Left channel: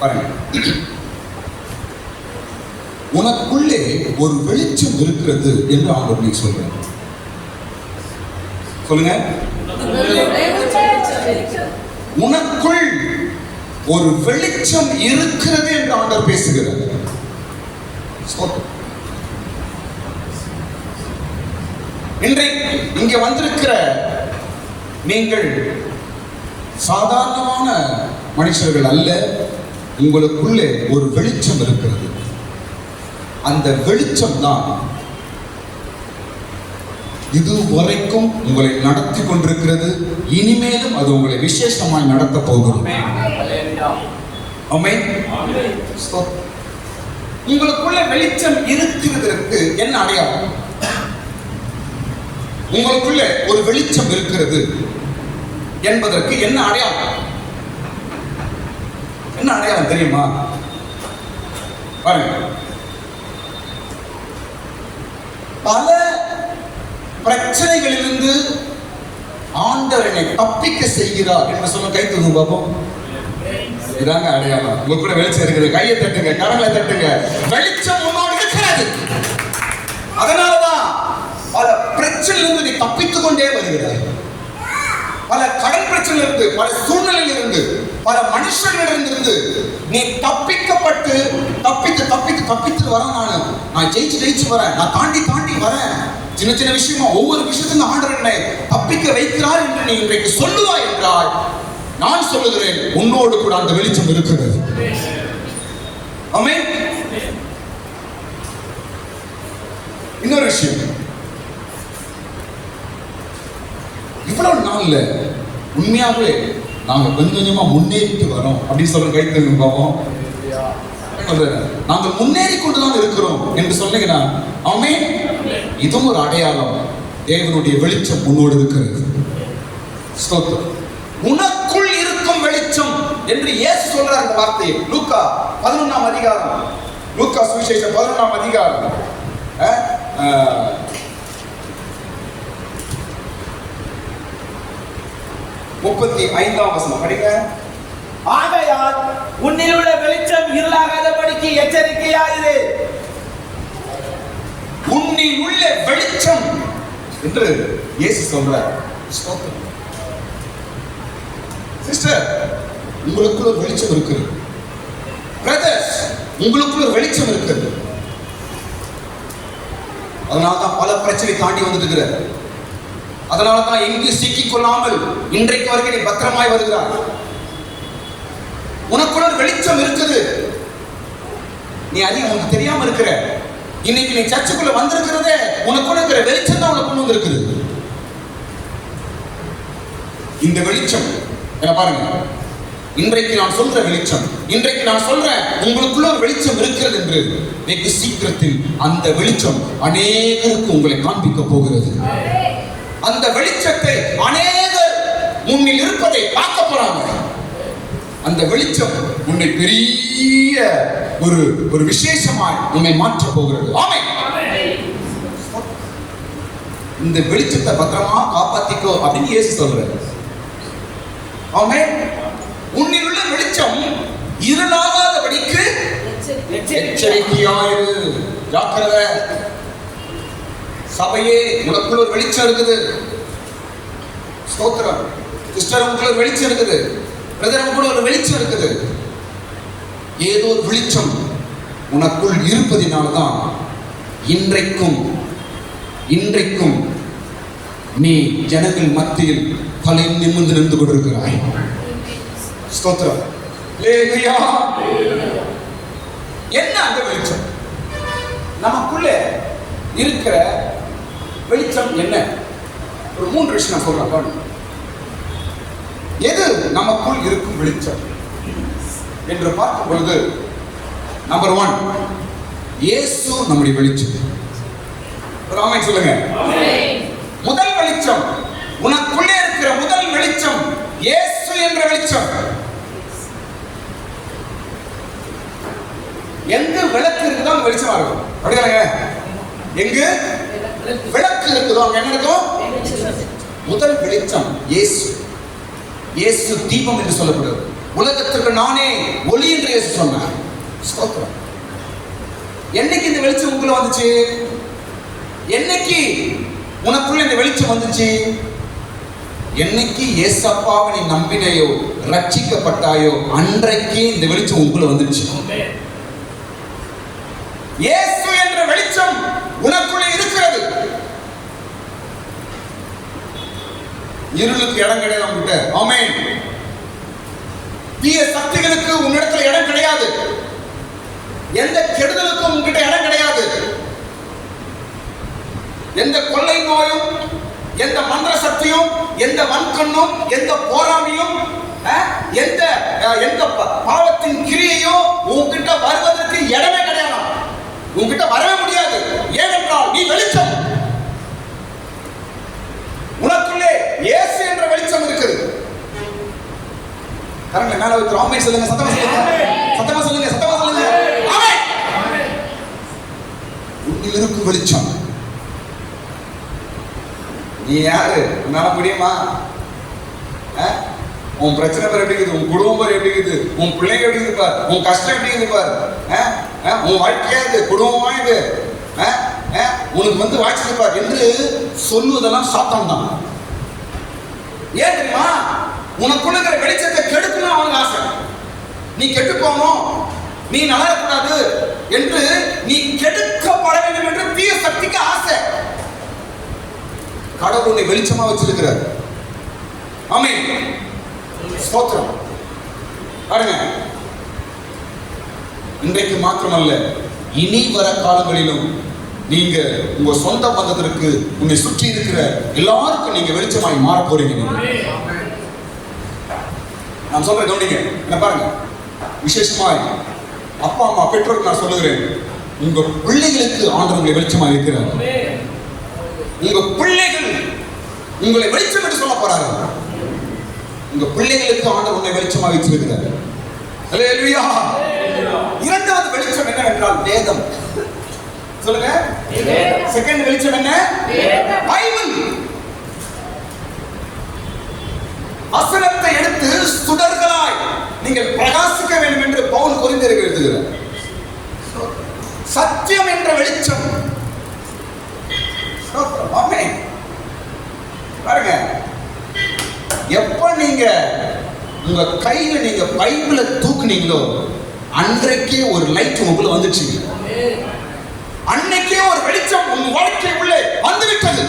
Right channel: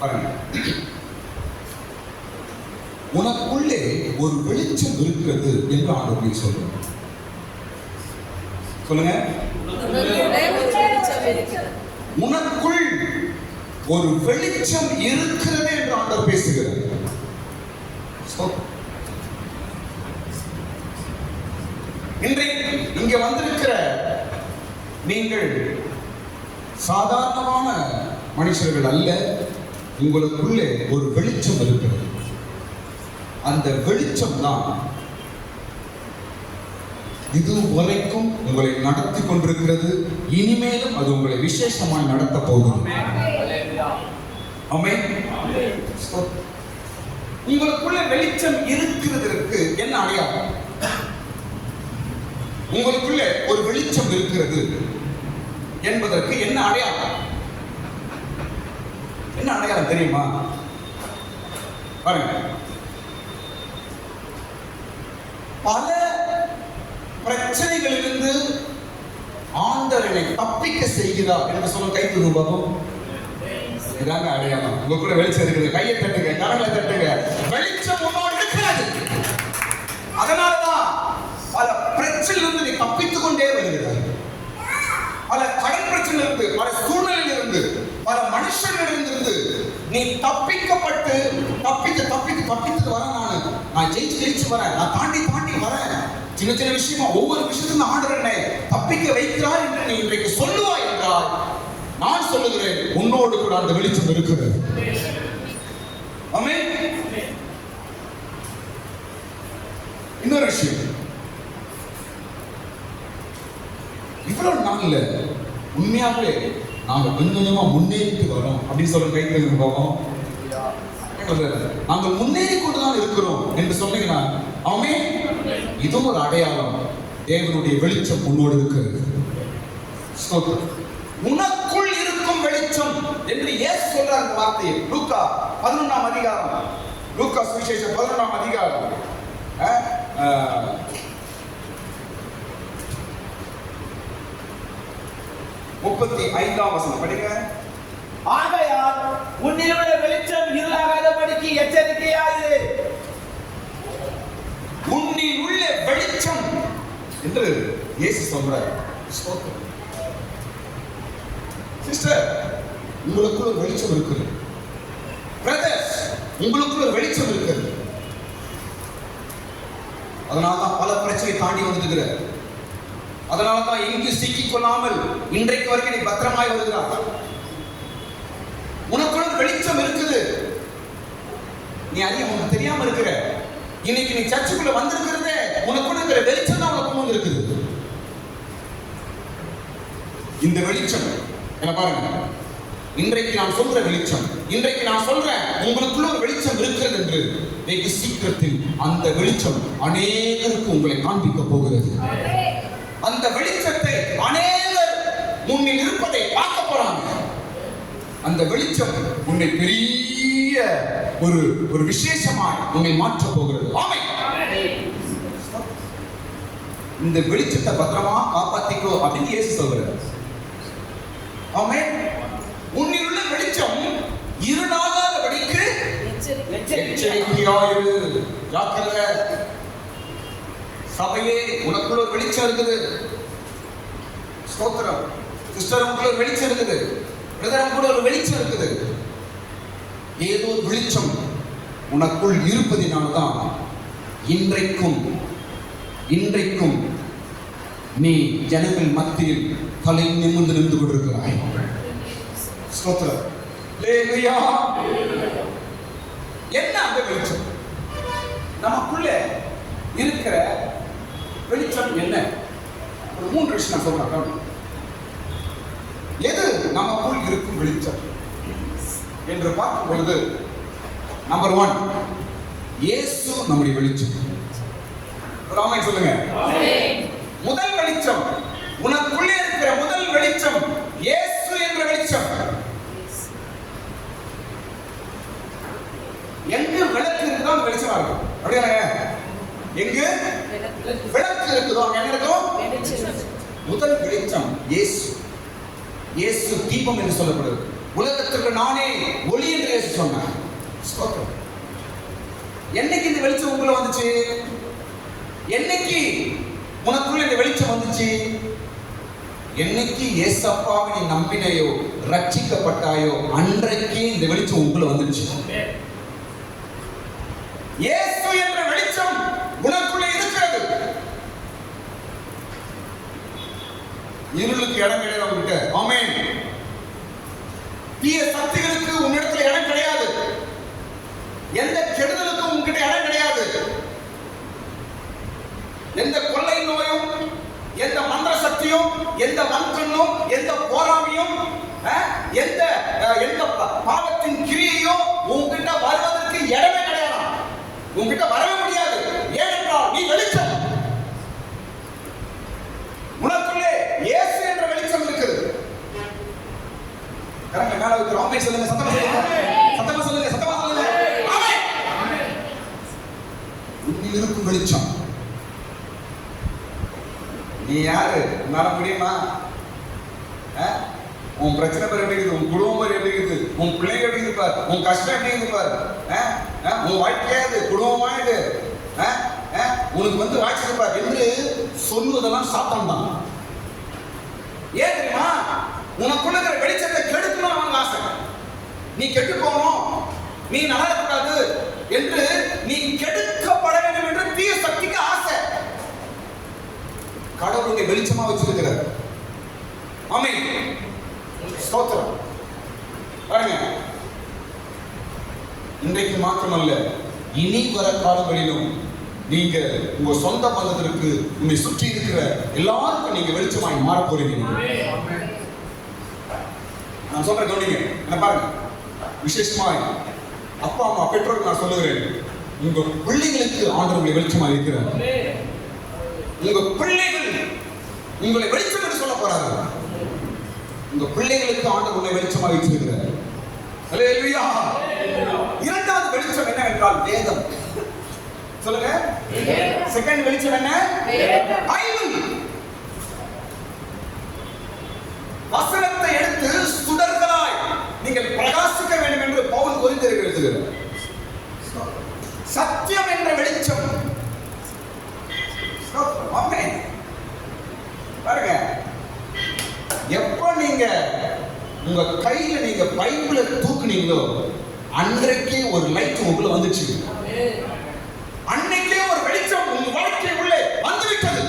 பாருங்க, உனக்குள்ளே ஒரு வெளிச்சம் இருக்கிறது என்று ஆண்டவர் சொல்றார். சொல்லுங்க, உனக்குள் ஒரு வெளிச்சம் இருக்கிறது என்று ஆண்டவர் பேசுகிறார். இன்றைக்கு இங்க வந்திருக்கிற நீங்கள் சாதாரணமான மனுஷர்கள் அல்ல. உங்களுக்குள்ளே ஒரு வெளிச்சம் இருக்கிறது. அந்த வெளிச்சம் தான் இதுவரைக்கும் உங்களை நடத்தி கொண்டிருக்கிறது. இனிமேலும் அது உங்களை விசேஷமாய் நடத்த போகிறது. உங்களுக்குள்ள வெளிச்சம் இருக்கிறதற்கு என்ன அடையாளம்? உங்களுக்குள்ள ஒரு வெளிச்சம் இருக்கிறது என்பதற்கு என்ன அடையாளம்? என்ன அடையாளம் தெரியுமா? பாருங்க, பல பிரச்சனைகளிலிருந்து ஆண்டவரை தப்பிக்க செய்கிறார் என்று சொல்ல கை தூங்க பாப்போம். இதாங்க அடையாளம். உங்க கூட வெளிச்சம் இருக்குது. கையை தட்டுங்க, கரங்களை தட்டுங்க. வெளிச்சம் உன்னோடு இருக்கிறது. அதனாலதான் பல பிரச்சனையிலிருந்து நீ தப்பித்துக் கொண்டே வருகிறாய். பல கடன் பிரச்சனையிலிருந்து, பல சூழ்நிலையிலிருந்து, பல மனுஷர்களிடமிருந்து நீ தப்பிக்கப்பட்டு தப்பித்து வரேன். நான் ஜெயிச்சு வரேன். நான் தாண்டி வரேன். சின்ன சின்ன விஷயமா ஒவ்வொரு விஷயத்திலும் ஆண்டவர் என்னை தப்பிக்க வைக்கிறார் என்று நீ இன்றைக்கு சொல்லுவாய் என்றால், நான் சொல்லுகிறேன், உன்னோடு கூட அந்த வெளிச்சம் இருக்கிறது. ஆமென். இன்னொரு விஷயம், இவ்வளவு நாள்ல உண்மையாவே நாங்க கொஞ்சமா முன்னேறிட்டு வரோம் அப்படின்னு சொல்ல கை தூக்கி பார்ப்போம். நாங்கள் முன்னேறி கொண்டுதான் இருக்கிறோம் என்று சொன்னீங்கன்னா, ஆமென், இதுவும் ஒரு அடையாளம். தேவனுடைய வெளிச்சம் உன்னோடு இருக்கிறது. ஸ்தோத்திரம். உனக்குள் இருக்கும் வெளிச்சம் என்று இயேசு சொல்றார். இந்த வார்த்தையை லூக்கா 11ஆம் அதிகாரம், லூக்கா சுவிசேஷம் 11ஆம் அதிகாரம் 35ஆம் வசனம் படிங்க. ஆகையால் உன்னில் உள்ள வெளிச்சம் இருளாகாதபடிக்கு எச்சரிக்கையாயிரு. உன்னில் உள்ள வெளிச்சம் என்று இயேசு சொல்றார். சிஸ்டர், உங்களுக்குள்ள ஒரு வெளிச்சம் இருக்குது. பிரதர்ஸ், உங்களுக்குள்ள ஒரு வெளிச்சம் இருக்குது. அதனால்தான் பல பிரச்சனை தாண்டி வந்துட்டு, அதனால்தான் எங்கு சிக்கிக் கொள்ளாமல் இன்றைக்கு வரைக்கும் நீ பத்திரமாய் வருகிறார். உனக்குள்ள ஒரு வெளிச்சம் இருக்குது. நீ அதிகம் உனக்கு தெரியாம இருக்கிற. இன்னைக்கு நீ சர்ச்சுக்குள்ள வந்திருக்கிறதே உனக்குள்ள இருக்கிற வெளிச்சம் தான் உனக்கு கொண்டு வந்திருக்குது. இந்த வெளிச்சம் என்ன பாருங்க, இன்றைக்கு நான் சொல்ற வெளிச்சம், இன்றைக்கு நான் சொல்றேன் உங்களுக்குள்ள ஒரு வெளிச்சம் இருக்கிறது என்று வெகு சீக்கிரத்தில் அந்த வெளிச்சம் அநேகருக்கு உங்களை காண்பிக்க போகிறது. அந்த வெளிச்சத்தை அநேகர் முன்னில் இருப்பதை பார்க்க போறாங்க. அந்த வெளிச்சம் உன்னை பெரிய ஒரு விசேஷமாய் உன்னை மாற்ற போகிறது. ஆமென். இந்த வெளிச்சத்தை பத்திரமா காப்பாத்திக்கோ அப்படின்னு இயேசு சொல்றார். ஆமென். உன்னில் உள்ள வெளிச்சம் இருளாகாதபடிக்கு எச்சரிக்கையாயிரு. ஜாக்கிரதை. சபையே, உனக்குள்ள ஒரு வெளிச்சம் இருக்குது. ஸ்தோத்திரம். சிஸ்டர், உங்களுக்குள்ள ஒரு வெளிச்சம் இருக்குது. பிரதர், உங்களுக்குள்ள ஒரு வெளிச்சம் இருக்குது. ஏதோ ஒரு வெளிச்சம் உனக்குள் இருப்பதினால்தான் இன்றைக்கும் நீ ஜனங்கள் மத்தியில் தலை நிமிர்ந்து நின்று கொண்டிருக்கிறாய். ஸ்தோத்திரம். அல்லேலூயா. என்ன அந்த வெளிச்சம்? நமக்குள்ள இருக்கிற வெளிச்சம் என்ன? ஒரு 3 விஷயம் நான் சொல்றேன். எது நமக்குள் இருக்கும் வெளிச்சம் என்று பார்க்கும் பொழுது, நம்பர் 1, இயேசு நம்முடைய வெளிச்சம். ஆமென் சொல்லுங்க. முதல் வெளிச்சம், உனக்குள்ளே இருக்கிற முதல் வெளிச்சம் இயேசு என்ற வெளிச்சம். எங்க விளக்கு இருக்குதோ அங்க வெளிச்சமா இருக்கும். அப்படிதானங்க? எங்க விளக்கு இருக்குதோ அங்க என்ன இருக்கும்? முதல் வெளிச்சம் இயேசு. இயேசு தீபம் என்று சொல்லப்படுது. உலகத்துக்கு நானே ஒளி என்று இயேசு சொன்னார். ஸ்தோத்திரம். என்னைக்கு இந்த வெளிச்சம் உங்களுக்குள்ள வந்துச்சு? என்னைக்கு உனக்குள்ள இந்த வெளிச்சம் வந்துச்சு? என்னைக்கு ஏசப்பாவை நீ நம்பினையோ, ரட்சிக்கப்பட்டாயோ, அன்றைக்கே இந்த வெளிச்சம் உங்களுக்குள்ள வந்துச்சு. இயேசு என்ற வெளிச்சம் உனக்குள்ள இருக்கிறது. இருளுக்கு இடம் கிடையாது உன்கிட்ட. ஆமென். தீய சக்திகளுக்கு உன்னிடத்துல இடம் கிடையாது. எந்த கெடுதலுக்கும் உன்கிட்ட இடம் கிடையாது. எந்த கொள்ளை நோயும், எந்த மந்திர சக்தியும், எந்த வன்கண்ணும், எந்த போராமையும், எந்த பாவத்தின் கிரியையும் உன்கிட்ட வருவதற்கு இடமே கிடையாது. உன்கிட்ட வரவே முடியாது. ஏனென்றால் நீ வெளிச்சம். உனக்குள்ளே இயேசு என்ற வெளிச்சம் இருக்குது. கரங்களை மேல வைத்து ஆமென் சொல்லுங்க. சத்தமா சொல்லுங்க. சத்தமா சொல்லுங்க. சத்தமா சொல்லுங்க. ஆமென். உன்னில் இருக்கும் வெளிச்சம். நீ யாரு? உன்னால முடியுமா? உன் பிரச்சனை பேர் எப்படி இருக்குது? உன் குடும்பம் பேர் எப்படி இருக்குது? உன் பிள்ளைங்க எப்படி இருக்குது பார்? உன் கஷ்டம் எப்படி இருக்குது பார்? உன் வாழ்க்கையா இது? குடும்பமா இது? உனக்கு வந்து வாய்ச்சிருப்பார் என்று சொல்லுவதெல்லாம் சாத்தான் தான். ஏன் தெரியுமா? உனக்குள்ள இருக்கிற வெளிச்சத்தை கெடுக்கணும் அவங்க ஆசை. நீ கெட்டு போகணும், நீ நலக்கூடாது என்று, நீ கெடுக்கப்பட வேண்டும் என்று தீய சக்திக்கு ஆசை. கடவுள் உன்னை வெளிச்சமா வச்சிருக்கிறார். ஆமென். ஸ்தோத்திரம். பாருங்க, இன்றைக்கு மாத்திரமல்ல, இனி வர காலங்களிலும் நீங்க உங்க சொந்த பந்தத்திற்கு, உன்னை சுற்றி இருக்கிற எல்லாருக்கும் நீங்க வெளிச்சமாய் மாற போறீங்க. நான் சொல்றேன் கவனிங்க. என்ன பாருங்க, விசேஷமாய் அப்பா அம்மா பெற்றோருக்கு நான் சொல்லுகிறேன், உங்க பிள்ளைகளுக்கு ஆண்டவர் உங்களை வெளிச்சமாக இருக்கிறார். உங்க பிள்ளைகள் உங்களை வெளிச்சம் என்று சொல்ல போறாரு. உங்க பிள்ளைகளுக்கு ஆண்டவர் உன்னை வெளிச்சமாக வைத்திருக்கிறார். ஹல்லேலூயா. இரண்டாவது வெளிச்சம் என்னவென்றால் வேதம். சொல்லுங்க. செகண்ட் வெளிச்சம் என்ன? பைபிள். வசனத்தை எடுத்து சுடர்களாய் நீங்கள் பிரகாசிக்க வேண்டும் என்று பவுல் கொரிந்தியருக்கு எழுதுகிறார். சத்தியம் என்ற வெளிச்சம். ஆமென். பாருங்க, எப்ப நீங்க உங்க கையில நீங்க பைபிளை தூக்குனீங்களோ அன்றைக்கே ஒரு லைட் உங்களுக்குள்ள வந்துச்சு. அன்னைக்கே ஒரு வெளிச்சம் உங்க வாழ்க்கைக்குள்ளே வந்துவிட்டது.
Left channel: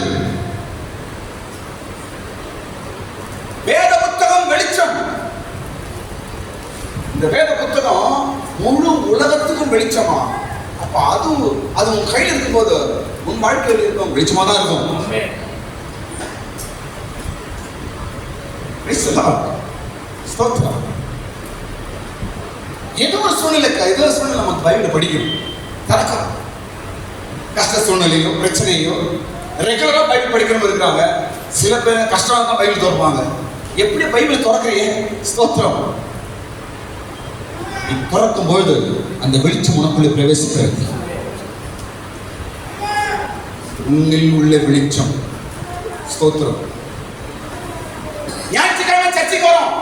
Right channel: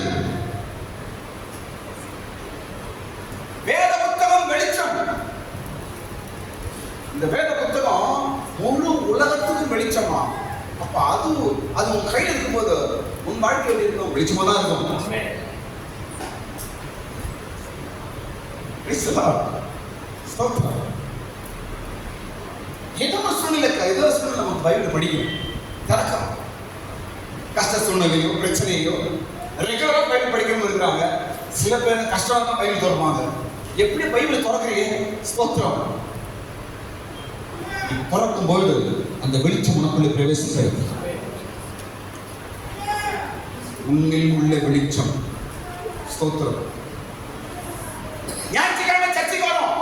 வேத புத்தகம் வெளிச்சம். இந்த வேத புத்தகம் முழு உலகத்துக்கும் வெளிச்சமா. அப்ப அது உன் கையில் இருக்கும்போது உன் வாழ்க்கையில் இருக்கும் வெளிச்சமா தான் இருக்கும். ஏதோ ஒரு சூழ்நிலை நமக்கு பைபிள் படிக்கணும். நடக்கலாம். கஷ்ட சூழ்நிலையோ பிரச்சனையோ ரெகுலரா பைபிள் படிக்கிறவங்க இருக்கிறாங்க. சில பேர் கஷ்டம் தான் பைபிள் திறப்பாங்க. எப்படி பைபிள் திறக்கிறீங்க? ஸ்தோத்திரம். நீ திறக்கும் பொழுது அந்த வெளிச்சம் உனக்குள்ளே பிரவேசிக்கிறது. உன்னில் உள்ள வெளிச்சம். ஸ்தோத்திரம். ஞாயிற்றுக்கிழமை சர்ச்சைக்கு வரோம்.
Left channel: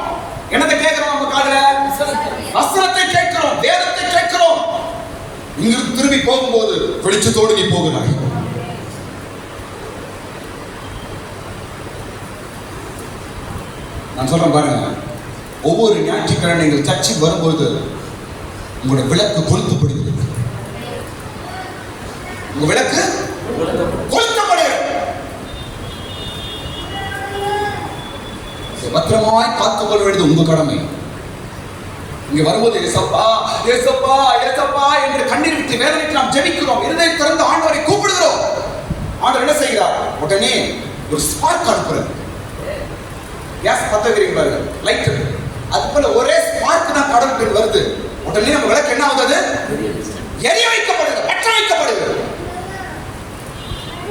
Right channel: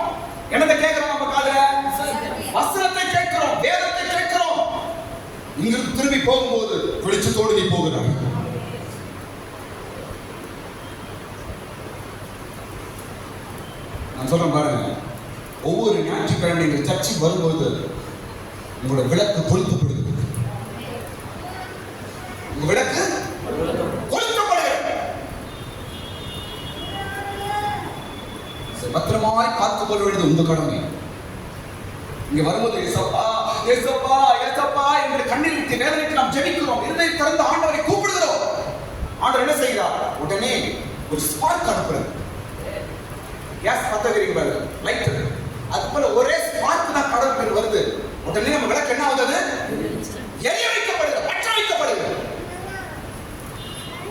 என்னத்தை கேட்கிறோம்? நம்ம காதுல வசனத்தை கேட்கிறோம், வேதத்தை கேட்கிறோம். இங்கிருந்து திரும்பி போகும்போது வெளிச்சத்தோடு நீ போகிறாய். நான் சொல்றேன் பாருங்க, ஒவ்வொரு ஞாயிற்றுக்கிழமை நீங்கள் சர்ச்சைக்கு வரும்போது உங்களுடைய விளக்கு கொளுத்தப்படுகிறது. உங்க விளக்கு கொளுத்தப்படுகிறது. பத்திரமாய் காத்துக்கொள்ள வேண்டியது உங்க கடமை. இங்க வரும்போது ஏசப்பா ஏசப்பா ஏசப்பா என்று கண்ணீர் விட்டு வேதனைக்கு நாம் ஜெபிக்கிறோம். இருதய திறந்து ஆண்டவரை கூப்பிடுகிறோம். ஆண்டவர் என்ன செய்கிறார்? உடனே ஒரு ஸ்பார்க் அனுப்புறார். கேஸ் பத்த வைக்கிறீங்க பாருங்க, லைட். அது போல ஒரே ஸ்பார்க் தான் கடவுளுக்கு வருது. உடனே நம்ம விளக்கு என்ன ஆகுது? எரிய வைக்கப்படுது, பற்ற வைக்கப்படுது.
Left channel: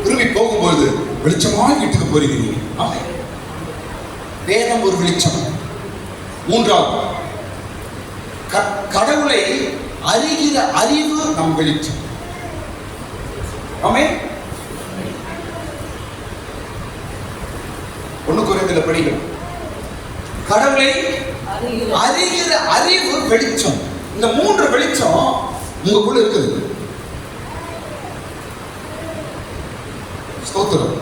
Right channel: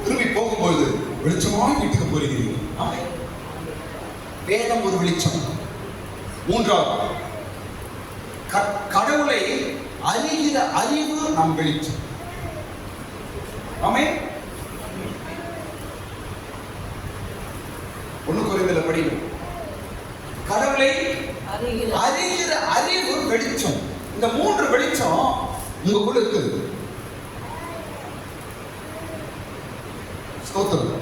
திரும்பி போகும்போது வெளிச்சமாய் வீட்டுக்கு போறீங்க. ஆமா, வேதம் ஒரு வெளிச்சம். மூன்றாவது, கடவுளை அறிகிற அறிவு நம் வெளிச்சம். ஆமென். 1 கொரிந்தியர் படிக்கிறோம். கடவுளை அறிகிற அறிவு வெளிச்சம். இந்த 3 வெளிச்சம் உங்களுக்குள்ள இருக்குது. ஸ்தோத்திரம்.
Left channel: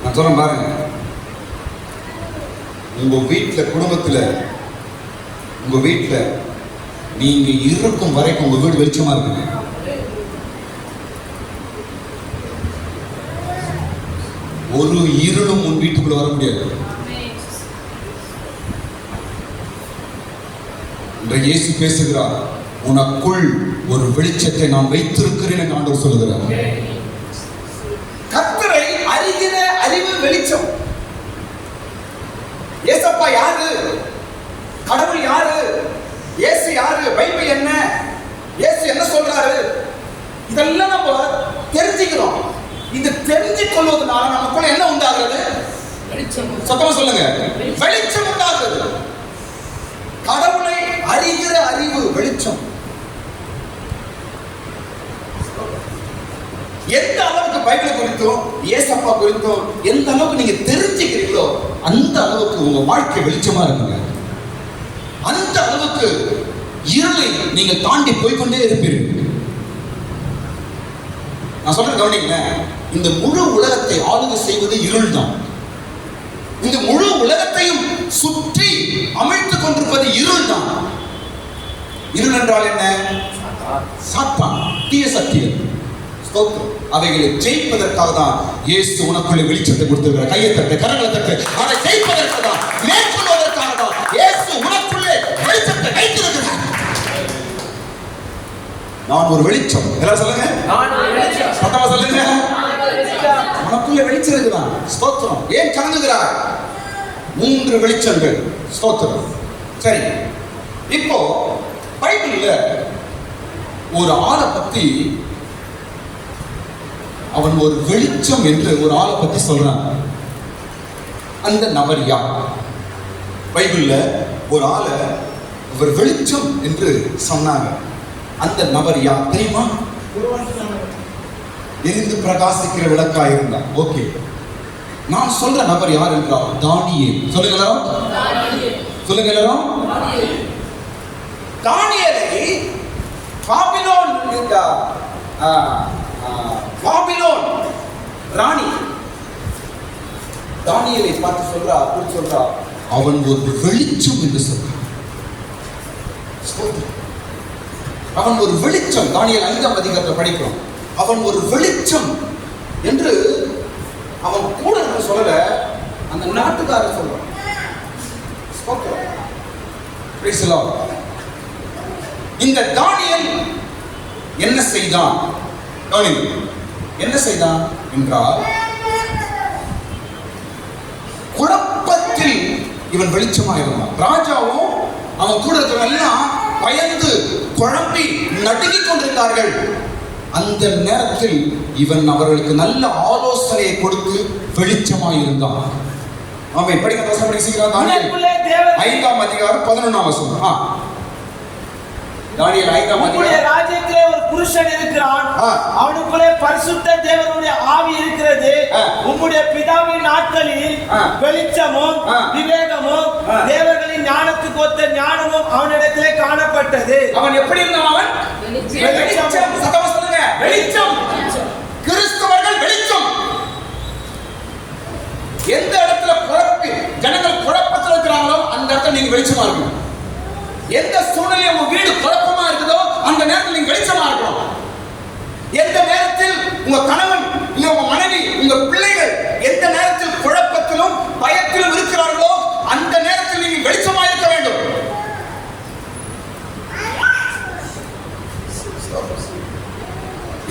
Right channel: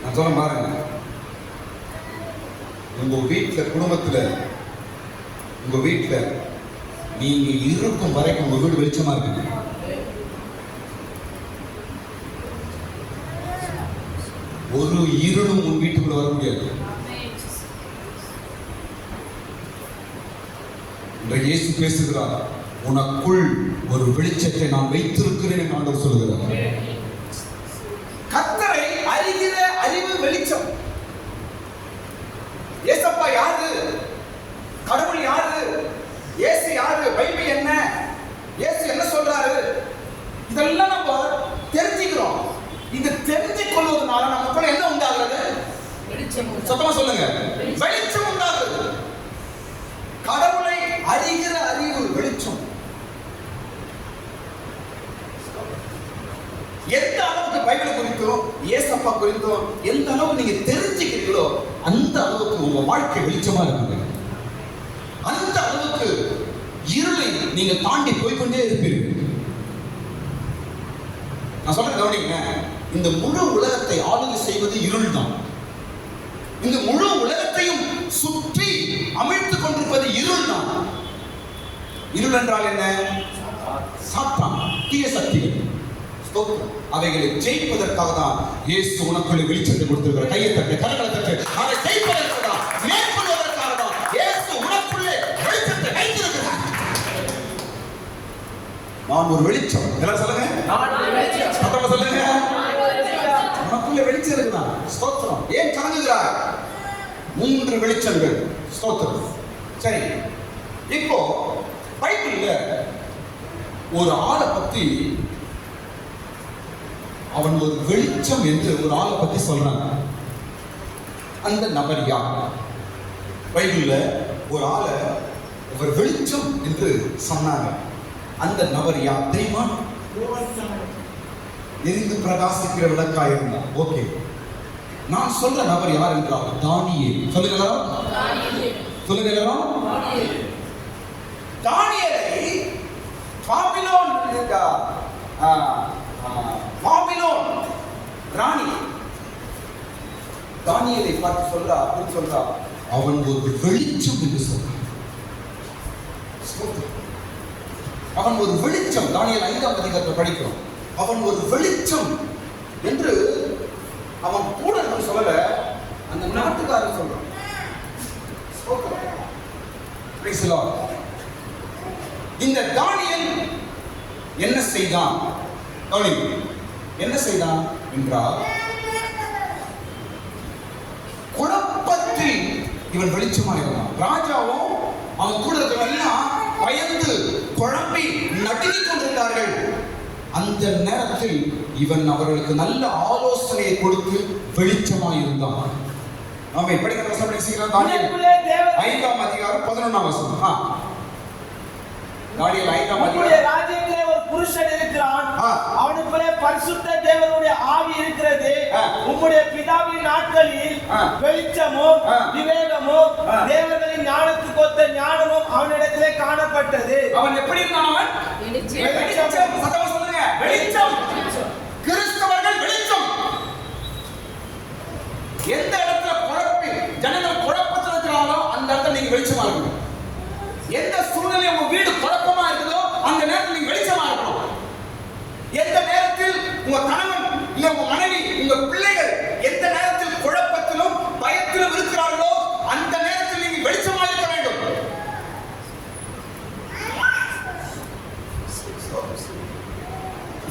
நான் சொல்ல பாருங்க, உங்க வீட்டுல, குடும்பத்துல, உங்க வீட்டுல நீங்க இருக்கும் வரைக்கும் உங்க வீடு வெளிச்சமா இருக்குங்க. ஒரு இருளும் உன் வீட்டுக்குள்ள வர முடியாது. இன்றைக்கு இயேசு பேசுகிறார், உனக்குள் ஒரு வெளிச்சத்தை நான் வைத்திருக்கிறேன் என்று ஆண்டவர் சொல்லுகிறார். கர்த்தரை அறிகிற அறிவு வெளிச்சம். ஏசப்பா யாரு? கடவுள் யாரு? இயேசு யாரு? பைபிள் என்ன? இயேசு என்ன சொல்றாரு? இதெல்லாம் நம்ம தெரிஞ்சுக்கிறோம். இது தெரிஞ்சு கொள்வதனால நமக்குள்ள என்ன உண்டாகிறது? சத்தமா சொல்லுங்க, வெளிச்சம் உண்டாகிறது. கடவுளை அறிகிற அறிவு வெளிச்சம். எந்த அளவுக்கு பைபிள் குறித்தும் இயேசப்பா குறித்தும் எந்த அளவுக்கு நீங்க தெரிஞ்சுக்கிறீங்களோ அந்த அளவுக்கு உங்க வாழ்க்கை வெளிச்சமா இருக்குங்க. அந்த அளவுக்கு இருளை நீங்க தாண்டி போய்கொண்டே இருப்பீர்கள். நான் சொல்ற கவனிங்க, இந்த முழு உலகத்தை ஆளுகை செய்வது இருள் தான். இந்த முழு உலகத்தையும் சுற்றி அமைத்துக் கொண்டிருப்பது இருள் தான். இருள் என்றால் என்ன? சாத்தான், தீய சக்திகள். அவைகளை ஜெயிப்பதற்காக தான் இயேசு உனக்குள்ளே வெளிச்சத்தை கொடுத்திருக்கிறார். கையை தட்டு, கரங்களை தட்டு. அதை ஜெயிப்பதற்காக தான், மேற்கொள்வதற்காக தான் இயேசு உனக்குள்ளே வெளிச்சத்தை வைத்திருக்கிறார். நான் ஒரு வெளிச்சம். எல்லாரும் சொல்லுங்க, நான் ஒரு வெளிச்சம். சத்தமா சொல்லுங்க, உனக்குள்ளே வெளிச்சம் இருக்குதான். ஸ்தோத்திரம். ஏன் கலங்குகிறார்? 3 வெளிச்சங்கள். ஸ்தோத்திரம். சரி, இப்போ பைபிள்ல ஒரு ஆளை பத்தி, அவன் ஒரு வெளிச்சம் என்று ஒரு ஆளை பத்தி சொல்றான். அந்த நபர் யார்? பைபிள்ல ஒரு ஆளை ஒரு வெளிச்சம் என்று சொன்னாங்க. அந்த நபர் யார் தெரியுமா? எரிந்து பிரகாசிக்கிற விளக்கா இருந்தா. ஓகே, நான் சொல்ற நபர் யார் என்றால் தானியேல். சொல்லுங்களா, சொல்லுங்களா. தானியேலை பாபிலோன் பாபிலோன் ராணி தானியேலை பார்த்து சொல்றா, அப்படி சொல்றா, அவன் ஒரு வெளிச்சம் என்று சொல்றான். அவன் ஒரு வெளிச்சம். தானியேல் 5ஆம் அதிகாரத்தை படிக்கிறோம். அவன் ஒரு வெளிச்சம் என்று அவன் கூட சொல்லல, அந்த நாட்டுக்காரர் சொல்றான். இந்த தானியேல் என்ன செய்தான்? என்ன செய்தான் என்றால், குழப்பத்தில் இவன் வெளிச்சமா இருந்தான். ராஜாவும் அவன் கூட இருக்கிறவெல்லாம் பயந்து குழம்பி நடுங்கிக் கொண்டிருந்தார்கள். அந்த நேரத்தில் இவன் அவர்களுக்கு நல்ல ஆலோசனையை கொடுத்து வெளிச்சமாய் இருந்தான். அவன் படிக்க வசனம் படிக்கிறான். தானியேல் 5ஆம் அதிகாரம் 11ஆம் வசனம். தானியேல் 5ஆம் அதிகாரம். ராஜ்யத்திலே ஒரு புருஷன் இருக்கிறான், அவனுக்குள்ளே பரிசுத்த தேவனுடைய ஆவி இருக்கிறது. உம்முடைய பிதாவின் நாட்களில் வெளிச்சமும் விவேகமும் தேவர்களின் ஞானத்துக்கு ஒத்த ஞானமும் அவனிடத்திலே காணப்பட்டது. அவன் எப்படி இருந்தான்? அவன் வெளிச்சம். சத்தமா சொல்லுங்க, வெளிச்சம். கிறிஸ்தவர்கள் வெளிச்சம். எந்த இடத்துல குழப்பி ஜனங்கள் குழப்பத்தில் இருக்கிறாங்களோ அந்த இடத்துல நீங்க வெளிச்சமா இருக்கணும். எந்த சூழ்நிலையில் உங்க வீடு குழப்பமா இருக்குதோ அந்த நேரத்தில் நீங்க வெளிச்சமா இருக்கணும். எந்த நேரத்தில் உங்க கணவன் இல்ல உங்க மனைவி உங்க பிள்ளைகள் எந்த நேரத்தில் குழப்பத்திலும் பயத்திலும் இருக்கிறார்களோ அந்த நேரத்தில் நீங்க வெளிச்சமா இருக்க வேண்டும்.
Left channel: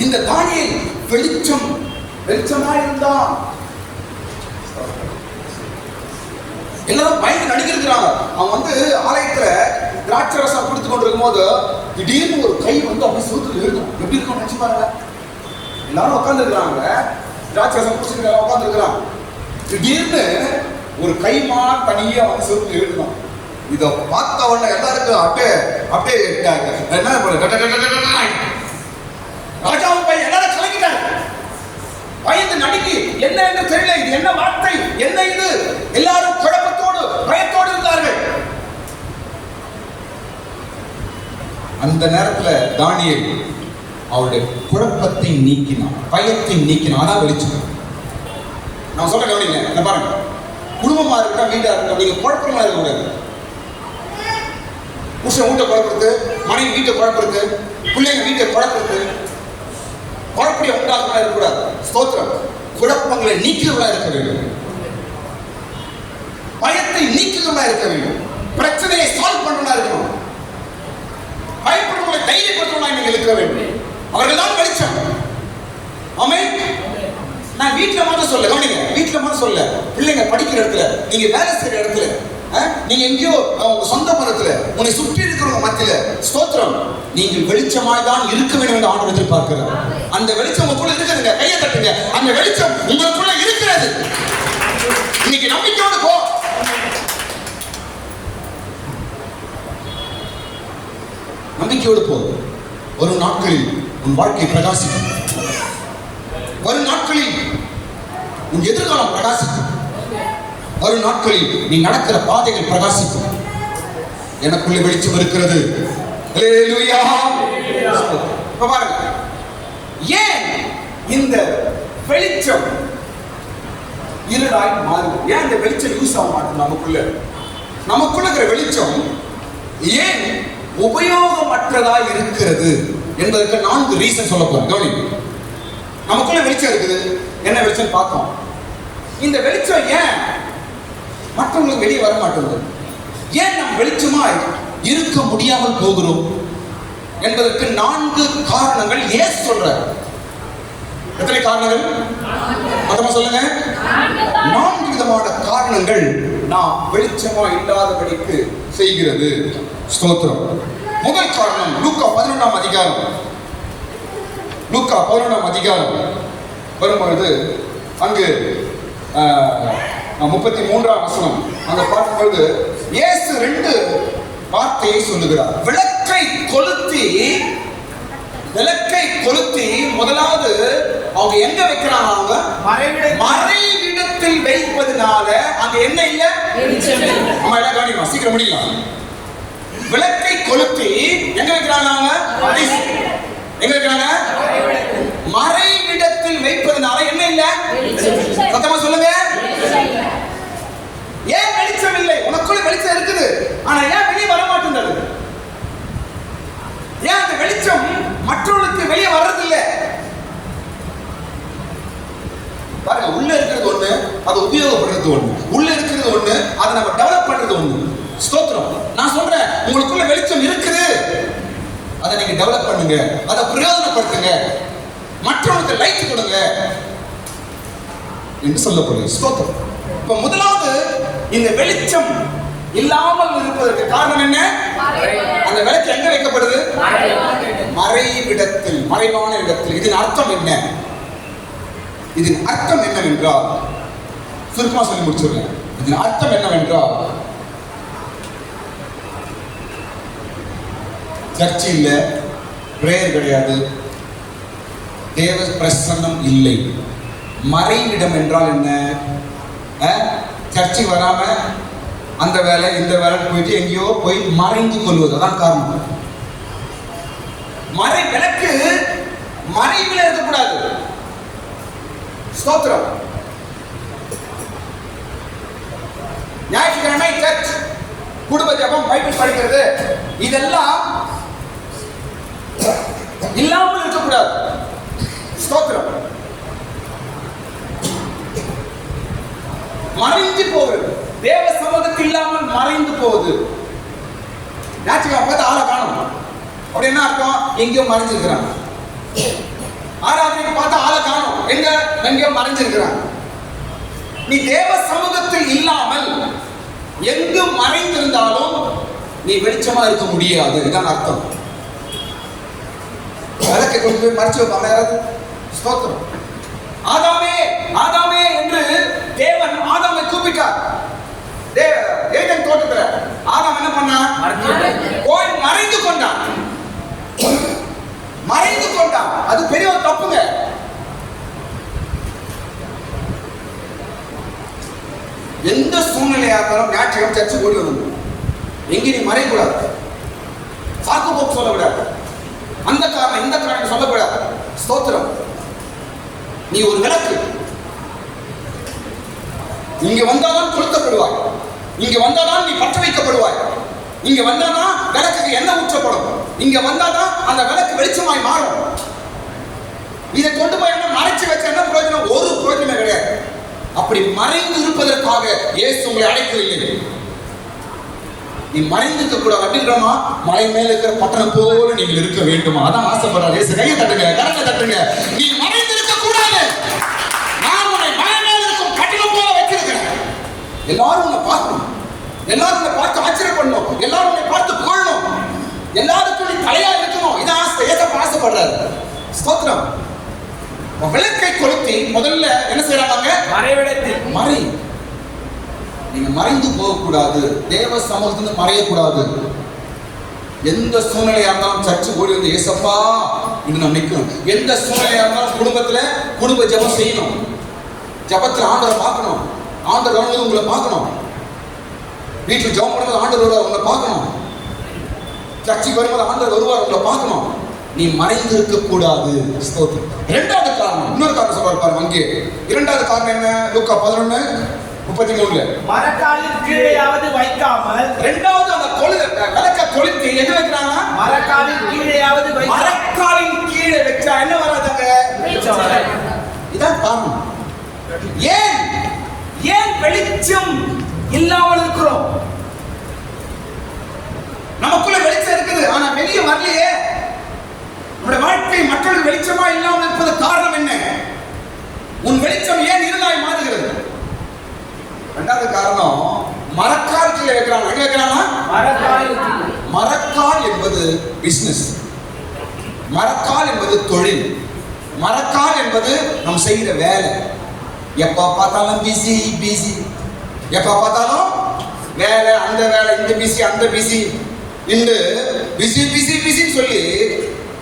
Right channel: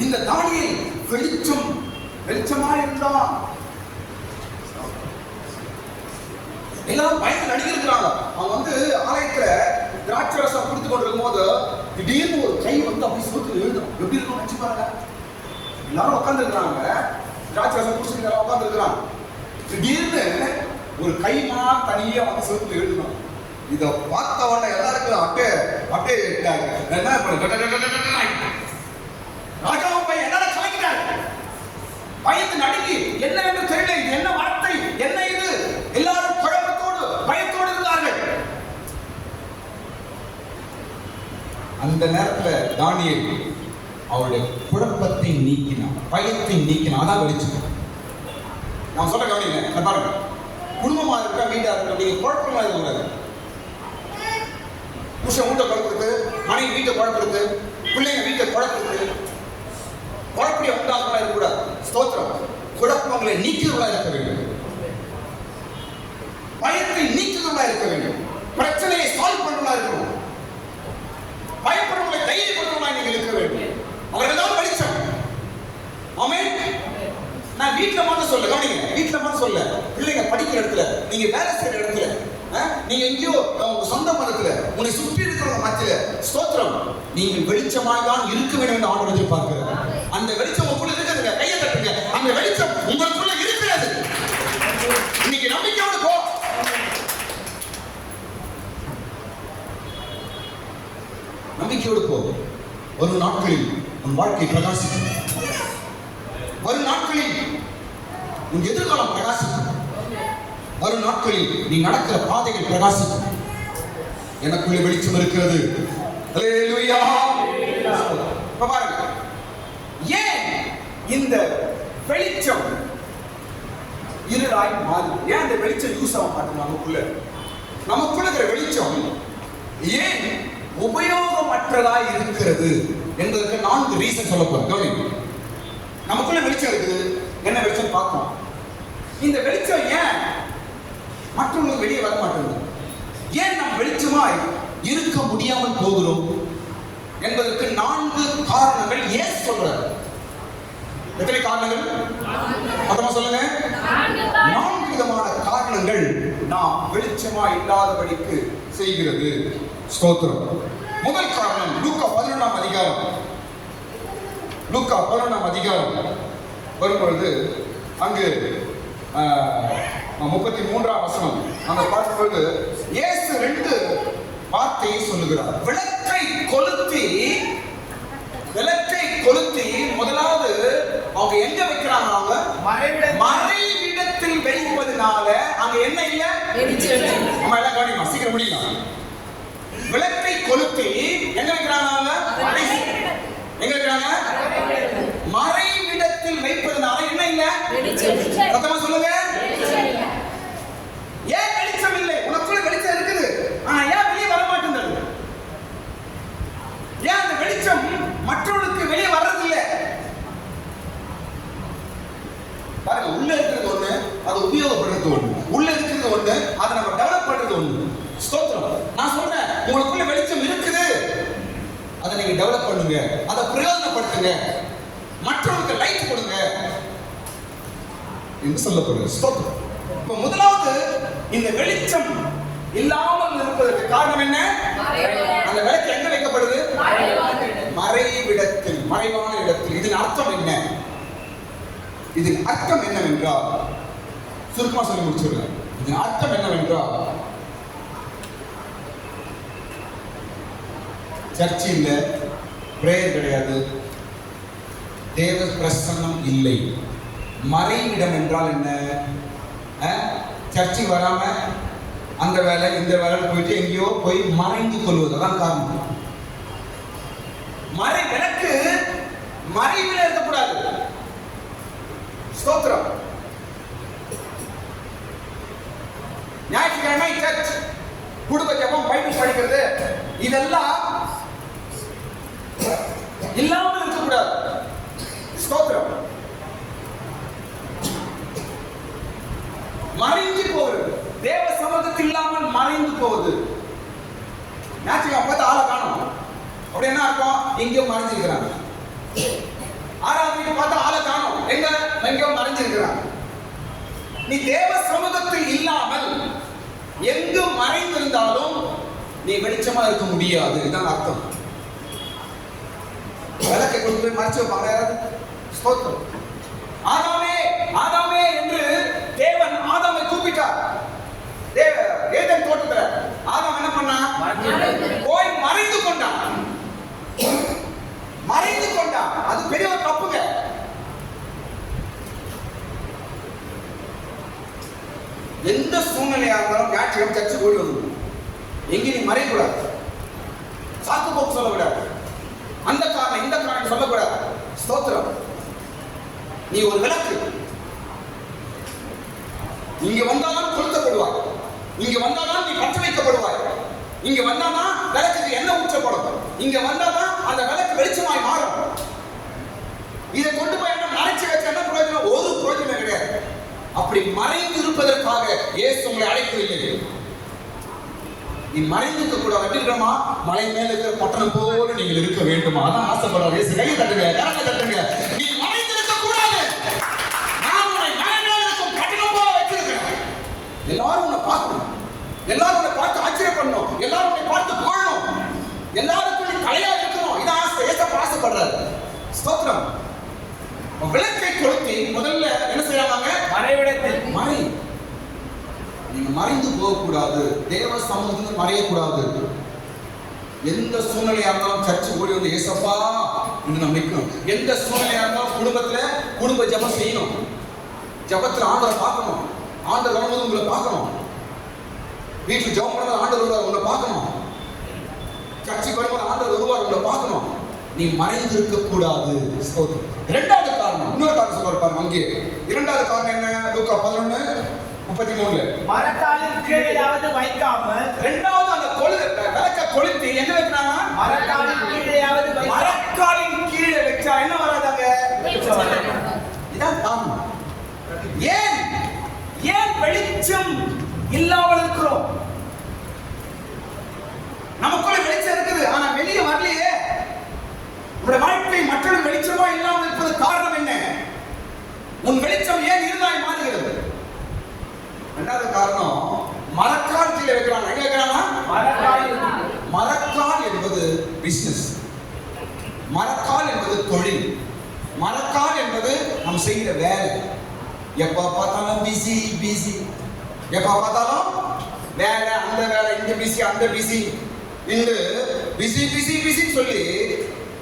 இந்த தானியேல் வெளிச்சமா இருந்தான். எல்லாரும் பயந்து நடுங்கிறாங்க. அவன் வந்து ஆலயத்துல திராட்சை ரசம் குடித்து கொண்டிருக்கும் போது திடீர்னு ஒரு கை வந்து அப்படி சுருத்துல எழுதும். எப்படி இருக்கும் நினைச்சு பாருங்க. எல்லாரும் உட்கார்ந்து இருக்கிறாங்க, திராட்சை ரசம் குடிச்சுட்டு உட்கார்ந்து இருக்கிறான். திடீர்னு ஒரு கைமா தனியா வந்து சுருத்துல எழுதணும். இதை பார்த்தவன எல்லாருக்கும் அப்படியே என்ன ராஜாவும் பையன் எல்லாரும் கலங்கிட்டாங்க. பயந்து நடுங்கி என்ன என்று தெரியல, இது என்ன வார்த்தை, என்ன இது, எல்லாரும் குழப்பத்தோடு பயத்தோடு இருந்தார்கள். அந்த நேரத்துல தானியேல் அவருடைய குழப்பத்தை நீக்கினான், பயத்தை நீக்கினான். அதான் வெளிச்சம். நான் சொல்ல கவனிங்க, என்ன பாருங்க. குடும்பமா இருக்கட்டும், வீட்டா இருக்கட்டும், நீங்க குழப்பமா இருக்கக்கூடாது. புருஷன் வீட்டை குழப்பறது, மனைவி வீட்டை குழப்பறது, பிள்ளைங்க வீட்டை குழப்பறது, குழப்படிய உண்டாகமா இருக்கக்கூடாது. ஸ்தோத்திரம். குழப்பங்களை நீக்குவதா இருக்க வேண்டும், பயத்தை நீக்குவதா இருக்க வேண்டும், பிரச்சனையை சால்வ் பண்றதா இருக்கணும், பயப்படுறவங்களை தைரியப்படுத்துவதா நீங்கள் இருக்க வேண்டும். அவர்கள் தான் வெளிச்சம். ஆமென். நான் வீட்டுல மட்டும் சொல்ல கவனிங்க, வீட்டுல மட்டும் சொல்ல, பிள்ளைங்க படிக்கிற இடத்துல, நீங்க வேலை செய்யற இடத்துல, நீங்க எங்கேயோ உங்க சொந்த மரத்துல, உன்னை சுற்றி இருக்கிறவங்க மத்தியில, ஸ்தோத்திரம், நீங்கள் வெளிச்சமாய் தான் இருக்க வேண்டும் என்று ஆண்டவர் எதிர்பார்க்கிறார். அந்த வெளிச்சம் உங்களுக்குள்ள இருக்குதுங்க, கையை தட்டுங்க. அந்த வெளிச்சம் உங்களுக்குள்ள இருக்கிறது. இன்னைக்கு நம்பிக்கையோடு போ. நம்பிக்கையோடு போ. வரும் நாட்களில் உன் வாழ்க்கை பிரகாசிக்கும். வரும் நாட்களில் உன் எதிர்காலம் பிரகாசிக்கும். வரும் நாட்களில் நீ நடக்கிற பாதைகள் பிரகாசிக்கும். எனக்குள்ள வெளிச்சம் இருக்கிறது. அல்லேலூயா. இப்ப பாருங்க, ஏன் இந்த வெளிச்சம் இருளாய் மாறும்? ஏன் இந்த வெளிச்சம் யூஸ் ஆக மாட்டேன்? நமக்குள்ள இருக்கிற வெளிச்சம் ஏன் உபயோகமற்றதாய் இருக்கிறது என்பதற்கு 4 ரீசன் சொல்ல போறேன். கவனிங்க. நமக்குள்ள வெளிச்சம் இருக்குது. என்ன வெளிச்சம் பார்த்தோம். இந்த வெளிச்சம் ஏன் மற்றவங்களுக்கு வெளியே வர மாட்டேங்குது? ஏன் நம்ம வெளிச்சமா இருக்க முடியாமல் போகிறோம் என்பதற்கு 4 காரணங்கள் இயேசு சொல்றார். எத்தனை காரணங்கள்? மொத்தமா சொல்லுங்க. 4 விதமான காரணங்கள் நாம் வெளிச்சமா இல்லாதபடிக்கு செய்கிறது. ஸ்தோத்திரம். முதல் காரணம் லூக்கா 11ஆம் அதிகாரம். லூக்கா 11ஆம் அதிகாரம் வரும்பொழுது அங்கு 33ஆம் வசனம் அங்க பார்க்கும்போது இயேசு 2 வார்த்தையை சொல்லுகிறார். விளக்கை கொளுத்தி முதலாவது அவங்க எங்க வைக்கிறாங்க? அவங்க மறைவிடத்தில் வைப்பதனால அங்க என்ன இல்ல? அம்மா எல்லாம் கவனிமா, சீக்கிரம் முடியலாம். விளக்கை கொளுத்தி எங்க வைக்கிறாங்க? அவங்க எங்க வைக்கிறாங்க? மறைவிடத்தில் வைப்பதனால என்ன இல்ல? சத்தமா சொல்லுங்க. ஏன் வெளிச்சம் இல்லை? உனக்குள்ள வெளிச்சம் இருக்குது, ஆனா ஏன் வெளியே வர மாட்டேங்குது? ஏன் அந்த வெளிச்சம் மற்றவர்களுக்கு வெளியே வர்றது இல்லை? பாருங்க, உள்ள இருக்கிறது ஒண்ணு, அதை உபயோகப்படுறது ஒண்ணு. உள்ள இருக்கிறது ஒண்ணு, அதை நம்ம டெவலப் பண்றது ஒண்ணு. ஸ்தோத்திரம். நான் சொல்றேன், உங்களுக்குள்ள வெளிச்சம் இருக்குது, அதை நீங்க டெவலப் பண்ணுங்க, அதை பிரயோஜனப்படுத்துங்க, மற்றவங்களுக்கு லைட் கொடுங்க என்று சொல்லப்படுது. ஸ்தோத்திரம். இப்ப முதலாவது, இந்த வெளிச்சம் இல்லாமல் இருப்பதற்கு காரணம் என்ன? அந்த விளக்கு எங்க வைக்கப்படுது? மறைவிடத்தில், மறைவான இடத்தில். இதன் அர்த்தம் என்ன? இதன் அர்த்தம் என்னவென்றால், சுருக்கமா சொல்லி முடிச்சிருக்கேன். இதன் அர்த்தம் என்னவென்றால், சர்ச் இல்ல, பிரேயர் கிடையாது, தேவ பிரசன்னம் இல்லை. மறைவிடம் என்றால் என்ன? சர்ச்சை வராம அந்த வேலை இந்த வேலை போயிட்டு எங்கேயோ போய் மறைந்து கொள்வது. அதான் காரணம். மறை விளக்கு மறைவில் இருக்கக்கூடாது. ஸ்தோத்திரம். ஞாயிற்றுக்கிழமை சர்ச், குடும்ப ஜெபம், பைபிள் படிக்கிறது, இதெல்லாம் இல்லாமல் இருக்கக்கூடாது. ஸ்தோத்திரம். மறைந்து போகுது. தேவ சமூகத்தில் இல்லாமல் மறைந்து போகுது. ஞாயிற்றுக்கிழமை பார்த்து ஆளை காணும். அப்படி என்ன அர்த்தம்? எங்கேயோ மறைஞ்சிருக்கிறாங்க. ஆராதனைக்கு பார்த்தா ஆளை காணும், எங்கேயோ மறைஞ்சிருக்கிறாங்க. நீ தேவ சமூகத்தில் இல்லாமல் எங்கு மறைந்திருந்தாலும் நீ வெளிச்சமா இருக்க முடியாது. இதான் அர்த்தம். விளக்கை கொண்டு போய் மறைச்சு வைப்பாங்க யாராவது? ஸ்தோத்திரம். ஆதாமே ஆதாமே என்று தேவன் ஆதாமை கூப்பிட்டார். ஏதேன் தோட்டத்துல ஆதாம் என்ன பண்ணான்? போய் மறைந்து கொண்டான். அது பெரிய ஒரு தப்புங்க. எந்த சூழ்நிலையா இருந்தாலும் ஞாயிற்றுக்கிழமை சர்ச்சை கூடி வந்து எங்கே நீ மறையக்கூடாது, சாக்கு போக்கு சொல்லக்கூடாது. ஸ்தோத்திரம். நீ ஒரு விளக்கு. இங்க வந்தாதான் கொளுத்தப்படுவாய். இங்க வந்தாதான் நீ பற்ற வைக்கப்படுவாய். இங்க வந்தாதான் விளக்குக்கு எண்ணெய் ஊற்றப்படும். இங்க வந்தாதான் அந்த விளக்கு வெளிச்சமாய் மாறும். இதை கொண்டு போய் என்ன மறைச்சு வச்ச என்ன பிரயோஜனம்? ஒரு பிரயோஜனம் கிடையாது. அப்படி மறைந்து இருப்பதற்காக இயேசு உங்களை அழைக்கவில்லை. நீ மறைந்திருக்க கூட அப்படின்றமா மலை மேல இருக்கிற பட்டணம் போல நீங்கள் இருக்க வேண்டுமா? அதான் ஆசைப்படுறாரு இயேசு. கையை தட்டுங்க, கரத்தை தட்டுங்க. நீ மறைந்திருக்க கூடாது. நான் உன்னை மலை மேல இருக்கும் பட்டணம் போல வச்சிருக்கிறேன். எல்லாரும் உன்னை பார்க்கணும். எல்லாரும் உன்னை பார்த்து ஆச்சரியப்படணும். எல்லாரும் உன்னை பார்த்து புகழணும். எல்லாருக்கும் நீ தலையா இருக்கணும். இதான் ஆசை. ஏசப்பா ஆசைப்படுறாரு. ஸ்தோத்திரம். விளக்கை கொளுத்தி முதல்ல என்ன செய்யறாங்க? மறைவிடத்தில் மறை. நீங்க மறைந்து போகக்கூடாது. தேவ சமூகத்திலிருந்து மறையக்கூடாது. எந்த சூழ்நிலையா இருந்தாலும் சர்ச்சு கூடி வந்து ஏசப்பா இன்னும் நம்ம நிற்கணும். எந்த சூழ்நிலையா இருந்தாலும் குடும்பத்துல குடும்ப ஜெபம் செய்யணும். ஜெபத்துல ஆண்டவரை பார்க்கணும். ஆண்டவர் வரும்போது உங்களை பார்க்கணும். வீட்டில் ஜெபம் பண்ணும்போது ஆண்டவர் வருவார், உங்களை பார்க்கணும். சர்ச்சுக்கு வரும்போது ஆண்டவர் வருவார், உங்களை பார்க்கணும். நீ மறைந்து இருக்க கூடாது. ஸ்தோத்திரம். இரண்டாவது காரணம், இன்னொரு காரணம் சொல்றாரு பாருங்க அங்கே. இரண்டாவது காரணம் என்ன? லூக்கா 11:33. மரக்காலின் கீழேயாவது வைக்காமல். இரண்டாவது அந்த விளக்க கொளுத்தி எங்க வைக்கிறாங்க? மரக்காலின் கீழேயாவது வைக்காமல். மரக்காலின் கீழே வச்சா என்ன வராதாங்க? வெளிச்சம் வராது. இதான் காரணம். ஏன் வெளிச்சம் இல்லாமல் இருக்கிறோம்? நமக்குள்ள வெளிச்சம் இருக்குது, ஆனா வெளியே வரலையே. நம்முடைய வாழ்க்கை மற்றொரு வெளிச்சமா இல்லாமல் இருப்பது காரணம் என்ன? உன் வெளிச்சம் ஏன் இருளாய் மாறுகிறது? இரண்டாவது காரணம், மரக்கால் கீழே வைக்கிறாங்க. எங்க வைக்கிறாங்க? மரக்கால் என்பது பிசினஸ். மரக்கால் என்பது தொழில். மரக்கால் என்பது நாம் செய்கிற வேலை. எப்ப பார்த்தாலும் பிஸி பிஸி. எப்ப பார்த்தாலும் வேலை, அந்த வேலை, இந்த பிஸி, அந்த பிஸி. இன்று பிஸி பிஸி பிஸின்னு சொல்லி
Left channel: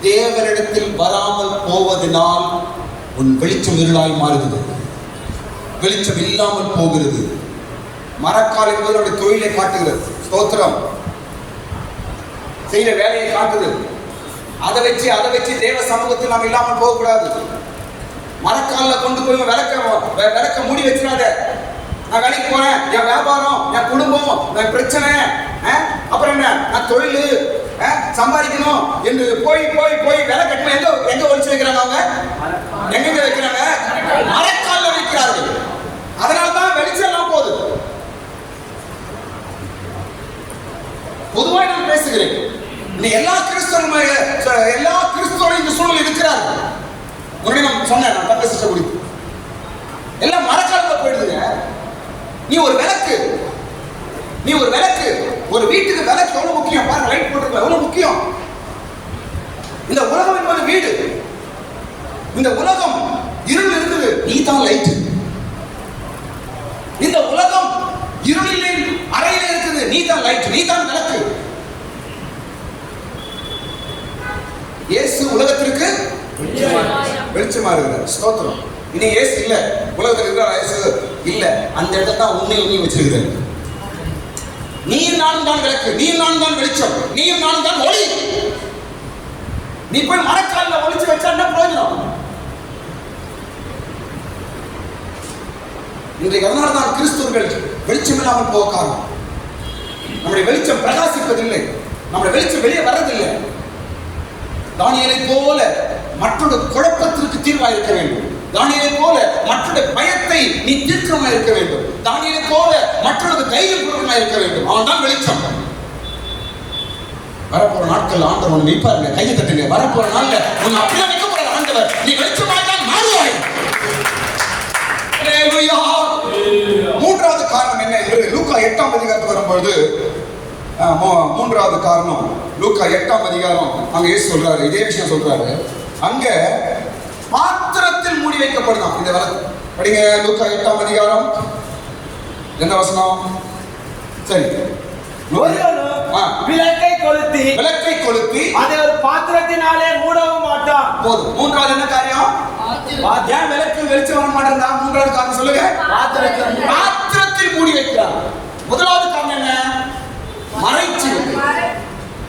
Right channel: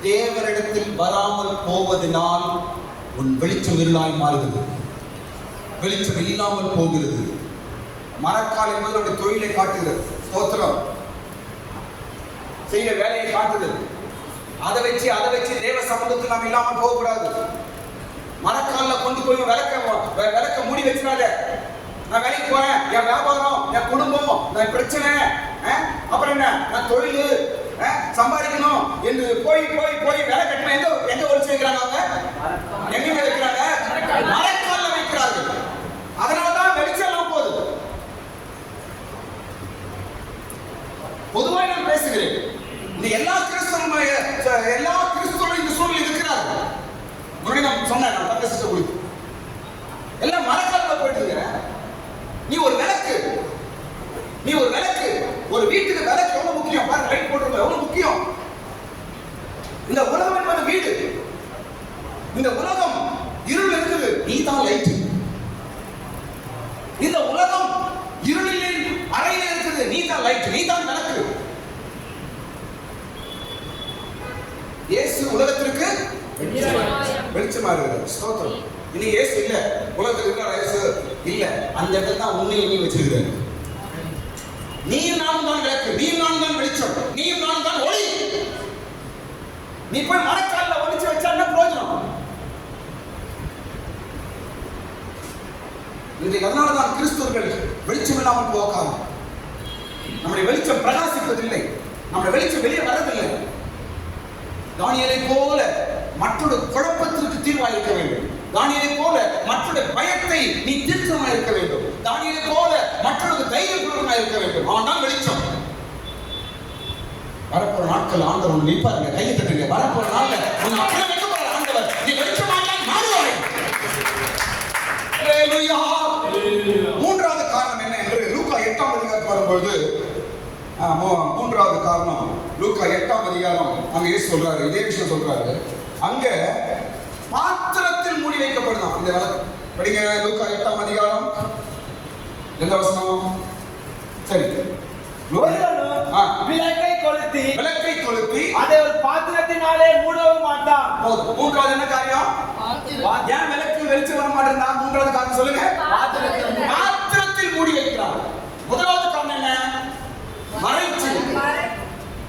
தேவனிடத்தில் வராமல் போவதனால் உன் வெளிச்சம் இருளாய் மாறுகிறது. வெளிச்சம் இல்லாமல் போகிறது. மரக்கால் என்பது நம்முடைய தொழிலை காட்டுகிறது. ஸ்தோத்திரம். செய்கிற வேலையை காட்டுது. அதை வச்சு தேவ சமூகத்தில் நாம் இல்லாமல் போகக்கூடாது. மரக்கால கொண்டு போய் விளக்க மூடி வச்சிடாத. நான் வேலைக்கு போறேன், என் வியாபாரம், என் குடும்பம், என் பிரச்சனை, அப்புறம் என்ன, நான் தொழில் சம்பாதிக்கணும் என்று போய் வேலை கட்டணும். எங்க ஒழிச்சு வைக்கிறாங்க? எங்க வைக்கிறாங்க? மரக்கால வைக்கிறார்கள். அதனாலதான் வெளிச்சம் எல்லாம் போகுது. பொதுவாக நான் பேசுகிறேன். இந்த எல்லா கிறிஸ்தவரும் இந்த சூழல் இருக்கிறார்கள். முன்னாடி நான் சொன்னேன், நான் தப்பை சிஸ்டம் குடிப்பு எல்லாம் மரக்கால போயிடுதுங்க. நீ ஒரு விளக்கு. ஒரு வீட்டுக்கு விளக்கு எவ்வளவு முக்கியம் பாருங்க. லைட் போட்டுருக்க எவ்வளவு முக்கியம். இந்த உலகம் என்பது வீடு. இந்த உலகம் இருள் இருக்குது, நீ தான் லைட். இந்த உலகம் இருளில் அறையில இருக்குது, நீ தான் லைட், நீ தான் விளக்கு. இயேசு உலகத்திற்கு வெளிச்சமா இருக்கிறார். ஸ்தோத்திரம். இனி இயேசு இல்ல, உலகத்தில் இருக்கிற இயேசு இல்ல. அந்த இடத்துல தான் உன்னை நீ வச்சிருக்கிறார். நீ நான் தான் விளக்கு, நீ நான் தான் வெளிச்சம், நீ நான் தான் ஒளி. நீ போய் மரக்காலில் ஒளிச்சு வச்சா என்ன பிரயோஜனம்? இன்றைக்கு அதனால தான் கிறிஸ்தவர்கள் வெளிச்சம் இல்லாமல் போக காரணம். நம்முடைய வெளிச்சம் பிரகாசிப்பதில்லை, நம்முடைய வெளிச்சம் வெளியே வர்றதில்லை. தானியேலை போல மற்றொரு குழப்பத்திற்கு தீர்வாக இருக்க வேண்டும். தானியேலை போல மற்றொரு பயத்தை நீ தீர்க்கமாக இருக்க வேண்டும். தானியேலை போல மற்றொரு தைரியபூர்வமாக இருக்க வேண்டும். அவன் தான் வெளிச்சம். வரப்போற நாட்கள் ஆண்டவர் உன்னை வைப்பாருங்க. கையை தட்டுங்க. வரப்போற நாள்ல உன்னை அப்படியே வைக்க போற ஆண்டவர். நீ வெளிச்சமாக தான் மாறுவாய். ஹல்லேலூயா. மூன்றாவது காரணம் என்ன என்று லூக்கா 8ஆம் அதிகாரத்துக்கு வரும்போது, மூன்றாவது காரணம் லூக்கா 8ஆம் அதிகாரம் அங்க இயேசு சொல்றாரு, இதே விஷயம் சொல்றாரு. அங்க பாத்திரத்தில் மூடி வைக்கப்படுதான் இந்த விளக்கு. படிங்க லூக்கா 8ஆம் அதிகாரம். எந்த வசனம்? சரி. விளக்கை கொளுத்தி அதை ஒரு பாத்திரத்தினாலே மூடவும் மாட்டான். போதும். மூன்றாவது என்ன காரியம்? ஏன் விளக்கு வெளிச்சம் வர மாட்டேன்னா? மூன்றாவது காரணம் சொல்லுங்க. பாத்திரத்தில் மூடி வைக்கிறார். முதலாவது காரணம் என்ன? மறைச்சு.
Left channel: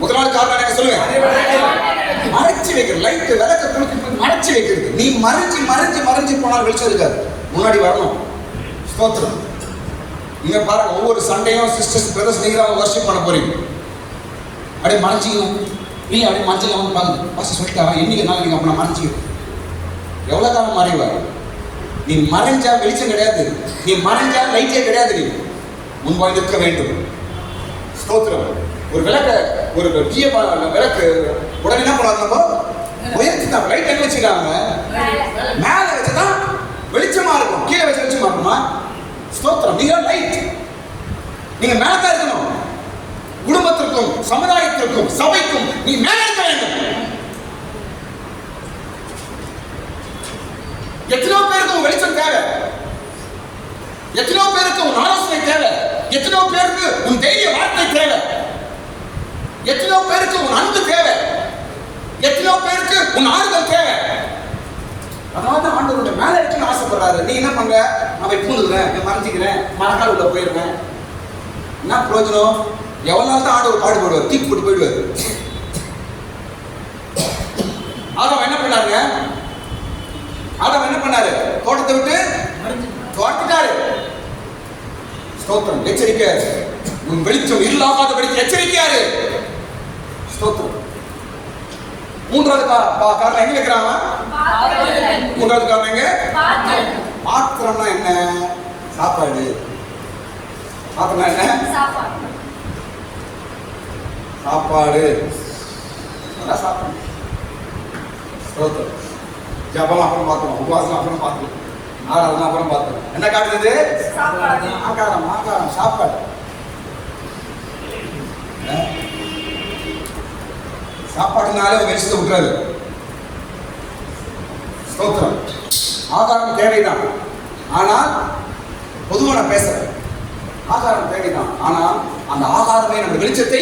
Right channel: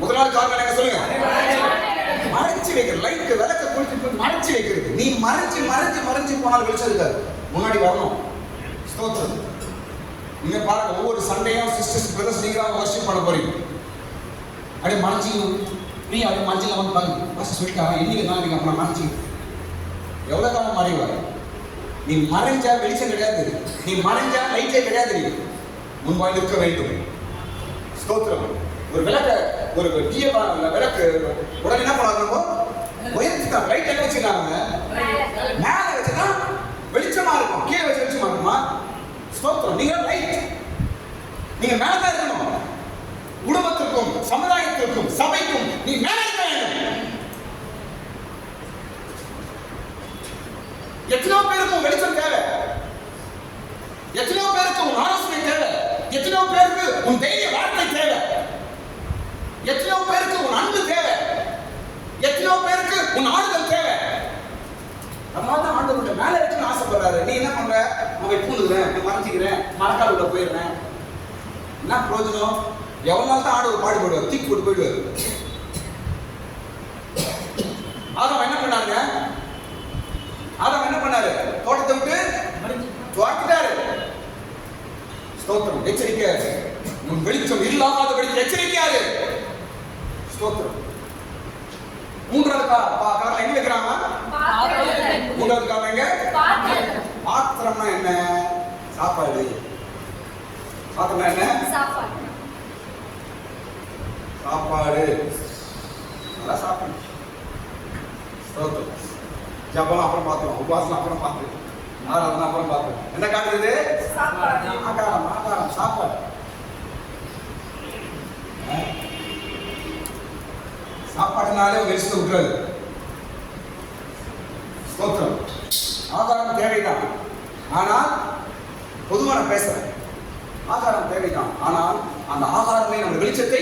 முதலாவது காரணம் என்ன சொல்லுங்க? மறைச்சு வைக்கிற. லைட் விளக்க கொளுத்தி மறைச்சு வைக்கிறது. நீ மறைஞ்சு மறைஞ்சு மறைஞ்சு போனால் வெளிச்சம் இருக்காது. முன்னாடி வரணும். ஸ்தோத்திரம். நீங்க பாருங்க, ஒவ்வொரு சண்டையும் சிஸ்டர்ஸ் பிரதர்ஸ் நீங்க தான் வர்ஷிப் பண்ண போறீங்க. அப்படியே மறைஞ்சிக்கணும். நீ அப்படியே மஞ்சள் வந்து பாருங்க, பாஸ்டர் சொல்லிட்டாரா இன்னைக்கு நாள் நீங்க அப்படி மறைஞ்சிக்கணும். எவ்வளவு காலம் மறைவா? நீ மறைஞ்சா வெளிச்சம் கிடையாது. நீ மறைஞ்சா லைட்டே கிடையாது. நீ முன்பாய் நிற்க வேண்டும். ஸ்தோத்திரம். ஒரு விளக்க, ஒரு விளக்கு உடனே என்ன பண்ணாங்க? உயர்த்திட்டாங்க. லைட் எங்க வச்சுட்டாங்க? மேல வச்சுதான் வெளிச்சமா இருக்கும். கீழே வச்சு வெளிச்சமா இருக்குமா? ஸ்தோத்திரம். நீங்க லைட். நீங்க மேல தான் இருக்கணும். குடும்பத்திற்கும் சமுதாயத்திற்கும் சபைக்கும் நீ மேல இருக்க வேண்டும். எத்தனையோ பேருக்கு உன் வெளிச்சம் தேவை. எத்தனையோ பேருக்கு உன் ஆலோசனை தேவை. எத்தனையோ பேருக்கு உன் தைரிய வார்த்தை தேவை. எத்தனையோ பேருக்கு உன் அன்பு தேவை. எத்தனையோ பேருக்கு உன் ஆறுதல் தேவை. அதனால தான் ஆண்டவர் மேல இருக்குன்னு ஆசைப்படுறாரு. நீ என்ன பண்ற? நான் பூந்துக்கிறேன், மறைஞ்சிக்கிறேன், மரக்கால் உள்ள போயிடுறேன். என்ன பிரயோஜனம்? எவ்வளவு நாள் தான் ஆண்டவர் பாடுபடுவார்? தீக்கு போட்டு போயிடுவார். ஆதாம் என்ன பண்ணாருங்க? ஆதாம் என்ன பண்ணாரு? தோட்டத்தை விட்டு துரத்திட்டாரு. ஸ்தோத்திரம். எச்சரிக்கை. உன் வெளிச்சம் இல்லாத படிக்க எச்சரிக்கையாரு. ஸ்தோத்திரம். மூன்றாவது காரணம் எங்க வைக்கிறாங்க? மூன்றாவது காரணம் எங்க? பாத்திரம்னா என்ன? சாப்பாடு. பாத்திரம்னா என்ன? சாப்பாடு. நல்லா சாப்பிடணும். ஸ்தோத்திரம். ஜபம் அப்புறம் பார்த்தோம், உபவாசம் அப்புறம் பார்த்தோம், ஆராதனை அப்புறம் பார்த்தோம். என்ன காட்டுறது? ஆகாரம். ஆகாரம் சாப்பாடு. சாப்பாட்டுனாலே வெளிச்சத்தை விட்டுறாது. ஸ்தோத்திரம். ஆகாரம் தேவைதான். ஆனால் பொதுவாக நான் பேசுறேன், ஆகாரம் தேவைதான். ஆனால் அந்த ஆகாரமே நம்ம வெளிச்சத்தை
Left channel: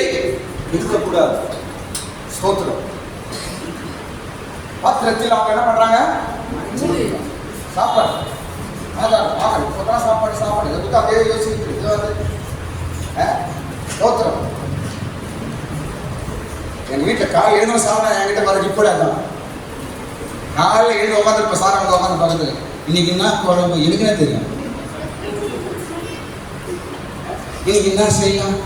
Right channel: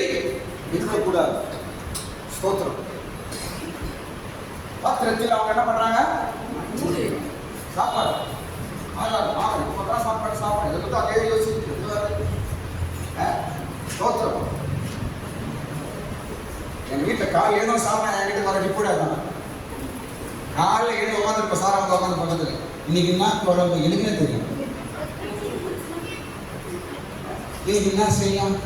இருக்கக்கூடாது. ஸ்தோத்திரம். பாத்திரத்தில் அவங்க என்ன பண்றாங்க? சாப்பாடு. ஆகாரம். ஆகாரம். இப்போதான் சாப்பாடு. சாப்பாடு இதை பற்றி அதே யோசிச்சுட்டு ஸ்தோத்திரம். எங்க வீட்டில் காலையில் எழுந்து சாப்பிட என்கிட்ட வர ரிப்போர்ட். காலையில் எழுந்து உட்காந்து சாரா வந்து உட்காந்து பக்கத்துல இன்னைக்கு என்ன குழம்பு எனக்குன்னே தெரியும். இன்னைக்கு என்ன செய்யலாம்,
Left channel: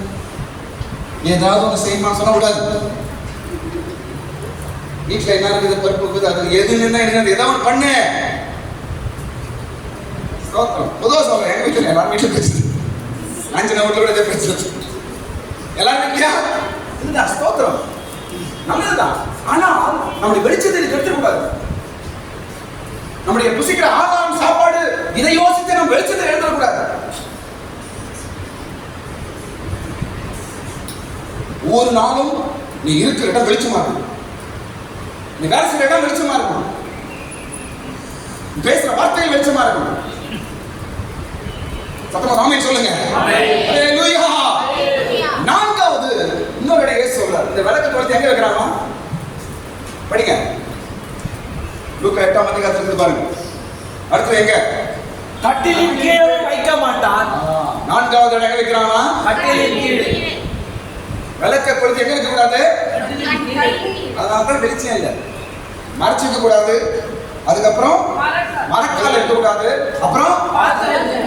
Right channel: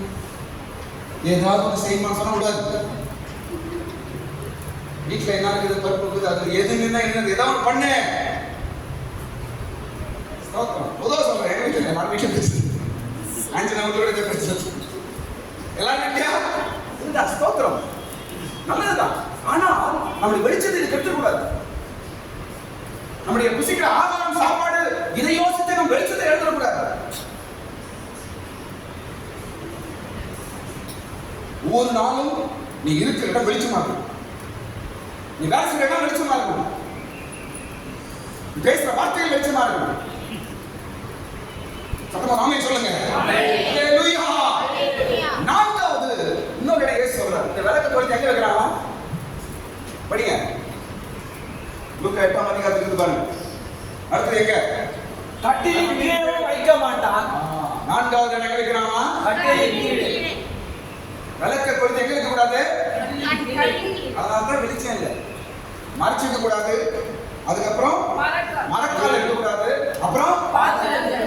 ஏதாவது ஒன்று செய்யணும்னு சொல்ல கூடாது. வீட்டில் என்ன இருக்குது, பருப்பு இருக்குது, அது எது என்ன ஏதாவது ஒன்று பண்ணு. பொதுவாக சொல்றேன், எங்க வீட்டில் எல்லாரும் வீட்டில் பிரச்சனை, அஞ்சு வீட்டில் கூட பிரச்சனை, எல்லாரும் வீட்லையா இதுதான். ஸ்தோத்திரம். நல்லதுதான். ஆனால் நம்முடைய வெளிச்சத்தை கெடுத்துக்கூடாது. நம்முடைய புசிக்கிற ஆகாரம் சாப்பாடு இதை யோசித்து நம்ம வெளிச்சத்தை எழுதக்கூடாது. ஒவ்வொரு நாளும் நீ இருக்கிற இடம் வெளிச்சமா இருக்கும். நீ வேலை செய்யற இடம் வெளிச்சமா இருக்கும். பேசுற வார்த்தைகள் வெளிச்சமா இருக்கும். சத்தமா ஆமென் சொல்லுங்க. ஹalleluya. நான்காவது இன்னொரு இடம் இயேசு சொல்றார். இந்த விளக்கு வந்து எங்க வைக்கறாங்க? படிங்க. லூக்கா 8ஆம் அதிகாரத்துல பாருங்க. அடுத்து எங்க? கட்டிலின் கீழே வைக்க மாட்டான். நான்காவது இடம் எங்க வைக்கறாங்க? கட்டிலின் கீழே. விளக்க கொளுத்தி எங்க வைக்க கூடாது? அதனால தான் வெளிச்சம் இல்லை. மறைச்சிக்க கூடாது. அதுக்கப்புறம் மரக்கால் எடுக்க கூடாது. அப்புறம்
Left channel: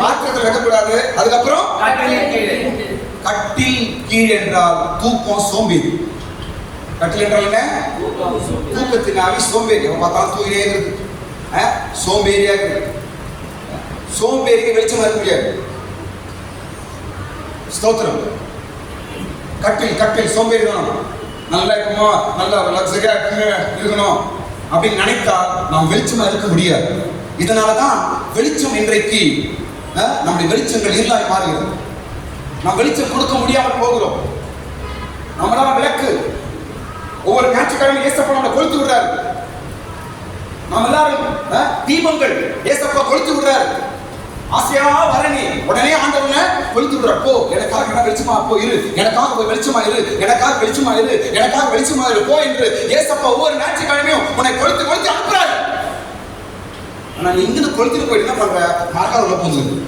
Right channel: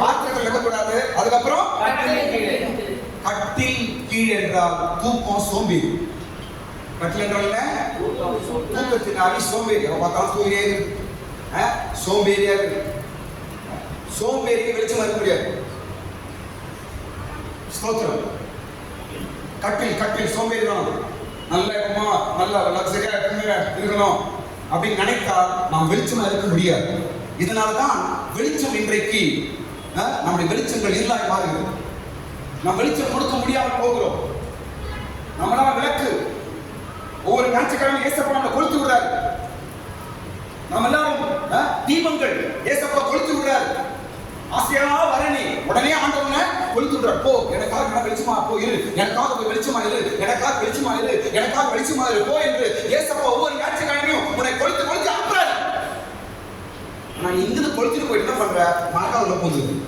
பாத்திரத்தில் வைக்க கூடாது. அதுக்கப்புறம் கட்டிலின் கீழே. கட்டில் கீழ் என்றால் தூக்கம், சோம்பேறி. கட்டில் என்றால் என்ன? தூக்கத்தினாலே சோம்பேறி. பார்த்தாலும் தூங்கினே இருக்கு, சோம்பேறியா இருக்கு. சோம்பேறிக்கு வெளிச்சமா இருக்க முடியாது. ஸ்தோத்திரம். கட்டில் கட்டில் சோம்பேறி வேணும். நல்லா இருக்குமோ, நல்லா லக்ஸரியா இருக்கணும் அப்படின்னு நினைத்தா நாம் வெளிச்சமா இருக்க முடியாது. இதனாலதான் வெளிச்சம் இன்றைக்கு நம்முடைய வெளிச்சங்கள் இருளாய் மாறுகிறது. நாம் வெளிச்சம் கொடுக்க முடியாமல் போகிறோம். நம்மளால விளக்கு ஒவ்வொரு ஞாயிற்றுக்கிழமை ஏசப்பா நம்மளை கொளுத்தி விடுறாரு. நாம் எல்லாரும் தீபங்கள் ஏசப்பா கொளுத்தி விடுறாரு. ஆசையா வரணி உடனே ஆண்டவனை கொளுத்தி விடுறார். போ, எனக்காக என்ன வெளிச்சமா போ இரு, எனக்காக போய் வெளிச்சமா இரு, எனக்காக வெளிச்சமா இரு, எனக்காக வெளிச்சமா இரு போ என்று ஏசப்பா ஒவ்வொரு ஞாயிற்றுக்கிழமையும் உன்னை கொளுத்தி கொளுத்தி அனுப்புறாரு. ஆனா நீ இங்கிருந்து கொளுத்திட்டு போயிட்டு என்ன பண்ற? மரக்கால் உள்ள பூந்துருக்கு.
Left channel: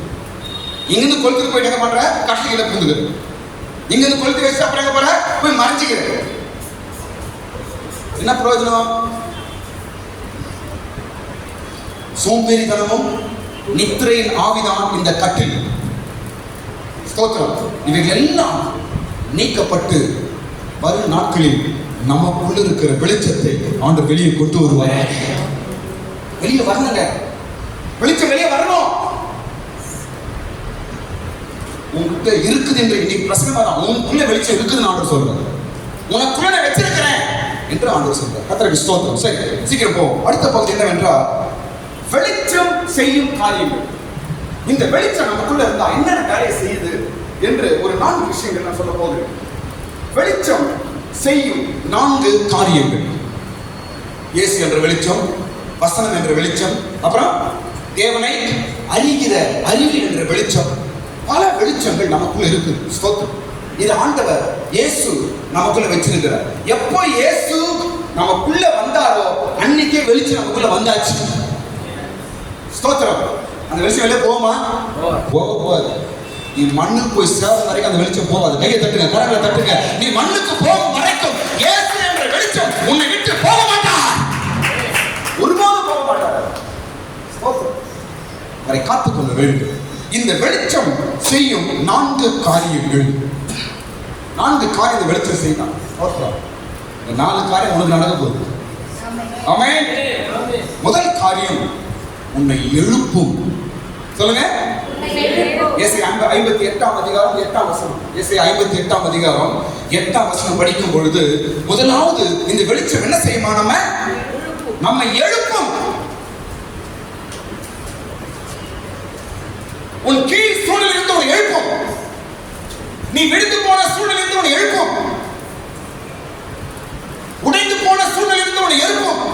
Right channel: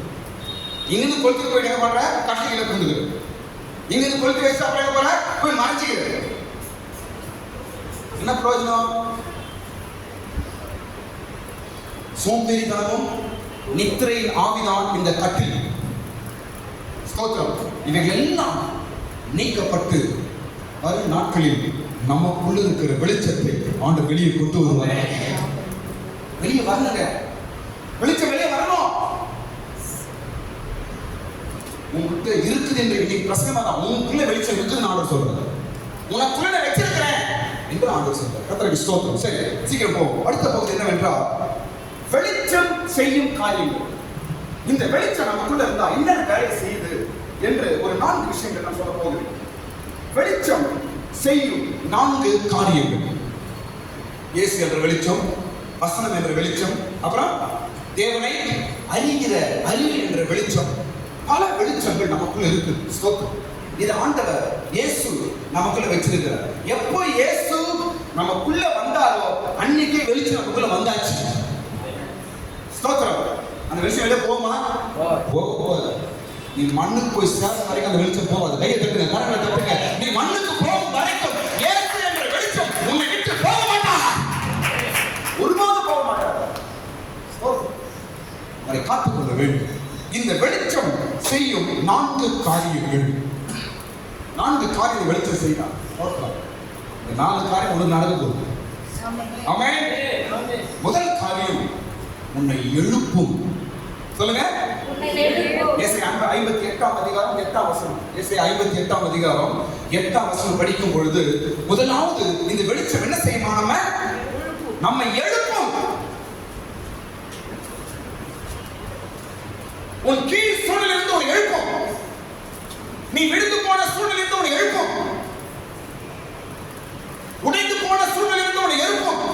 இங்கிருந்து கொளுத்திட்டு போயிட்டு என்ன பண்ற? கட்டில பூந்துருக்கு. இங்கிருந்து கொளுத்தி வச்சு அப்புறம் எங்க போற? போய் மறைஞ்சிக்கிற. என்ன பிரயோஜனம்? சோம்பேறித்தனமும் நித்திரையின் ஆவிதான் இந்த கட்டில். ஸ்தோத்திரம். இவைகள் எல்லாம் நீக்கப்பட்டு வரும் நாட்களில் நமக்குள்ள இருக்கிற வெளிச்சத்தை ஆண்டவர் வெளியே கொண்டு வருவார். வெளியே வரணுங்க, வெளிச்சம் வெளியே வரணும். உங்ககிட்ட இருக்குது என்று இன்னைக்கு பிரசங்கம் தான். உனக்குள்ள வெளிச்சம் இருக்குதுன்னு ஆண்டவர் சொல்றாரு. உனக்குள்ள நான் வச்சிருக்கிறேன் என்று ஆண்டவர் சொல்றார். கர்த்தருக்கு ஸ்தோத்திரம். சரி, சீக்கிரம் போவோம். அடுத்த பகுதி என்னவென்றால் வெளிச்சம் செய்யும் காரியங்கள். இந்த வெளிச்சம் நமக்குள்ள இருந்தா என்னென்ன வேலையை செய்யுது என்று ஒரு 4 விஷயங்கள் நான் சொல்ல போகிறேன். வெளிச்சம் செய்யும் 4 காரியங்கள். இயேசு என்ற வெளிச்சம், வசனம் என்ற வெளிச்சம், அப்புறம் தேவனை அறிகிற அறிவு என்ற வெளிச்சம். பல வெளிச்சங்கள் நமக்குள்ள இருக்கு. ஸ்தோத்திரம். இது ஆண்டவர் இயேசு நமக்குள்ள வச்சிருக்கிறார். எப்போ இயேசு நமக்குள்ள வந்தாரோ அன்னைக்கே வெளிச்சம் நமக்குள்ள வந்தாச்சு. ஸ்தோத்திரம். அந்த வெளிச்சம் வெளியே போகுமா? போகாது. நீ மண்ணுக்கு போய் சேர வரைக்கும் அந்த வெளிச்சம் போகாது. கையை தட்டுங்க, கரங்களை தட்டுங்க. நீ மண்ணுக்கு போகும் வரைக்கும் இயேசு என்ற வெளிச்சம் உன்னை விட்டு போக மாட்டார். ஒருபோதும் போக மாட்டார். அவரை காத்துக்கொள்ள வேண்டும். இந்த வெளிச்சம் செய்யும் 4 காரியங்கள். 4 காரியம் வெளிச்சம் செய்யலாம். இந்த 4 காரியம் உங்களுக்கு நடக்க போகுது. ஆமென். முதல் காரியம் உன்னை எழுப்பும். சொல்லுங்க. ஏசாயா 58ஆம் அதிகாரம் 8ஆம் வசனம். ஏசாயா 58ஆம் அதிகாரம் 8ஆம் வசனம் படிக்கும் பொழுது முதலாவது இந்த வெளிச்சம் என்ன செய்யுமா? நம்ம எழுப்பும். உன் கீழ் சூழ்நிலை இருந்து உன்னை எழுப்பும். நீ விழுந்து போன சூழ்நிலை இருந்து உன்னை எழுப்பும். உடைந்து போன சூழ்நிலை இருந்து உன்னை எழுப்பும்.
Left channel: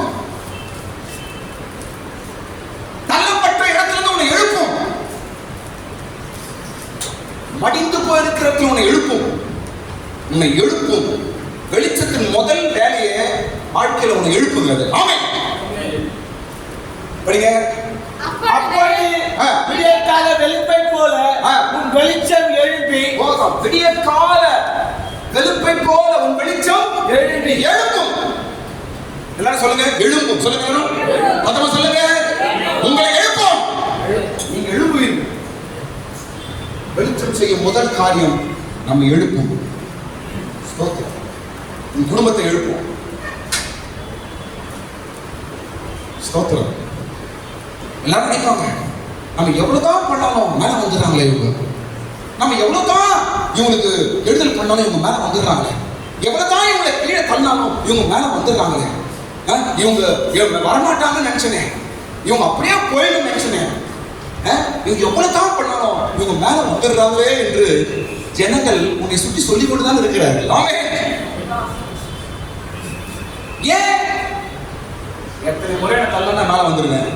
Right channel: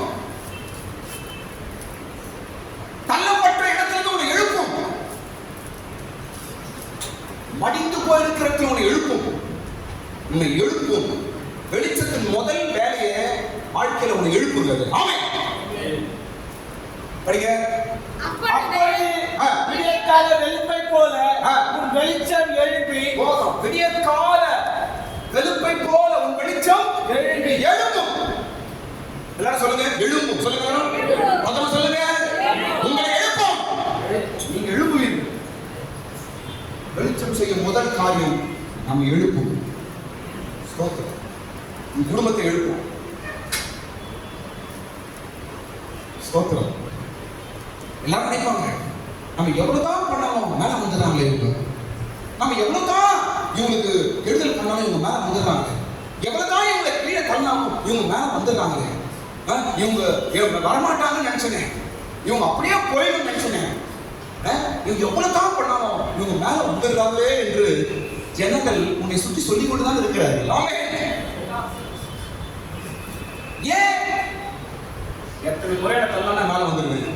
தள்ளப்பட்ட இடத்திலிருந்து உன்னை எழுப்பும். மடிந்து போயிருக்கிற இடத்தில் உன்னை எழுப்பும். உன்னை எழுப்பும். வெளிச்சத்தின் முதல் வேலையை வாழ்க்கையில உன்னை எழுப்புகிறது. ஆமென். படிங்க. விடியற்கால வெளுப்பை போல உன் வெளிச்சம் எழுப்பி. விடியற்கால வெளுப்பை போல உன் வெளிச்சம் எழும்பி எழுப்பும். எல்லாரும் சொல்லுங்க. எழும்பும். சொல்லுங்க. மொத்தமா சொல்லுங்க. உங்களை எழுப்பும். நீங்க எழுப்புவீங்க. வெளிச்சம் செய்யும் முதல் காரியம் நம்ம எழுப்பும். ஸ்தோத்திரம். உன் குடும்பத்தை எழுப்பும். ஸ்தோத்திரம். எல்லாரும் நினைப்பாங்க, நம்ம எவ்வளவுதான் பண்ணாலும் மேல வந்துடுறாங்களே இவங்க. நம்ம எவ்வளவுதான் இவங்களுக்கு எழுதல் பண்ணாலும் இவங்க மேல வந்துடுறாங்களே. எவ்வளவுதான் இவங்களை கீழே தள்ளினாலும் இவங்க மேல வந்துடுறாங்களே. இவங்க வரமாட்டாங்கன்னு நினைச்சனே, இவங்க அப்படியே போயிடும் நினைச்சனே. இவங்க எவ்வளவுதான் பண்ணாலும் இவங்க மேல வந்துடுறாங்களே என்று ஜனங்கள் உன்னை சுற்றி சொல்லிக் கொண்டுதான் இருக்கிறார்கள். ஏன்? எத்தனை முறை நான் தள்ளனா மேல வந்துடுவேன்.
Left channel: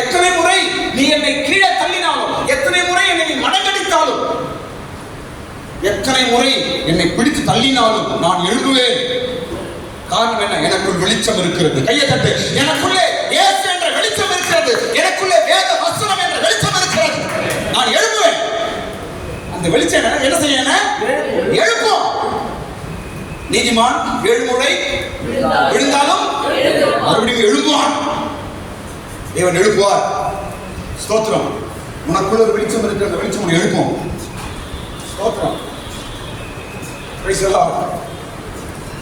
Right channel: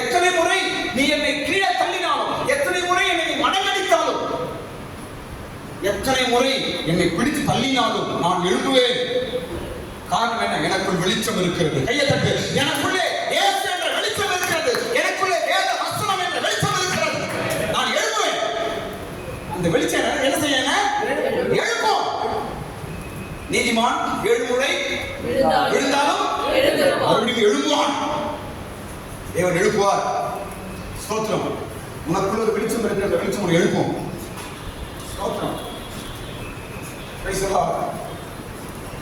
எத்தனை முறை நீ என்னை கீழே தள்ளினாலும், எத்தனை முறை என்னை மடங்கடித்தாலும், எத்தனை முறை என்னை பிடித்து தள்ளினாலும் நான் எழுதுவேன். காரணம் என்ன? எனக்குள் வெளிச்சம் இருக்கிறது. கையை தட்டு. எனக்குள்ளே இயேசு என்ற வெளிச்சம் இருக்கிறது. எனக்குள்ளே வேத வசனம் என்ற வெளிச்சம் இருக்கிறது. நான் எழுதுவேன். அந்த வெளிச்சம் என்ன செய்யணும்? எழுப்போம். நீதிமான் 7 முறை விழுந்தாலும் மறுபடியும் எழுதுவான். தேவன் எழுப்புவார். ஸ்தோத்திரம். உனக்குள்ள ஒரு வெளிச்சம் இருக்கிற அந்த வெளிச்சம் உன்னை எழுப்பும். ஸ்தோத்திரம். Praise the lord.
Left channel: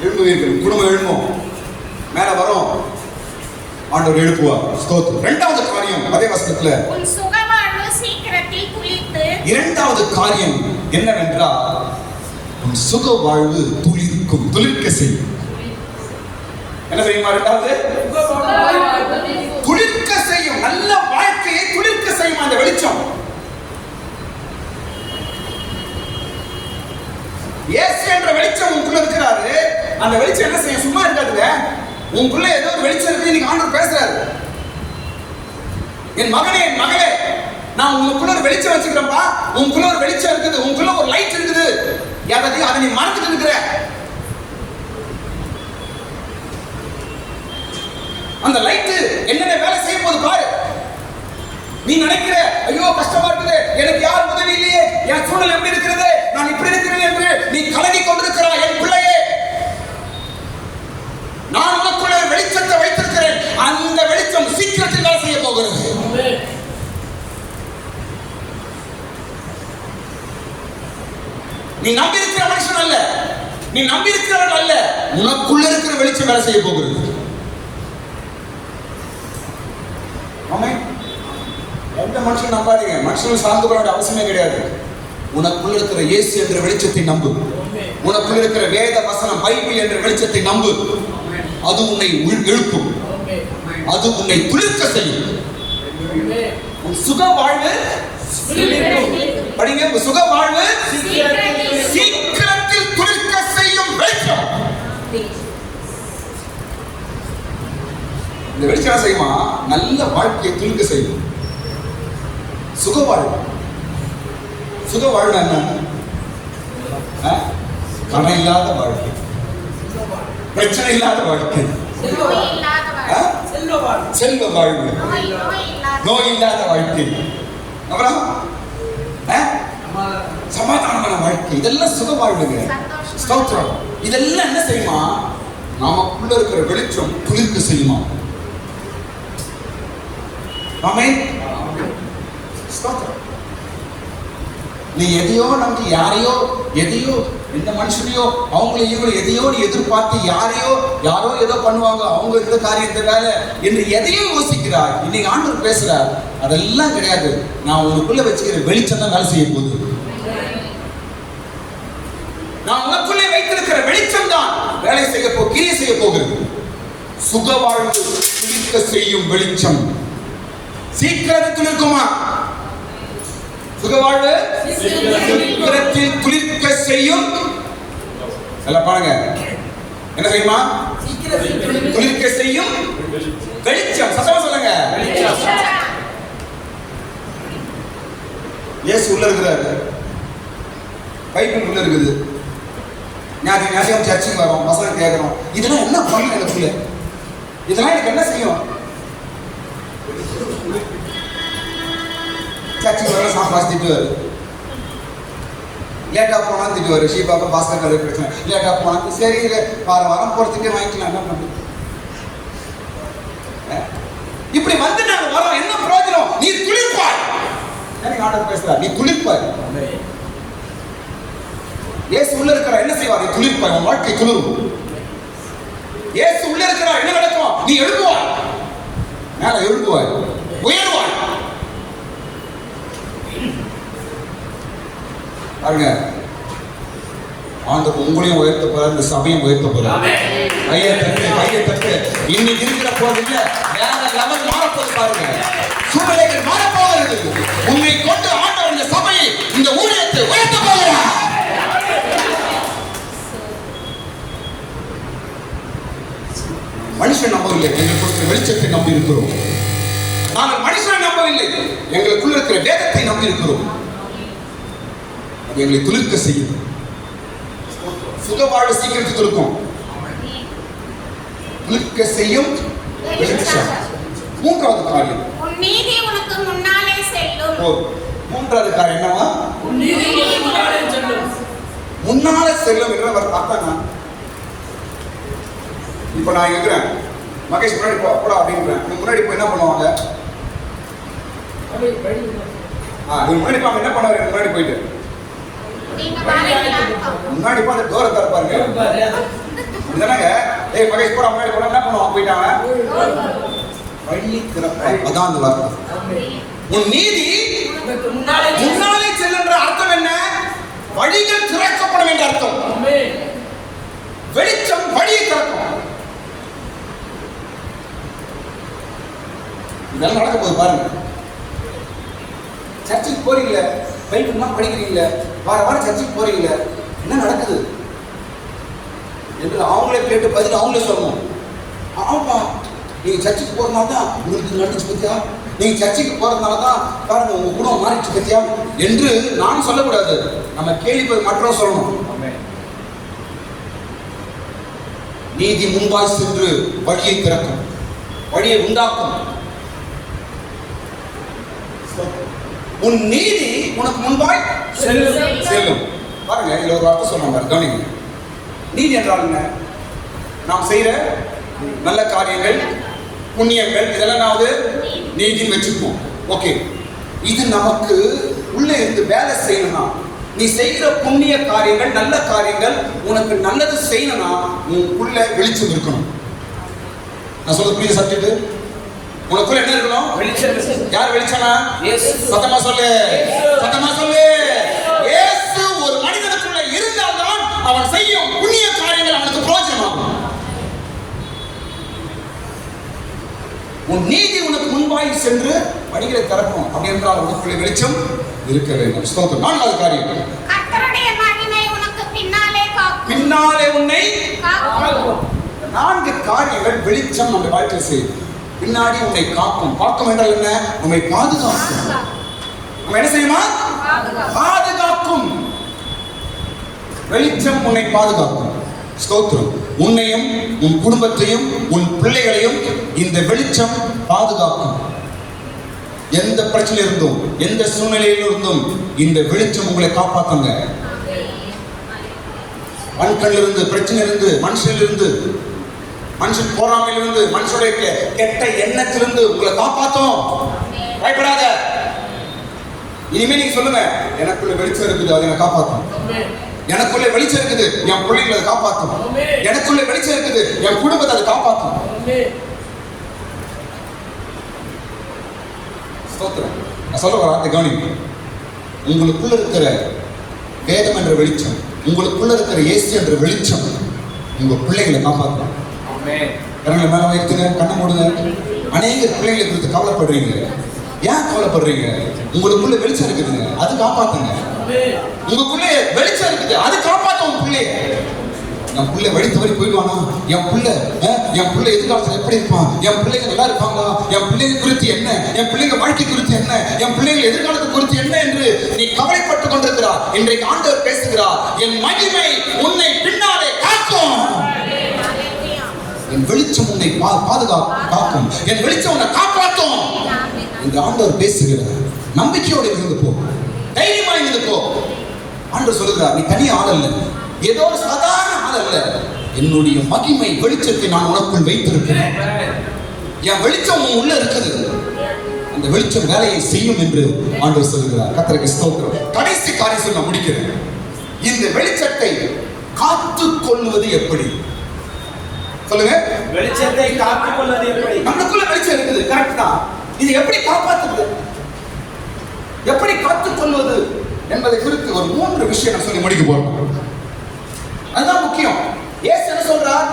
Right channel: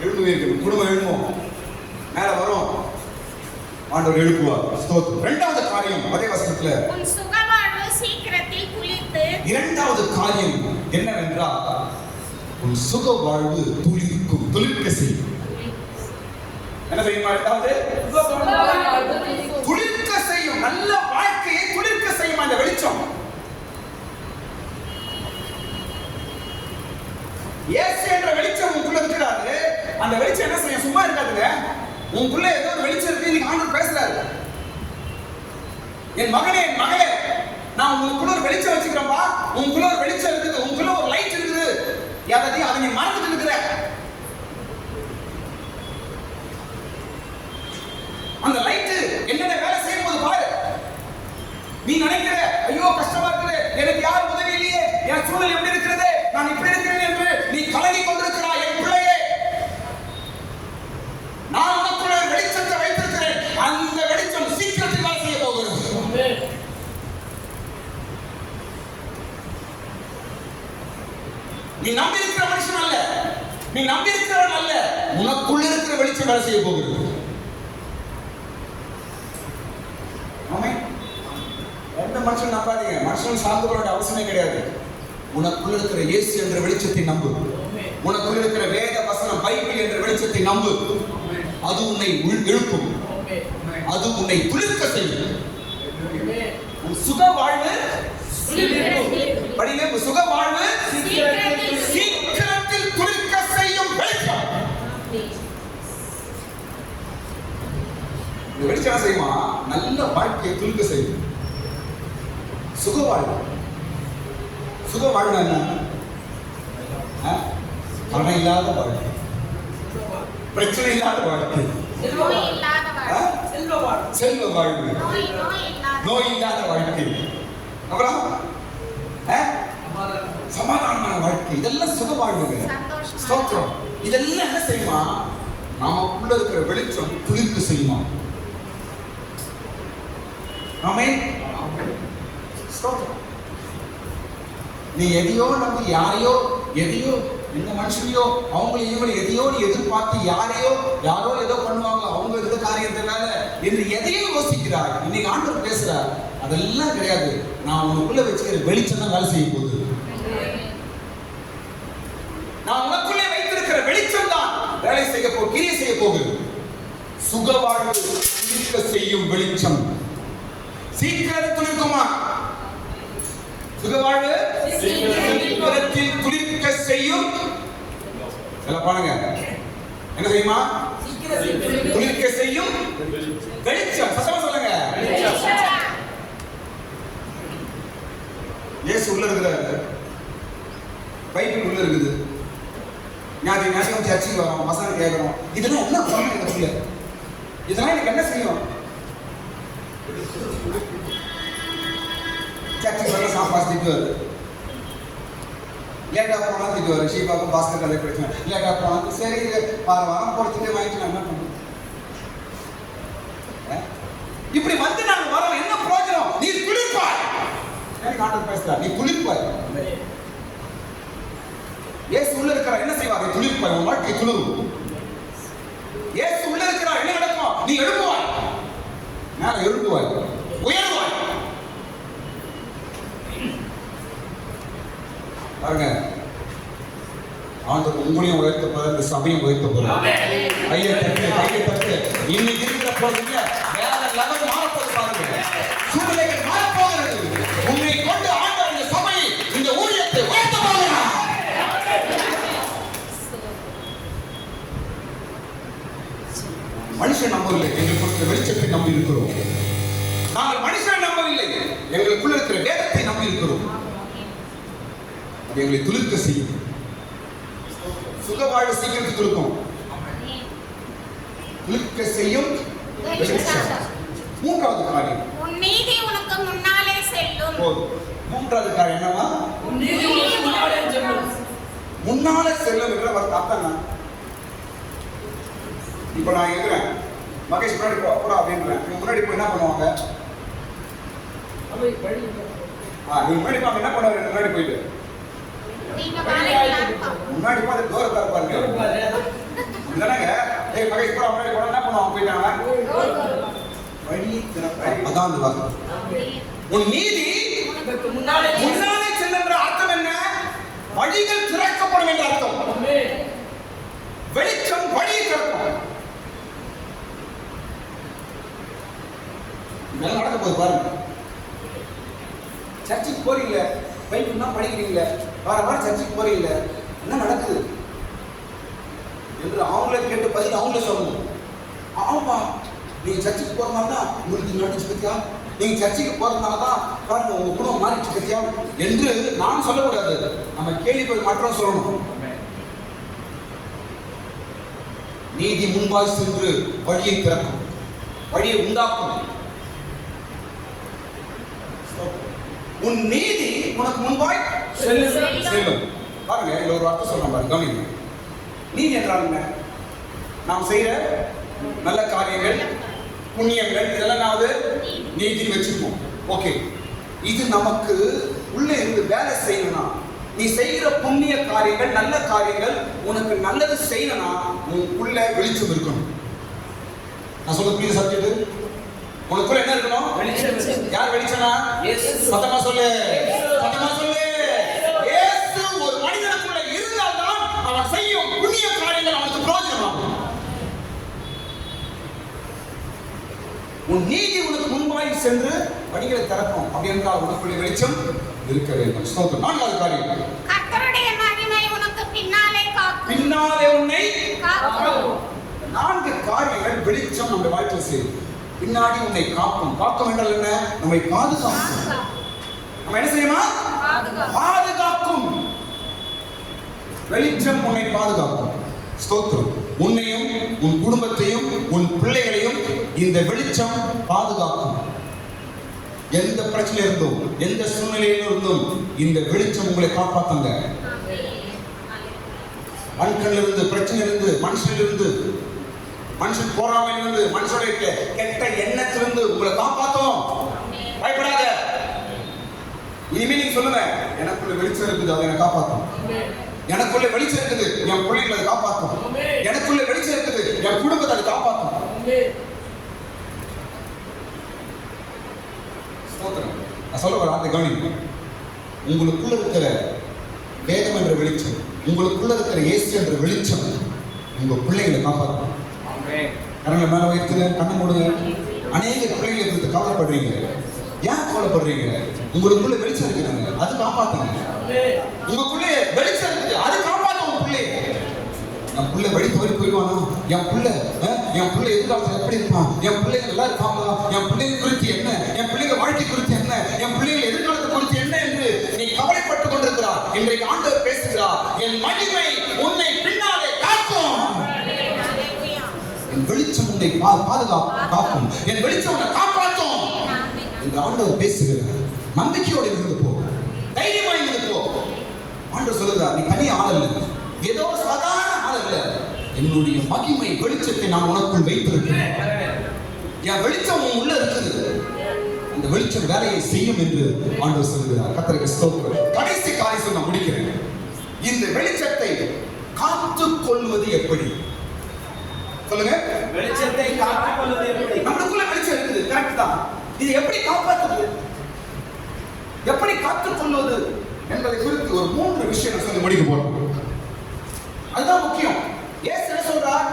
எழுப்புவீர்கள். குடும்பம் எழுப்பும். மேல வரும். ஆண்டவர் எழுப்புவார். ஸ்தோத்திரம். இரண்டாவது காரியம் அதே வசனத்துல உன் சுகவாழ்வு சீக்கிரத்தில் துளிர்த்து. இரண்டாவது காரியம் என்னவென்றால் உன் சுக வாழ்வு துளிர்க்கும். துளிர்க்க செய்யும். என்ன செய்யுமா? இரண்டாவது துளிர்க்க செய்யும். நல்ல வாழ்க்கையை துளிர்க்க செய்யும் அந்த வெளிச்சம். இயேசு என்ற வெளிச்சம் உங்களுக்குள்ள இருக்கிறாரு. அந்த வெளிச்சம் என்ன செய்யும்? சும்மா இருக்காதுங்க. உங்களுக்குள்ள ஏதோ ஒரு வெளிச்சம் இருக்கு. இன்னைக்கு ஆண்டவர் பேசுறாரு. என் மகனே, என் மகளே, நான் உங்களுக்குள்ள ஒரு வெளிச்சம் வச்சுக்கிறேன்ப்பா. உங்களுக்குள்ள ஒரு வெளிச்சம் இருக்குது. உங்களுக்குள்ள ஒரு லைட் இருக்குது. அதை நீ மறந்துட்டு இருக்கிற. அந்த லைட் என்னென்ன வேலை செய்ய போகுது பாரு. நீ நினைக்கிற, ஐயோ கஷ்டமா இருக்குது, எனக்கு யார் உதவி இல்லையே, என் சூழ்நிலை எப்படி இருக்கிறது, நான் இப்படி இருக்கிறேன் என்று நீ கலங்கி கொண்டிருக்கிறாய். என் பிள்ளையே, நான் உனக்குள்ள வெளிச்சத்தை வைத்திருக்கிறேன். அந்த வெளிச்சம் சீக்கிரத்தில் வேலை செய்ய போகுது. நீ நம்பி இருக்கிற மனுஷன் அல்ல, நீ நம்பி இருக்கிறவன் அல்ல, உனக்குள்ள இருக்கிற வெளிச்சம் வேலை செய்ய போகிறது. ஆமென். எந்த மனுஷன் நம்பாதீங்க, மனுஷன் சார்ந்து கொள்ள வேண்டிய அவசியமே கிடையாது. உனக்குள்ள இருக்கிற இயேசு என்ற வெளிச்சத்தை நம்பு. உனக்குள்ள இருக்கிற வேத வசனம் பைபிள் என்ற வெளிச்சத்தை நம்பு. அது உன்னை எழுப்பும், அது உன்னை துளிர்க்க செய்யும். உன் சுக வாழ்வு படிங்க, உன் சுக வாழ்வு சீக்கிரத்தில் துளிர்க்க செய்யும் வெளிச்சம். இந்த வெளிச்சம் செய்யுமா நல்ல வாழ்க்கையை துளிர்க்க செய்யும். சுக வாழ்வு, சுக வாழ்வு என்ன? கடன் இல்லாத வாழ்க்கை, பிரச்சனை இல்லாத வாழ்க்கை, செல்வ வாழ்வு, நோய் இல்லாத வாழ்க்கை, அப்புறம் சமாதானமான வாழ்க்கை, இதெல்லாம் சுக வாழ்வுங்க. ஸ்தோத்திரம். இதெல்லாம் என்ன செய்யுமா? நமக்குள்ள இருக்கிற வெளிச்சம் குளிர்க்க செய்யுமா? ஆமென். ஸ்தோத்திரம். நீ எதையோ நம்பி யாரையோ எதையோ எந்த மனுஷனையோ அவங்களையோ எதையோ நீ எதிர்பார்த்து யாரோ ஏதோ பண்ணுவாங்க, அவங்க இந்த காரியம் இந்த வேலை என்று எதையோ யோசிக்கிறார். இன்னைக்கு ஆண்டவர் பேசுறார், அதெல்லாம் கிடையாது. நான் உனக்குள்ள வச்சுக்கிற வெளிச்சம் தான் வேலை செய்ய போகுது. நான் உனக்குள்ளே வைத்திருக்கிற வெளிச்சம் தான் வேலை கிரியை செய்ய போகிறது. சுக வாழ்வு துளிர்க்க செய்யும் வெளிச்சம் சீக்கிரத்தில் இருக்குமா? சுகவாழ்வு சீக்கிரத்தில் துளிர்க்க செய்யும். எல்லாம் பாருங்க, என்ன செய்யுமா? துளிர்க்க செய்யும் வெளிச்சம். சத்தமா சொல்லுங்க. இயேசு உள்ள இருக்கிறாரு, பைபிள் உள்ள இருக்குது. ஞாயிற்று சர்ச்சுக்கு வரோம், வசனம் கேட்கிறோம். இதெல்லாம் என்ன பண்ண எனக்குள்ள? இதெல்லாம் எனக்கு என்ன செய்யும்? சர்ச்சுக்கு வர சாப்பாடு திட்டுவாரு, லேட்டா போனா திட்டுவாரு. ஷீபாக்கும் பாஸ்கர் கதை பிரச்சனை, லேட்டா போனா சரி வாரம் போறதுக்கே வாங்கிக்கலாம், என்ன பண்ணு? இப்படி வந்து நாங்க வரோம், என்ன பிரயோஜனம்? நீ துளிர்ப்பாய். எனக்கு ஆண்டவர் பேசுறார், நீ துளிர்ப்பாய். இயேசு உள்ள இருக்கிறார், என்ன செய்வார்? நீ துளிர்ப்பாய், உன் வாழ்க்கை துளிரும். இயேசு உள்ள இருக்கிறார், என்ன நடக்கும்? நீ எழுப்புவாய், மேல எழுப்புவாய், உயர்வாய். பாருங்க, ஆண்டவர் உங்களையும் உயர்த்த போறார், இந்த சபையும் உயர்த்த போறார். கையை தட்டு. இன்னைக்கு இருக்கிற போதில்ல, வேற லெவல் மாறப்போது. பாருங்க, சூழ்நிலைகள் மாறப்போகிறது. உன்னை கொண்டு ஆண்டவர் இந்த சபையை, இந்த ஊழியத்தை உயர்த்த போகிறார். மனுஷன் நம்பவில்லை, எங்களுக்கு வெளிச்சத்தை நம்பி இருக்கிறோம். நாங்கள் மனுஷனை நம்பவில்லை, எங்களுக்குள்ள இருக்கிற வேதத்தை நம்பி இருக்கிறோம். எங்களை துளிர்க்க செய்யும். சுக வாழ்வு சீக்கிரத்துக்கு இருக்கும். துளிர்க்க செய்யும் வெளிச்சம். மூன்றாவது காரியம், நீதி உனக்கு முன்னாலே செல்லும். மூன்றாவது காரியம் என்னவா? முன்னாலே செல்லும் என்ற பார்த்தாங்க. இப்ப நான் இருக்கிறேன், மகேஷ் முன்னாடி போடா அப்படின்றேன். முன்னாடி போய் என்ன பண்ணுவாங்க? முன்னாடி போய் என்ன பண்ணுவாரு? முன்னாடி போயிட்டு முன்னாடி போய் தூரத்தை இருப்பாருங்க. அப்படிதானங்க? ஏய் மகேஷ் போடா, முன்னாடி போட என்ன பண்ணுவாங்க? போயிட்டாங்க வழி திறப்பாய். அதான் அந்த வார்த்தை. உன் நீதி முன்னாலே செல்லுன்ற அர்த்தம் என்ன? வழிகள் திறக்கப்படும் என்ற அர்த்தம். வெளிச்சம் வழியை திறக்கும். இதெல்லாம் நடக்க போது பாருங்க. சர்ச்சுக்கு போறீங்களே, பைபிள்லாம் படிக்கிறீங்களே, வாரம் சர்ச்சுக்கு போறீங்களே, என்ன நடக்குது என்று அவங்களே கேட்டு பதில் அவங்களே சொல்லணும். ஆமாப்பா, நீங்க சர்ச்சுக்கு போறதுனால தான் உங்களுக்கு நடந்துச்சு பத்தியா, நீங்க சர்ச்சுக்கு போறதுனால தான் பாருங்க உங்க குணம் மாறிச்சு பத்தியா என்று நான் சொல்லக்கூடாது. நம்ம கேள்வி மற்றவங்க சொல்லணும். நீதி முன்பாய் சென்று வழியை திறக்கும், வழியை உண்டாக்கும். உன் நீதி உனக்கு முன்பாய் செல்லும். பாருங்க, இதுல ஒரு அர்த்தம் சொல்லுவாங்க, கவனிங்க. நீதி என்றால் என்ன? நாம் செய்யற நல்ல காரியங்கள், புண்ணியங்கள், இதெல்லாம் நீதின்னு வச்சிருக்கோம். ஓகே, இது நமக்கு உள்ளே இருந்து வேலை செய்யணும்னா நீ செய்கிற புண்ணிய காரியங்கள், நல்ல காரியங்கள், உனக்கு நல்லது செய்யணும்னா உனக்குள்ள வெளிச்சம் இருக்கணும். நான் சொல்ல புரியுது சப்ஜெக்ட்? உனக்குள்ள என்ன இருக்கணும்? வெளிச்சம். யார் வெளிச்சமா? இயேசு. சத்தமா சொல்லு, சத்தமா சொல்லு. இயேசு ஒரு மனிதனுக்குள்ள இருந்தால்தான் அவன் செய்யும் புண்ணிய காரியங்கள் அவனுக்கு பிரயோஜனம். உன் நீதி உனக்கு முன்பாய் சென்று வழிகளை திறக்கும். அப்படி என்றால் உனக்குள்ள வெளிச்சம் இருக்க வேண்டும். ஸ்தோத்திரம். நான்காவது காரியம், கர்த்தருடைய மகிமை உனக்கு பின்னாலே காக்கும். பின்னாலே உன்னை காக்கும். 4 காரியங்கள் வெளிச்சம் நம்ம வாழ்க்கையில் செய்யும். பின்னாடி உன்னை காக்கும். காக்கும் என்றால் என்ன? நம்மை பாதுகாக்கும். நம்ம என்ன செய்யுமா? பாதுகாக்கும். வெளிச்சம் உன்னை பாதுகாக்கும். ஸ்தோத்திரம். உன்னையும் உன் குடும்பத்தையும் உன் பிள்ளைகளையும் இந்த வெளிச்சம் பாதுகாக்கும். எந்த பிரச்சனை இருந்தும் எந்த சூழ்நிலையில் இருந்தும் இந்த வெளிச்சம் உங்களை காப்பாத்துங்க. மண்களிலிருந்து, பிரச்சனை இருந்து, மனுஷனிலிருந்து, மனுஷன் போராமையிலிருந்து, மனுஷனுடைய கெட்ட எண்ணத்திலிருந்து உங்களை காப்பாத்தும். பயப்படாத. இனிமே நீங்க சொல்லுங்க, எனக்குள்ள வெளிச்சம் இருக்குது, அதை என்னை காப்பாத்தும். எனக்குள்ள வெளிச்சம் இருக்குது, என் பிள்ளைகளை அதை காப்பாத்தும். எனக்குள்ள வெளிச்சம் இருக்குது, என் குடும்பத்தை அதை காப்பாத்தும். ஸ்தோத்திரம். நான் சொல்ற வார்த்தை கவனிங்க. உங்களுக்குள்ள இருக்கிற வேதம் என்ற வெளிச்சம், உங்களுக்குள்ள இருக்கிற இயேசு என்ற வெளிச்சம் உங்க பிள்ளைகளை காப்பாற்றும். கண்ணை மேல வைத்துங்க, கண்ணை மூடுங்க. அநேக பிள்ளைகளை குறித்து கவலைப்படுறீங்க. ஏன் கவலைப்படுறீங்க? உங்களுக்குள்ள வெளிச்சம் இருக்குதுங்க, அது காப்பாத்துங்க. உங்களுக்குள்ள வெளிச்சம் இருக்குது, அது காப்பாற்றும் உங்க பிள்ளைய. என் பிள்ளை வழி தவறி போயிடுவானா? என் பிள்ளை எதிர்காலத்தில் எப்படி இருப்பான்? என் பிள்ளைங்க நல்லா இருப்பாங்க? என் பிள்ளைங்க குறித்து என்ன? என் பிள்ளைங்க வாழ்க்கை குறித்து என்ன? என் பிள்ளைங்க எதிர்காலத்தை குறித்து என்ன என்று நீ கவலைப்பட்டுக் கொண்டிருக்கிறார். இன்றைக்கு ஆண்டவர் பேசுகிறார், என் மகிமை உன்னை பின்னாலே காக்கும். என் வெளிச்சம் உன்னை பாதுகாக்கும். என் வெளிச்சம் உன்னை காப்பாற்றும். இந்த ஆண்டவர் பேசுகிறார். நம்பிக்கையோடு இருந்து போ, தைரியமா இருந்து போ. ஆண்டவர் சொல்லுகிறார், நீ தனி ஆள் அல்ல, ஏதோ ஒரு சாதாரண ஆள் அல்ல. என்னுடைய மகிமை வெளிச்சத்தை நான் உனக்குள் வைத்திருக்கிறேன். என் வெளிச்சம் உன் உள்ள இருக்குது. அந்த வெளிச்சம் வேலையை செய்யும் என்று ஆண்டவர் சொல்லுகிறார். கர்த்தருக்கு ஸ்தோத்திரம். கடைசி காரியம் நான் முடிக்கிறேன். இந்த வெளிச்சத்தை காத்துக் கொள்வது எப்படி? சொல்லுங்க. வெளிச்சத்தை காத்துக் கொள்வது எப்படி? நமக்குள்ள வெளிச்சம் இருக்குது, கரெக்ட் தான். இது எப்படி காப்பாற்றுவது, எப்படி காத்துக் கொள்வது என்பதை குறித்து ஒரு 3 விஷயம் நான் சொல்லி முடிக்க போறோம். அதுதான் முக்கியம். இயேசு என்ன சொல்றார்?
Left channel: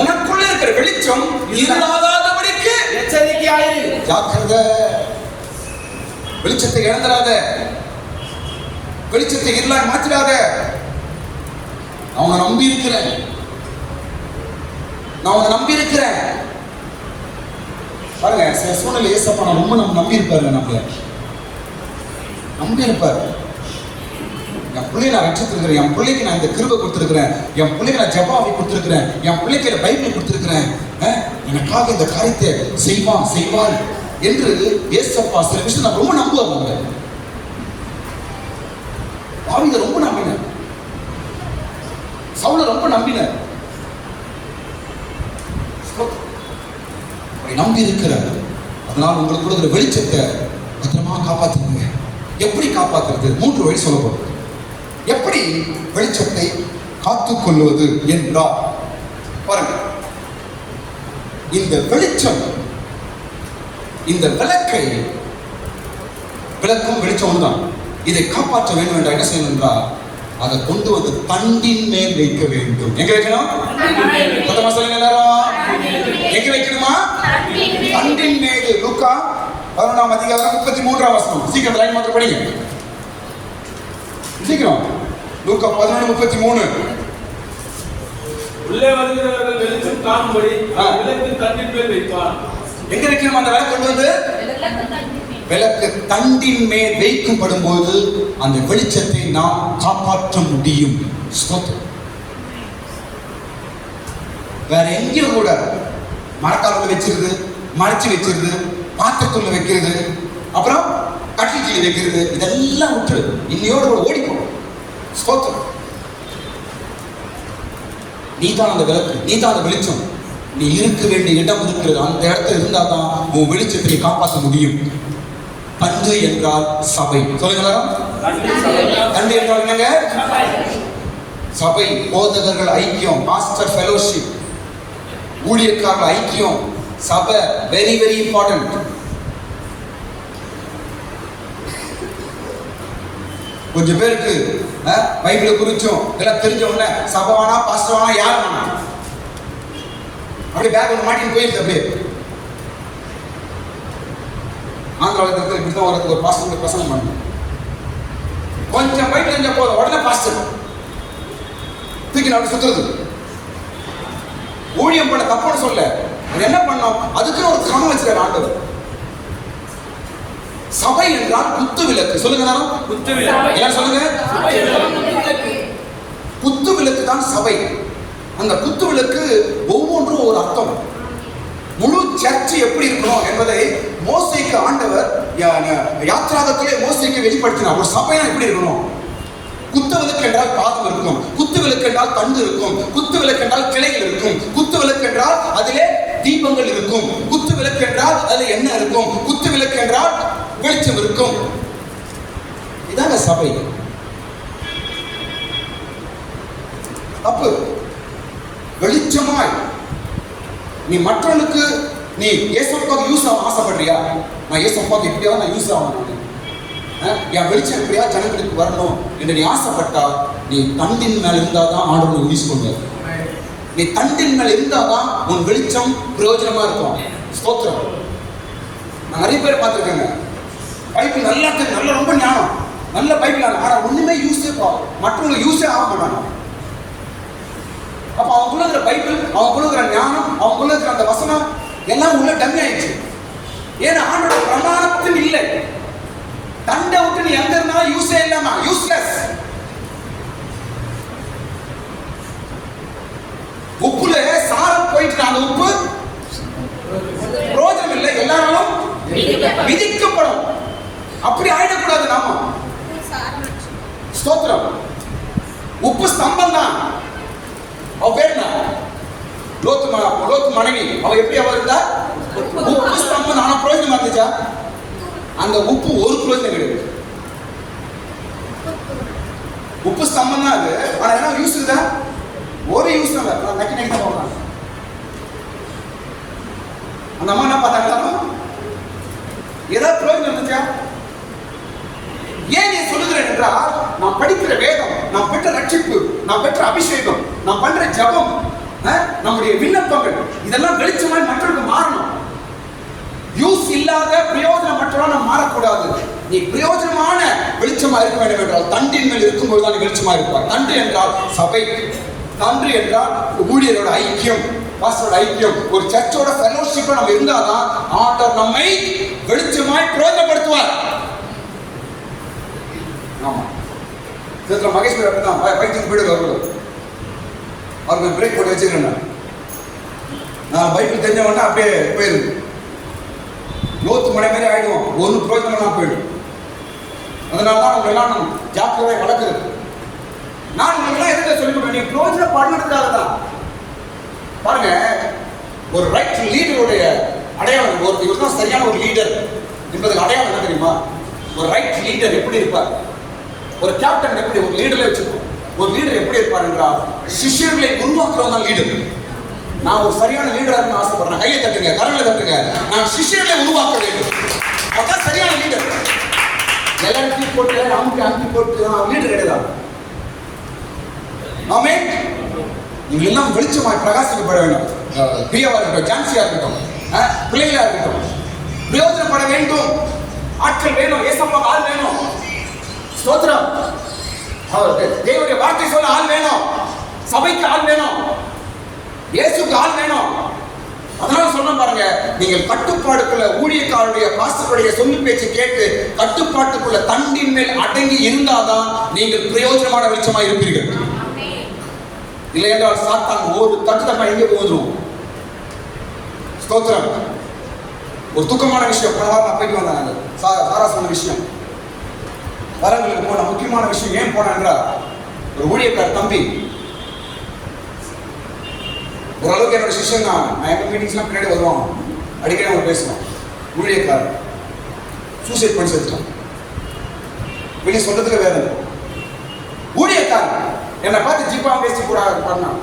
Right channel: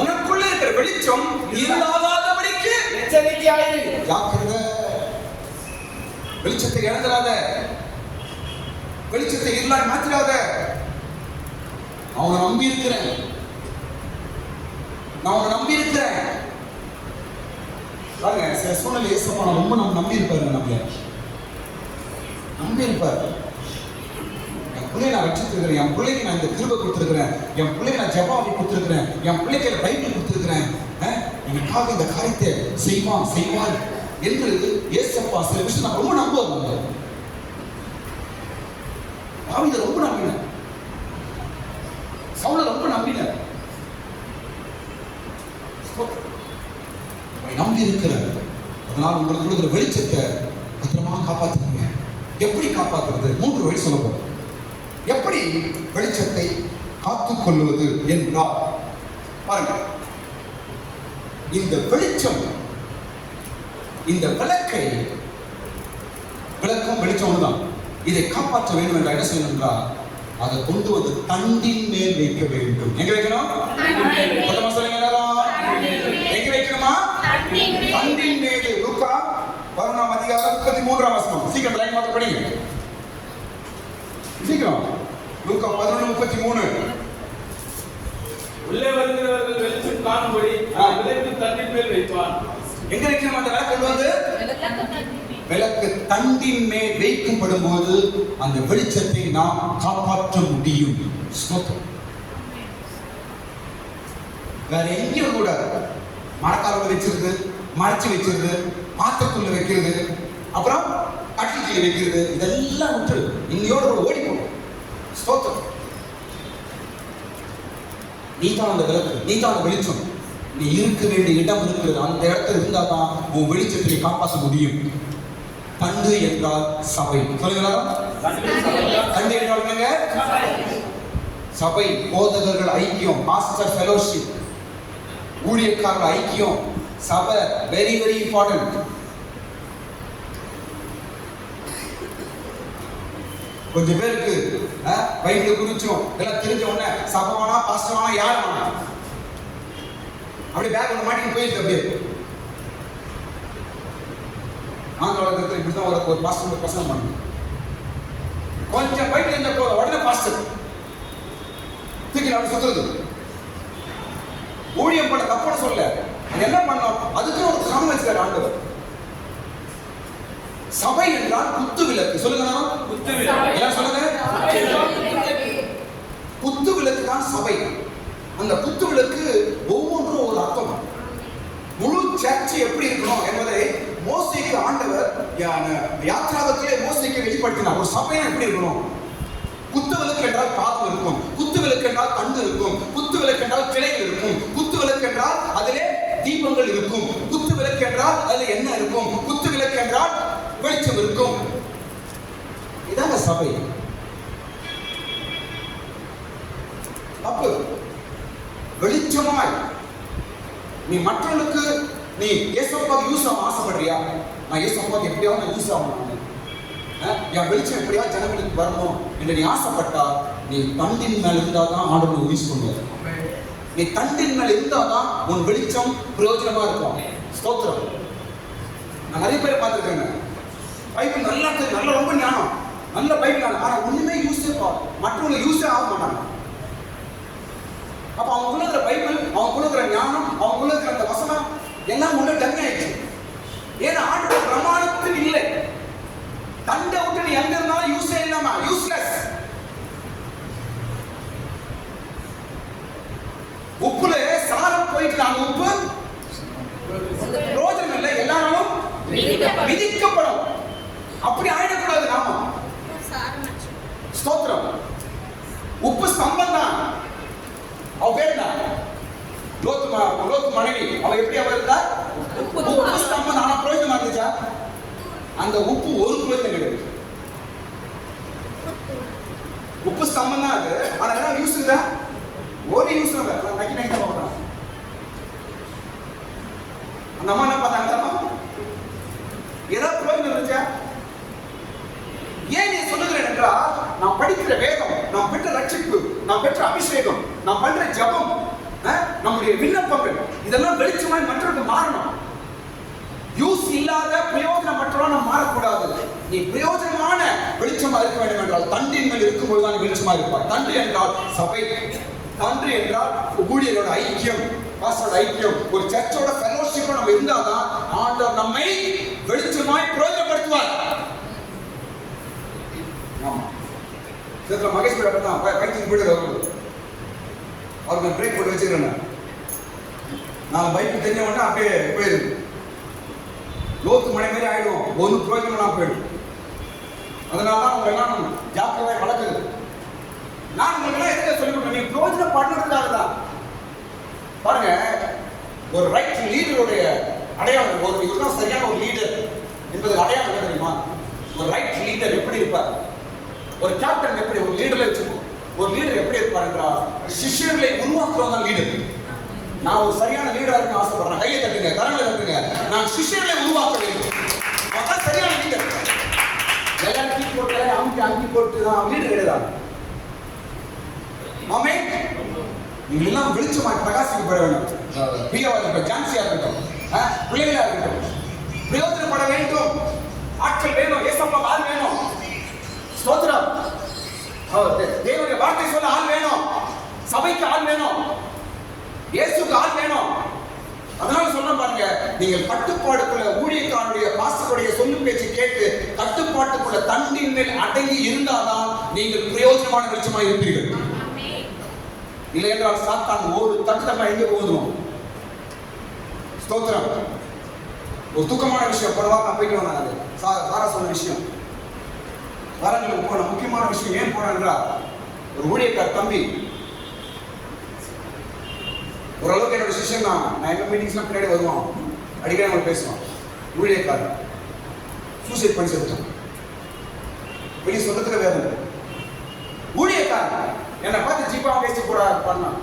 உனக்குள்ள இருக்கிற வெளிச்சம் இருளாதபடிக்கு எச்சரிக்கையாயிரு. ஜாக்கிரதை. வெளிச்சத்தை இழந்துடாத, வெளிச்சத்தை இருளாய் மாற்றிடாத. அவனை நம்பி இருக்கிறேன், நான் அவனை நம்பி இருக்கிறேன். பாருங்க, சில சூழ்நிலை ஏசப்பா ரொம்ப நம்பி இருப்பாரு, நம்மள நம்பி இருப்பாரு. என் பிள்ளையை நான் ரட்சித்திருக்கிறேன், என் பிள்ளைக்கு நான் இந்த கிருபை கொடுத்திருக்கிறேன், என் பிள்ளைக்கு நான் ஜெபாவை கொடுத்திருக்கிறேன், என் பிள்ளைக்கு பைபிள் கொடுத்திருக்கிறேன், எனக்காக இந்த காரியத்தை செய்வான் என்று ஏசப்பா சில விஷயம் நான் ரொம்ப நம்புவாங்க. தாவீதை ரொம்ப நம்பினேன், சவுலை ரொம்ப நம்பினேன். நம்பி இருக்கிறார். அதனால் உங்களுக்கு ஒரு வெளிச்சத்தை பத்திரமா காப்பாற்றுங்க. எப்படி காப்பாற்றுறது? 3 வழி சொல்ல போறோம். எப்படி வெளிச்சத்தை காத்துக் கொள்வது என்றால், பாருங்க, இந்த வெளிச்சம், இந்த விளக்கை, விளக்கும் வெளிச்சம் தான். இதை காப்பாற்ற வேண்டும் என்றால் என்ன செய்யணும் என்றால், அதை கொண்டு வந்து தண்டின் மேல் வைக்க வேண்டும். எங்க வைக்கணும்? மொத்தமா சொல்லுங்க எல்லாரும். எங்க வைக்கணுமா? தண்டின் மேல். லூக்கா 11ஆம் அதிகாரம் 33ஆம் வசனம். சீக்கிரம் லைன் மாத்திரம் படிங்க, சீக்கிரம். லூக்கா 11:33. உள்ளே வருகிறவர்கள் வெளிச்சம் காணும்படி விளக்கு தண்டின் மேல் வைப்பான். எங்க வைக்கணும் அந்த விளக்கு? கொண்டு வந்து விளக்கு தண்டின் மேல் வைக்கப்படும் போது அந்த வெளிச்சத்தை நாம் காப்பாற்ற முடியும். வேற எங்கேயும் கூட மரக்காலத்துல வச்சிருது, மறைச்சு வச்சிருது, பாத்திரத்துள்ள வைக்கிறது, அப்புறம் கட்டில் கீழே வைக்கிறது, இதெல்லாம் விட்டு இன்னையோட கூட ஓடி போடும். ஸ்தோத்திரம். நீதான் அந்த விளக்கு, நீதான் அந்த வெளிச்சம். நீ இருக்க வேண்டிய இடம் இருக்கிறது, அந்த இடத்துல இருந்தாதான் உன் வெளிச்சத்தை காப்பாற்ற முடியும். பந்து என்றால் சபை. சொல்லுங்களா? தண்டு என்றால் என்னங்க? சபை, போதகர்கள் ஐக்கியம், பாஸ்டர் ஃபெலோஷிப், ஊழியக்காரர்கள் ஐக்கியம், சபை வெரி வெரி இம்பார்ட்டன்ட். கொஞ்சம் பேருக்கு பைபிள குறிச்சும் இதெல்லாம் தெரிஞ்ச உடனே சபை வேணா பாஸ்டர் வேணா யார் வேணா அப்படியே பேக் ஒன்று மாட்டின்னு போயிருக்கு. அப்படியே ஆந்திராவில் இருக்கிற இப்படிதான் ஒரு பாஸ்டர் பிரசங்கம் பண்ணணும். கொஞ்சம் பைபிள் தெரிஞ்ச போதும் உடனே பாஸ்டர் தூக்கி அப்படி சுத்துறது. ஊழியம் பண்ண தப்புன்னு சொல்ல, அது என்ன பண்ணோம், அதுக்குன்னு ஒரு கிரமம் வச்சுக்கிறார் ஆண்டவர். சபை என்றால் குத்து விளக்கு. சொல்லுங்க, குத்து விளக்கு. ஏன் சொல்லுங்க? குத்து விளக்கு தான் சபை. அந்த குத்து விளக்கு ஒவ்வொன்றும் ஒரு அர்த்தம். முழு சர்ச் எப்படி இருக்கணும் என்பதை மோசேக்கு ஆண்டவர் யாத்ராகத்திலே மோசேக்கு வெளிப்படுத்தினார். ஒரு சபையா எப்படி இருக்கணும்? குத்து விளக்கு என்றால் பாதம் இருக்கும், குத்து விளக்கு என்றால் தண்டு இருக்கும், குத்து விளக்கு என்றால் கிளைகள் இருக்கும், குத்து விளக்கு என்றால் அதிலே தீபங்கள் இருக்கும், குத்து விளக்கு என்றால் அதில் என்ன இருக்கும், குத்து விளக்கு என்றால் வெளிச்சம் இருக்கும். இதாங்க சபை. அப்போ வெளிச்சமாய் நீ மற்றவனுக்கு நீ இயேசுவுக்காக யூஸ் ஆக ஆசைப்படுறியா? நான் இயேசுவுக்காக எப்படியாவது நான் யூஸ் ஆகணும், என் வெளிச்சம் எப்படியா ஜனங்களுக்கு வரணும் என்று நீ ஆசைப்பட்டா, நீ தண்டின் மேல் இருந்தாதான் ஆண்டவனை யூஸ் பண்ணுவார். நீ தண்டின் மேல் இருந்தாதான் உன் வெளிச்சம் பிரயோஜனமா இருக்கும். ஸ்தோத்திரம். நான் நிறைய பேர் பார்த்துருக்கேங்க, பைபிள் நல்லா நல்ல ரொம்ப ஞானம், நல்ல பைபிள் ஆனா ஒண்ணுமே யூஸே மற்றவங்களுக்கு யூஸே ஆக மாட்டாங்க. அப்ப அவங்களுக்குள்ள இருக்கிற பைபிள், அவங்களுக்குள்ள இருக்கிற ஞானம், அவங்களுக்குள்ள இருக்கிற அந்த வசனம் எல்லாம் உள்ள டம்மி ஆயிடுச்சு. ஏன்னா ஆண்டோட பிரமாணத்தும் இல்லை. தண்டை விட்டு நீ எங்க இருந்தாலும் யூஸே இல்லாம யூஸ்லெஸ். உப்புல சாரம் போயிட்டு அந்த உப்பு பிரோஜனம் இல்லை, எல்லாரும் விதிக்கப்படும். அப்படி ஆயிடக்கூடாது நாம. ஸ்தோத்திரம். உப்பு ஸ்தம்பம் தான். அவ பேர் என்ன? லோத்து மனைவி. அவ எப்படி அவ இருந்தா? உப்பு ஸ்தம்பம். ஆனா பிரயோஜனம் இருந்துச்சா? அந்த உப்பு ஒரு பிரயோஜனம் கிடையாது. உப்பு ஸ்தம்பம் தான் அது. ஆனா என்ன யூஸ் இருந்தா? ஒரு யூஸ் இல்லை. நக்கி நக்கி தான் போடுறாங்க. அந்த அம்மா என்ன பார்த்தாங்களா? ஏதாவது பிரயோஜனம் இருந்துச்சா? ஏன் நீ சொல்லுகிறேன் என்றால், நான் படிக்கிற வேதம், நான் பெற்ற ரட்சிப்பு, நான் பெற்ற அபிஷேகம், நான் பண்ற ஜபம், நம்முடைய விண்ணப்பங்கள் இதெல்லாம் வெளிச்சமாய் மற்றவர்களுக்கு மாறணும். யூஸ் இல்லாத பிரயோஜனம் மற்றவர்கள் நாம் மாறக்கூடாது. நீ பிரயோஜனமான வெளிச்சமா இருக்க வேண்டும் என்றால் தண்டின் மேல் இருக்கும்போது தான் வெளிச்சமா இருப்பார். தண்டு என்றால் சபை, தண்டு என்றால் ஊழியரோட ஐக்கியம், பாஸ்டரோட ஐக்கியம், ஒரு சர்ச்சோட ஃபெலோஷிப்பா நம்ம இருந்தாதான் ஆண்டவர் நம்மை வெளிச்சமாய் பிரயோஜனப்படுத்துவார். ஆமா, இதுல மகேஷ் பேர் அப்படிதான் பைத்துக்கு போயிடுவார். அவருக்கு பிரேக் போட்டு வச்சுக்கிறேன். நான் பைபிள் தெரிஞ்ச உடனே அப்படியே போயிருக்கு. லோத்து மழை மாதிரி ஆயிடுவோம், ஒரு பிரயோஜனம் போயிடும். அதனால தான் அவங்க எல்லாம் ஜாக்கிரதை வளர்க்குறது. நான் உங்களெல்லாம் எதுக்க சொல்லிவிட்டேன், நீ பிரயோஜனம் பண்ணுறதுக்காக தான். பாருங்க, ஒரு ரைட் லீடருடைய அடையாளம், ஒரு இவர் தான் சரியான ஒரு லீடர் என்பதுக்கு அடையாளம் என்ன தெரியுமா? ஒரு ரைட் லீடர் எப்படி இருப்பார்? ஒரு கேப்டன் எப்படி ஒரு லீடர்ல வச்சுக்கோ. ஒரு லீடர் எப்படி இருப்பார் என்றால், சிஷ்யர்களை உருவாக்குறவங்க தான் லீடர். நான் ஒரு சரியான லீடரா இருக்கணும்னு ஆசைப்படுறேன். கையை தட்டுங்க, கரங்களை தட்டுங்க. நான் சிஷ்யர்களை உருவாக்க வேண்டும். அதான் சரியான லீடர். எல்லாம் டீ போட்டு அங்கி போட்டு லீடர் கிடையாது. ஆமென். நீங்கள் எல்லாம் வெளிச்சமாய் பிரகாசிக்கப்பட வேண்டும். பிரியாவா இருக்கட்டும், ஜான்சியா இருக்கட்டும், பிள்ளைகளா இருக்கட்டும், பிரயோஜனப்பட வேண்டும். ஆட்கள் வேணும், ஏசப்பா ஆள் வேணும். ஸ்தோத்திரம். தேவனுடைய வார்த்தை சொல்ல ஆள் வேணும், சபைக்கு ஆள் வேணும், இயேசுக்கு ஆள் வேணும். அதனால சொல்ல பாருங்க, நீங்கள் கட்டுப்பாடுக்குள்ள ஊழியக்காரருடைய பாஸ்டருடைய சொல்லு பேச்சு கேட்டு கட்டுப்பாட்டுக்குள்ள தண்டின் மேல் அடங்கி இருந்தாதான் நீங்கள் பிரயோஜனமான வெளிச்சமா இருப்பீர்கள். இல்லை என்றால் சாத்தான் ஒரு தட்டுத்தமா எங்கே போதும். ஸ்தோத்திரம். ஒரு துக்கமான விஷயம், போன வாரம் நான் போயிட்டு வந்தாங்க. சாரா சொன்ன விஷயம், வரங்களுக்கு போன முக்கியமான விஷயம். ஏன் போனா என்றால், ஒரு ஊழியக்கார தம்பி, ஓரளவுக்கு என்னோட சிஷ்யன் தான். நான் எங்க மீட்டிங்ஸ்லாம் பின்னாடி வருவான், அடிக்கடி அவன் பேசுவான். ஊழியக்காரர் சூசைட் பண்ணி செத்துட்டான். வெளியே சொல்றதுக்கு வேதனை. ஊழியக்காரன் என்னை பார்த்து ஜிப்பா பேசி கூட பண்ணான்,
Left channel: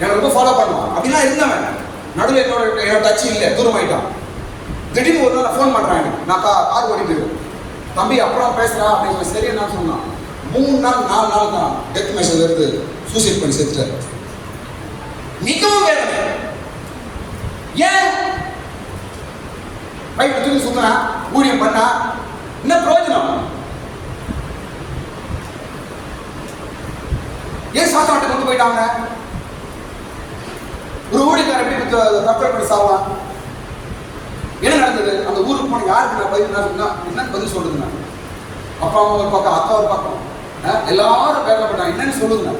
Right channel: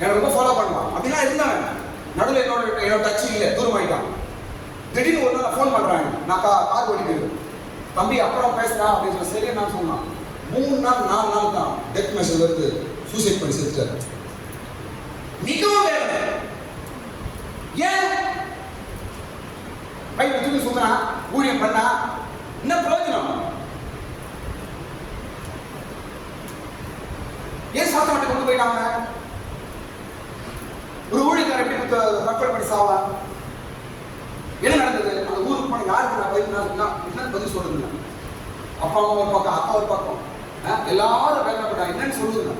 என்னை ரொம்ப ஃபாலோ பண்ணுவான். அப்படிலாம் இருந்தவன் நடுவில் என்னோட டச் இல்லை, தூரமாயிட்டான். திடீர்னு ஒரு நாள் ஃபோன் பண்றாங்க, நான் கார் ஓடிட்டு தம்பி அப்புறம் பேசுறா அப்படின்னு சொல்லி. சரி என்ன சொன்னான், 3 நாள் 4 நாள் தான் டெத் மெசேஜ் எடுத்து சூசைட் பண்ணி செத்துட்டாரு. மிகவும் வேதனை. ஏன் பைப் தூக்கி சுத்துறான், ஊழியம் பண்ணா என்ன பிரயோஜனம்? ஏன் சாத்தாட்டை கொண்டு போயிட்டாங்க? ஒரு ஊழியக்காரன் எப்படி தற்கொலை பண்ணி சாவான்? என்ன நடந்தது? அந்த ஊருக்கு போன யாருக்கு நான் பைப் என்ன பதில் சொல்லுதுங்க? அப்பா அம்மா ஒரு பக்கம், அக்கா ஒரு பக்கம், எல்லாரும் பேசப்பட்டாங்க. என்னன்னு சொல்லுங்க,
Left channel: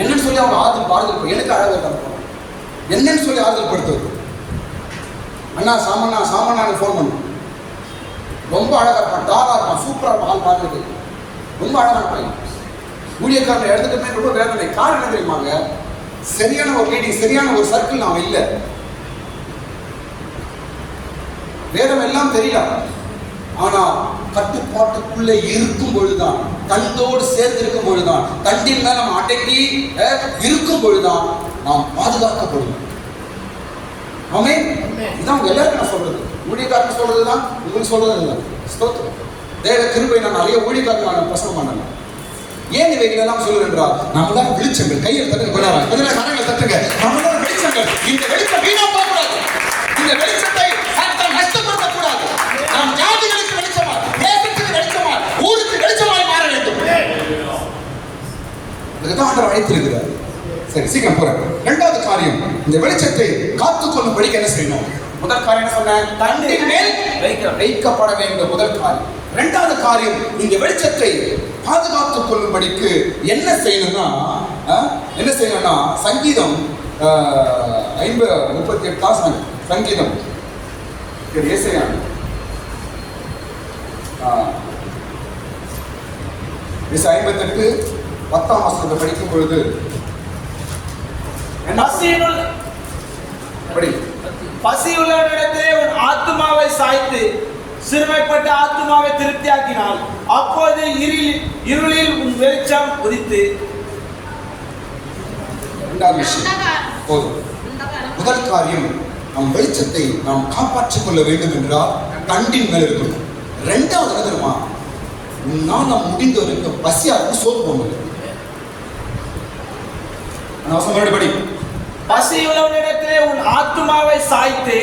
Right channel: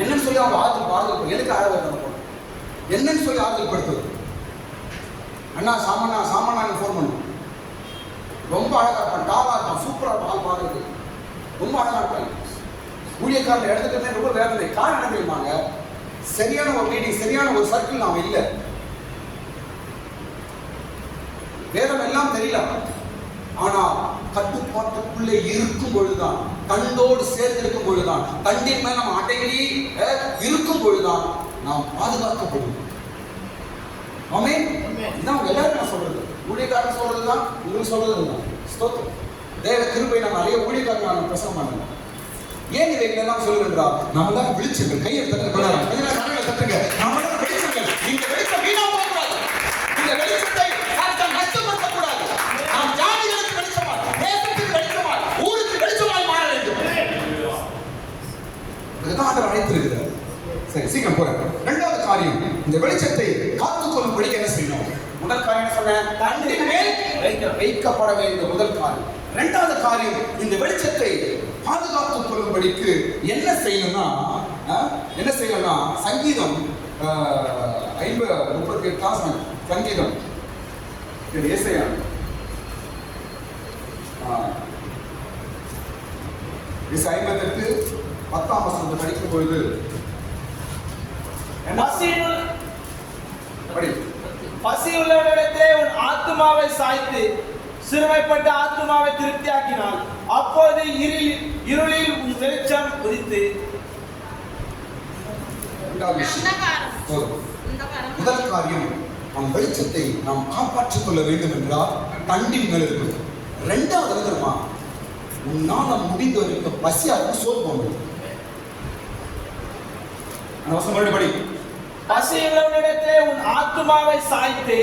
என்னன்னு சொல்லி அவங்க ஆறுதல் எனக்கு அழகாக இருக்காங்க. என்னன்னு சொல்லி ஆறுதல் படுத்துவது? அண்ணா சாமானான்னு ஃபோன் பண்ணு, ரொம்ப அழகா இருப்பான், டாகா இருப்பான், சூப்பரா இருப்பான், ஆள் பார்க்கறது ரொம்ப அழகா இருப்பாங்க. ஊழியக்காரன் எடுத்துக்கிட்டே ரொம்ப வேதனை. காரணம் என்ன தெரியுமாங்க? சரியான ஒரு மீட்டிங், சரியான ஒரு சர்க்கிள் நாம இல்லை. வேதம் எல்லாம் தெரியல, ஆனா கட்டுப்பாட்டுக்குள்ள இருக்கும் பொழுதுதான், கண்டோடு சேர்ந்து இருக்கும் பொழுதுதான், கண்டின் மேல நம்ம அடங்கி இருக்கும் பொழுதுதான் நாம் பாதுகாக்கப்படும். ஆமென். இதான் எல்லாருக்கும் நான் சொல்றது, ஊழியக்காரன் சொல்றதுதான் உங்களுக்கு சொல்றது இல்லை. ஸ்தோத்திரம். தேவ கிருபை. நான் நிறைய ஊழியக்காரன் பிரசவம் பண்ணல. ஏன் இவைகள் எல்லாம் சொல்லுகின்றார்? நம்ம தான் வெளிச்சங்கள். கையில் தட்டுங்க, கொண்டாடுறாங்க, அதில் கரையில் தட்டுங்க. நம்ம தான் வெளிச்சங்கள். இந்த வெளிச்சம் வீணா போகக்கூடாது. இந்த வெளிச்சத்தை நஷ்டப்படுத்தக்கூடாது. நாம் ஜாதிகளுக்கு வெளிச்சமா, தேசத்துக்கு வெளிச்சமா, ஊருக்கு வெளிச்சமாய் மாற வேண்டும். இதுதான் ஆண்டவர் அழைத்திருக்கிறார். சரி, சீக்கிரம் போறேன். 2வது காரியம், இந்த வெளிச்சத்தை காத்துக்கொள்ளும்படிக்கு என்ன செய்யணும்? முதல் காரியம் என்ன சொன்னேன்? தண்டின் மேல் வைக்கப்பட வேண்டும். முதல் காரியம். 2வது காரியம், இந்த வெளிச்சத்தை பாதுகாத்துக் கொள்ளும்படிக்கு என்ன செய்யணும்னா சங்கீதம் 38 சங்கீதம் ஏசாயா 58 10ஆம் வசனத்தை படிக்கும் பொழுது பசியுள்ளவனிடத்திலே உன் ஆத்துமாவை சாய்த்து சிறுமைப்பட்ட ஆத்துமாவை திருப்தியாக்கினால் அப்போது இருளில் உன் வெளிச்சம் உதித்து. முதல் காரியம், நம் வெளிச்சத்தை நாம் காப்பாற்றிக் கொள்ள வேண்டும் என்றால் கண்டின் மேல் இருக்கணும். 2வது என்ன தெரியுமா? உன்னால முடிந்த வரைக்கும் பசியாருக்கு சோறு போங்க. படி. பசியுள்ளவனிடத்திலே உன் ஆத்துமாவை சாய்த்து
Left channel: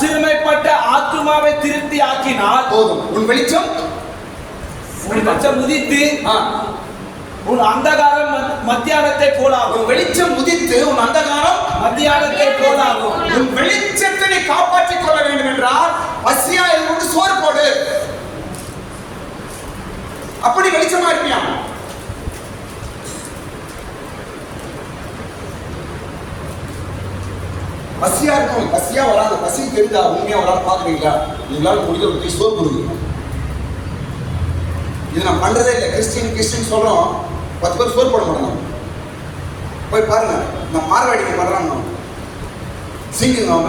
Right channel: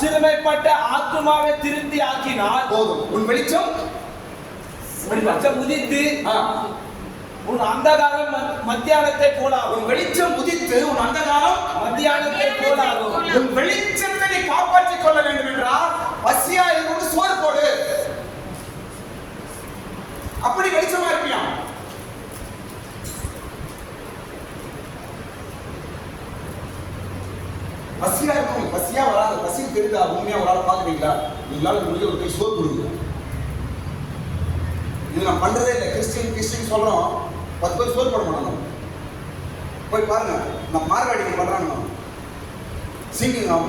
சிறுமைப்பட்ட ஆத்துமாவை திருப்தி ஆக்கினால் போதும். உன் வெளிச்சம் உதித்து உன் அந்தகாரம் மத்தியானத்தை போலாகும். உன் வெளிச்சம் உதித்து உன் அந்தகாரம் மத்தியானத்தை போலாகும். உன் வெளிச்சத்தை காப்பாற்றிக் கொள்ள வேண்டும் என்றால் பசியா இருந்து சோறு போடு. அப்படி வெளிச்சமா இருப்பியா? பசியா இருக்கும், பசியா வராது. பசி தெரியுதா? உண்மையா வராது பாக்குறீங்களா? உங்களால முடிஞ்ச ஒரு சோறு கொடுங்க. இது நான் பண்றதே இல்லை. கிறிஸ்டின் சொல்றோம், 10 பேர் சோறு போட மாட்டோம். போய் பாருங்க, நான் மார்வாடிக்கு பண்றாங்க. சிங்கிங் அவங்க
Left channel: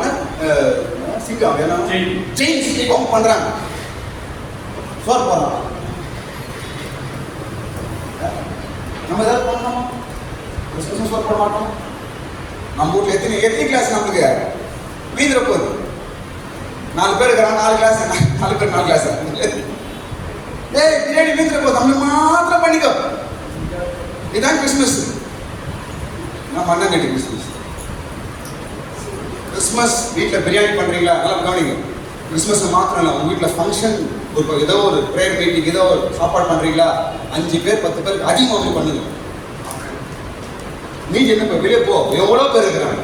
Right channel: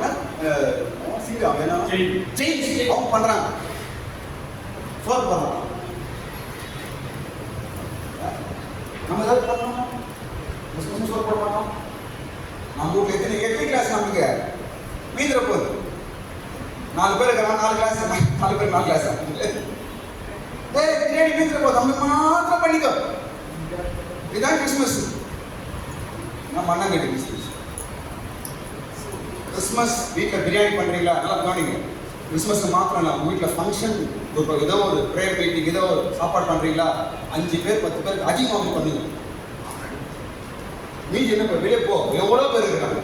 பண்றாங்க, சோறு போடுறாங்க. நம்ம ஏதாவது பண்ணோம், சோறு போட மாட்டோம். நம்ம வீட்டுல எத்தனை கிளாஸ் நம்மளுக்கு மீந்திர போகுது? 4 பேர் இருக்கிறாங்க, 4 கிளாஸ், 4 பேர் 4 கிளாஸ். பிரியாணி மீந்திர போகுது, நம்ம மாத்திரம் பண்ணிக்கோ. இதுதான் கிறிஸ்துமஸ். நான் பண்ண கேட்டு கிறிஸ்துமஸ் வீட்டில் பிரியாணி பண்றீங்களா? நல்லா கவனிங்க. கிறிஸ்துமஸ் மாத்திரம் இல்லை, உங்க வீட்டில் ஃபங்க்ஷன், ஒரு ஏதோ ஒரு ப்ரேயர் மீட்டிங், ஏதோ ஒரு சாப்பாடு பண்றீங்களா? 5 பேர் 10 பேருக்கு அதிகமாக பண்ணுங்க. நீங்க என்ன வெளியே போ, எவ்வளோ பேர் இருக்கிறாங்க,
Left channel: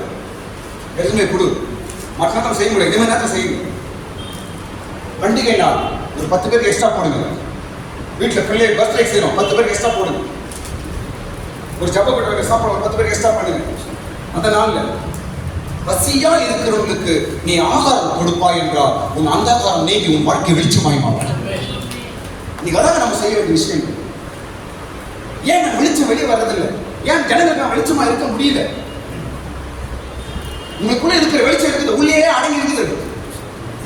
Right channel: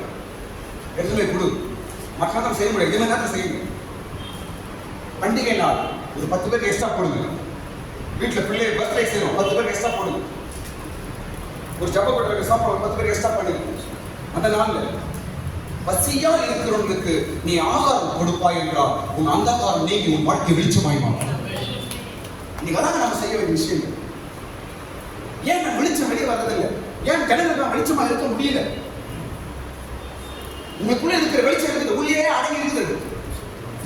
எதுவுமே கொடு. மற்ற நேரம் செய்ய முடியாது, எதுவுமே நேரம் செய்யுங்க. பண்டிகை நாள் ஒரு 10 பேருக்கு எக்ஸ்ட்ரா போடுங்க. வீட்டில் பிள்ளை பர்த்டே செய்யணும், 10 பேருக்கு எக்ஸ்ட்ரா போடுங்க. ஒரு ஜப கட்டுற சாப்பாடு 10 பேருக்கு எக்ஸ்ட்ரா பண்ணுங்க. அந்த நாளில் பசியா இருக்கிறவங்களுக்கு நீ ஆகாரம் கொடுப்பாய் என்றால் உன் அந்தகாரம் நீங்கி உன் வாழ்க்கை வெளிச்சமாய் மாறும். இன்னைக்கு அதான் நம்ம செய்ய வேண்டிய விஷயம். ஏன் நான் வெளிச்சம் வெளியே வர்றதில்லை? ஏன் ஜனங்கள் நான் வெளிச்சமா இருக்க முடியல? உங்களுக்குள்ள இருக்கிற வெளிச்சம் இருக்குது, உள்ளே அடங்கி இருக்குது.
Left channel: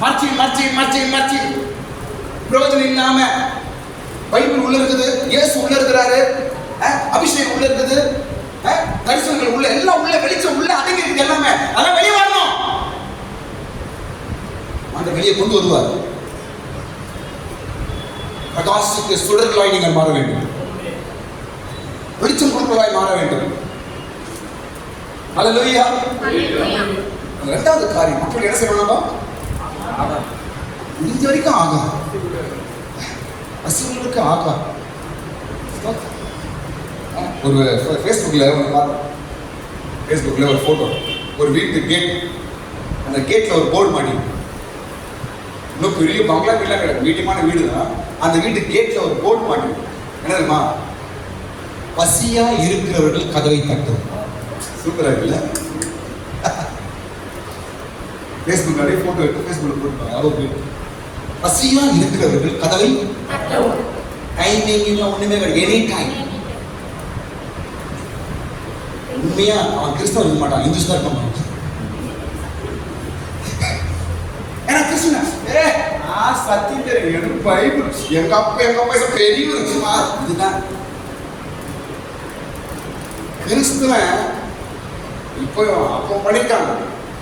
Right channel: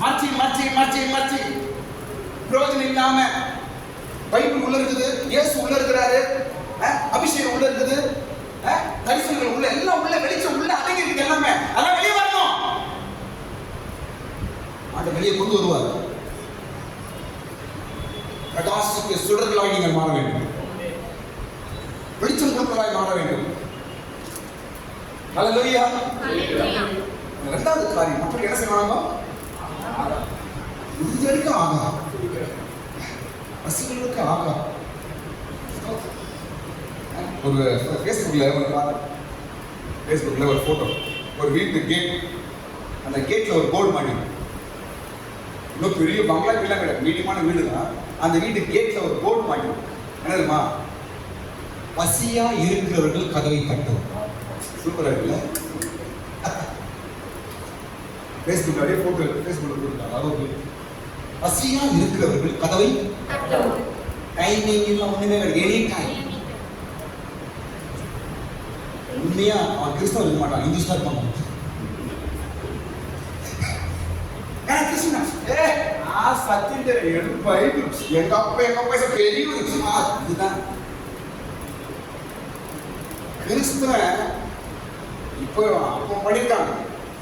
மறைச்சி பிரயோஜனம் இல்லாம பைபிள் உள்ள இருக்குது, இயேசு உள்ள இருக்கிறாரு, அபிஷேகம் உள்ள இருக்குது, தரிசனங்கள் உள்ள, எல்லாம் உள்ள, வெளிச்சம் உள்ள அடங்கி இருக்கு எல்லாமே. அதெல்லாம் வெளியே வரணும். அந்த வெளியே கொண்டு வருவார். பிரகாசத்துக்கு சுடர்களாய் நீங்கள் மாற வேண்டும். வெளிச்சம் கொடுப்பதாய் மாற வேண்டும். அல்லேலூயா. இரண்டாவது காரியம், மக்கள் என்ன செய்வாங்க? முடிஞ்ச வரைக்கும் ஆகாது, அசுரங்களுக்கு ஆகாது. ஒரு ஃபேஸ்புக்கில் ஒரு ஃபோட்டோ, ஒரு வீட்டு கேட், அந்த கேட்டில் ஒரு போர்டு மாட்டி, இன்னும் பெரிய பங்களா வீடெலாம் கிடையாது, மீடியமான வீடு தான். அந்த வீட்டு கேட்டில் ஒரு போர்டு மாட்டி, என்ன தெரியுமா? பசியா இருக்கிறவர்கள் கதவை தட்டும். சூப்பரா இருக்குல்ல? ஃபேஸ்புக் நிறைய ஃபோட்டோ எடுத்து ஃபேஸ்புக்கில் போட்டுருக்காங்க. அளவுக்கு பசியா இருக்கிறவர்கள் கதவை டைமிங் ஒண்ணுமே கிடையாது, எனி டைம். உண்மையா அவன் கிறிஸ்தவன் இருக்க மாட்டான், இந்துஸ் தான் இருக்க மாட்டான். ஏன்னா கிறிஸ்துவன் சத்தியம் தெரியும், எனக்கு பைபிள், எங்க அப்பா பெரிய இதுதான் கிறிஸ்துவன். இப்போ அப்போ படிக்கிறாங்க,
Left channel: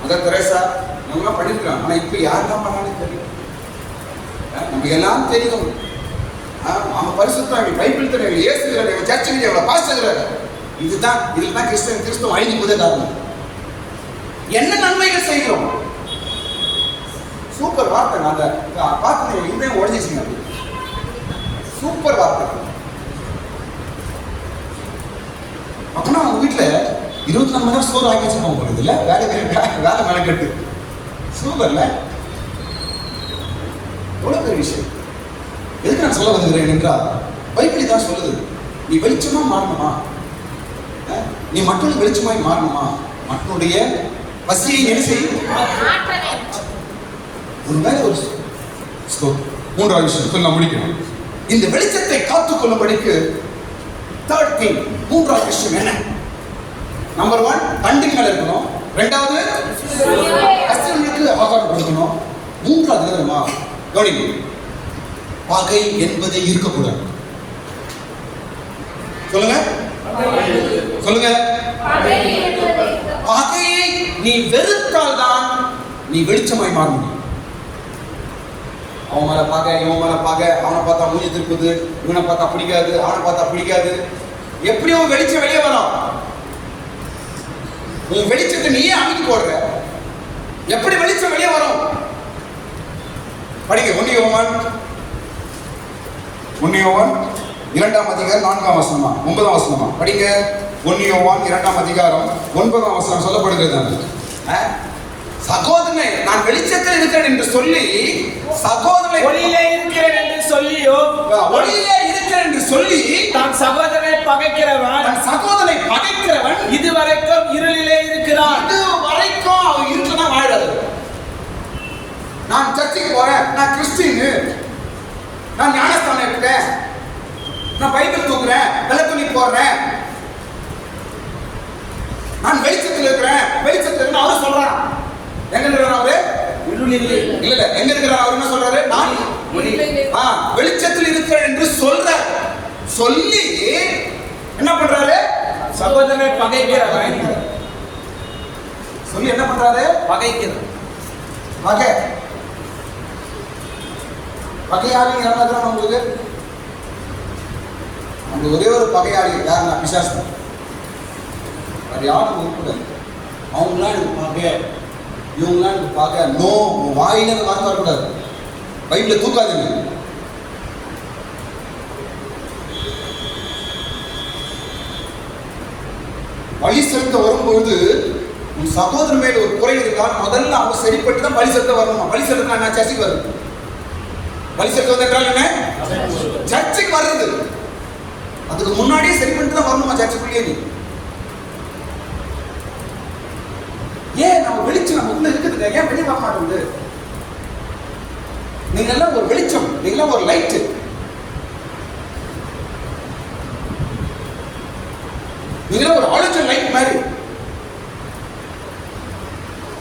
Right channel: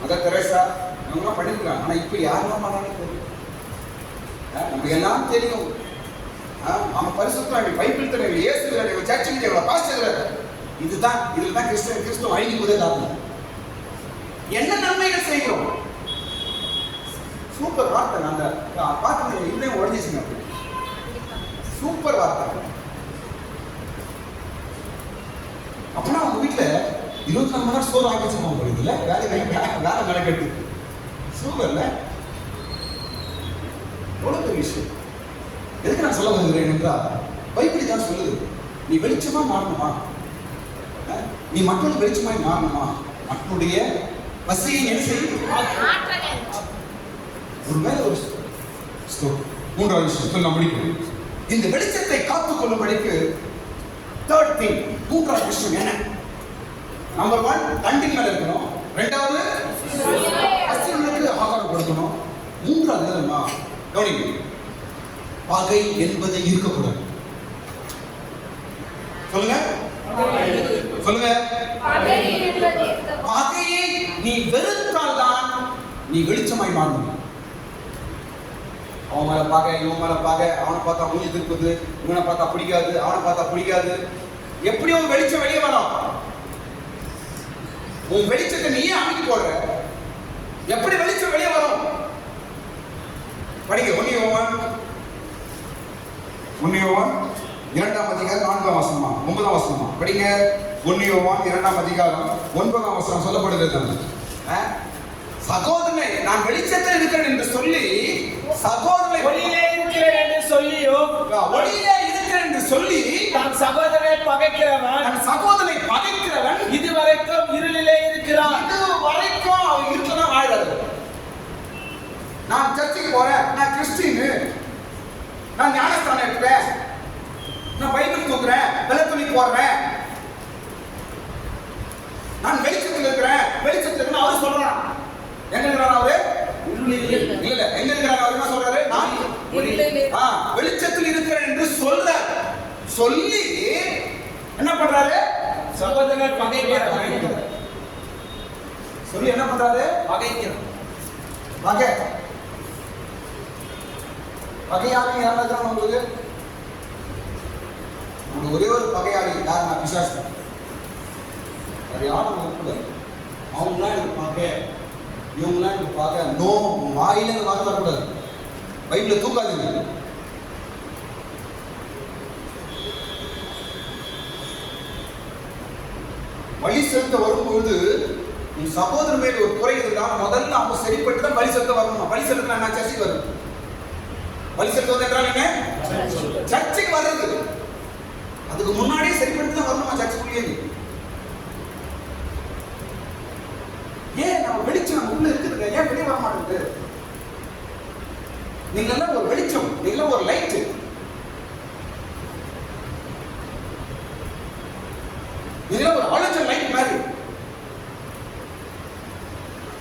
அதான் தெரேசா நம்மளாம் படிக்கிறாங்க. ஆனா இப்ப யாருதான் பண்ணாலும் தெரியும், நமக்கு எல்லாம் தெரியும். அவன் பரிசுத்தம், பைபிள் தெரியும், இயேசு கிடையாது, சர்ச்சை கிடையாது, பாஸ்டர் கிடையாது. இதுதான் கிறிஸ்துவ ஐந்து முதல் காரணம். என்ன நன்மைகள் செய்கிறோம்? சூப்பர் வார்த்தை. அந்த வார்த்தை இன்னும் உடஞ்சிச்சுங்க. சூப்பர் வார்த்தை. அப்படின்னா அவங்க வீட்டுல 24 மணி நேரம் சோறு ஆக்கி வச்சிருப்பாங்க போகுது இல்ல, வேலை மெனக்கெட்டு. சூப்பர்ல, எவ்வளவு பெரிய விஷயம். எதுக்கு நான் சொல்ல வருகிறேன் என்றால், பைபிள் தான் சொல்லுது, நீ வெளிச்சமா மாறணுமா, நீ மற்றொரு வெளிச்சமாய் மாறணுமா, மற்றொடைய பசியை என்ன செய்யும். ஒருவேளை ஒரு மூன்றாவது விஷயம் சொல்லி நான் முடிக்கணும். இந்த வெளிச்சத்தை காத்துக்கொள்ளும்படிக்கு தேர்ட் திங், மூன்றாவது விஷயம் என்ன? நம்பர் 1, தண்டின் மேல இருக்கணும். இரண்டாவது, அசுரனுக்கு ஆகாரம் கொடுக்கணும். மூன்றாவது என்னமா கவனிங்க, பகை என்பது இருக்கக்கூடாது. சொல்லுங்க சொல்லுங்க. பகையை நீ வெறுத்தால் தான் நீ வெளிச்சமாய் மாற முடியும். அவன் மேல பகை, இவன் மேல பகை, அவனை பார்த்தா மூஞ்சி திருப்புது, இவனை பார்த்தா பிடிக்காது, அவனை பார்த்தா பிடிக்காது. எப்படியோ வெளிச்சம் வெளியே வரும். உன் வெளிச்சத்தை நீயே அமைக்க போடுற. எப்படி வெளிச்சம் வெளியே வரும்? படிக்க 1 யோவான் 2ஆம் அதிகாரம் 4ஆம் வசனமா 9ஆம் வசனமா படிங்க. 1 யோவான் 2ஆம் அதிகாரம் 9ஆம் வசனம் சொல்லப்படுகிறது. சகோதரனை நான் வெளிச்சத்தில் இருக்கிறேன் என்று சொல்லி, சகோதரனை ஒளியிலே இருக்கிறேன் என்று சொல்லியோ, ஒளியிலே இருக்கிறேன் என்று சொல்லி நான் சகோதரனை பகைக்கிறவன் இதுவரைக்கும் இருளிலே இருக்கிறான். இதுவரைக்கும் அவன் இருட்டுல வாழறாரு. நான் சர்ச்சுக்கு போறேன், நான் கிறிஸ்டியன், நான் ஞானஸ்தானம் எடுக்கிறேன், நான் பைபிள் தூக்குறேன், வெள்ளை துணி போடுறேன், நான் வெளிச்சத்தில் இருக்கிறேன், வெளிச்சத்தில் அவர் சொல்றான். எங்க இருக்கிறார் அவரு? இருளிலே. இல்ல, எங்க இருக்கிறார் அவர்? என்ன சொல்றாரு? நான் வெளிச்சத்தில் இருக்கிறேன் என்று சொல்றார். சொல்லி என்ன பண்றாரு? சகோதரனை பகைக்கிறவன் சொல்லி என்ன பண்றாரு? பகைக்கிறான். பகையாளி யாராவது உங்களுக்கு? அந்த ஒரே ஒரு பகையாளி யாருன்னா பிசாசு. அது யாரும் இருக்கக்கூடாது. அவங்களாம் எனக்கு பகை, இவங்களாம் எனக்கு பகை. நோ, வாயில வார்த்தை வரக்கூடாது. பைபிள தூக்காதீங்க. பலி செலுத்த வரும்போது உன் சகோதரன் மேல ஒரு குறை இருந்தால் முதல்ல அவங்க சரிப்பட்டு தான் பலி செலுத்த வரணுமா? பலி செலுத்த நான் சர்ச்சுக்கு வரணும். பலி செலுத்த என்றால் என்ன? சர்ச்சுக்கு வர்றது. அதுக்கு முன்னாடியே சரிப்பட்டு தான் வரணுமா சர்ச்சுக்குள்ளேயே? ஏன் நம்ம வெளிச்சம் நமக்குள்ள இருக்குதுங்க, ஏன் வெளியே வர மாட்டேங்குது? நீங்க எல்லாம் ஒரு வெளிச்சம், நீங்க எல்லாம் ஒரு லைட். நீங்க ஒரு ஆலோசனை லைட் மாதிரி.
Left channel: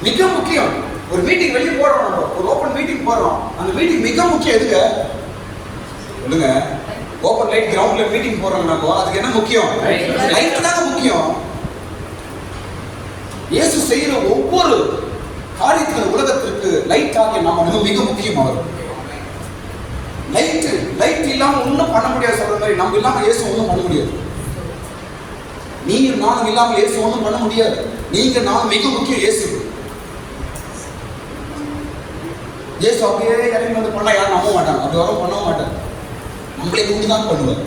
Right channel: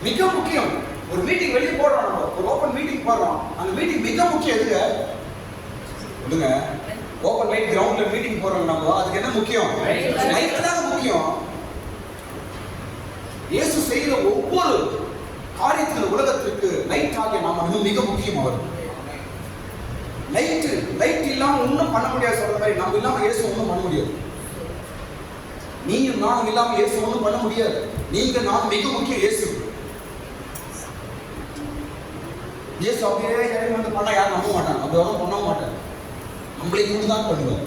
மிக முக்கியம், ஒரு மீட்டிங் வெளியே போடுறோம், ஒரு ஓபன் மீட்டிங் போடுறோம். அந்த மீட்டிங் மிக முக்கியம் எதுக்கு சொல்லுங்க? ஓப்பன் லைட் கிரவுண்ட்ல மீட்டிங் போறோம் நம்ம, அதுக்கு என்ன முக்கியம்? லைட் தான் முக்கியம். இயேசு செய்யற ஒவ்வொரு காரியத்தின் உலகத்திற்கு லைட்டாக நாம மிக முக்கியம். அவர் லைட் இல்லாம ஒன்றும் பண்ண முடியாது. சொல்ற மாதிரி நம்ம இல்லாம இயேசு ஒன்றும் பண்ண முடியாது. நீயும் நானும் இல்லாமல் இயேசு ஒன்றும் பண்ண முடியாது. நீங்க நான் மிக முக்கியம். இயேசு அப்படியே இறங்கி வந்து பண்ணா யாரும் நம்ப மாட்டாங்க. அப்படி வர பண்ண மாட்டாங்க. நம்மளை கொண்டு தான் பண்ணுவார்,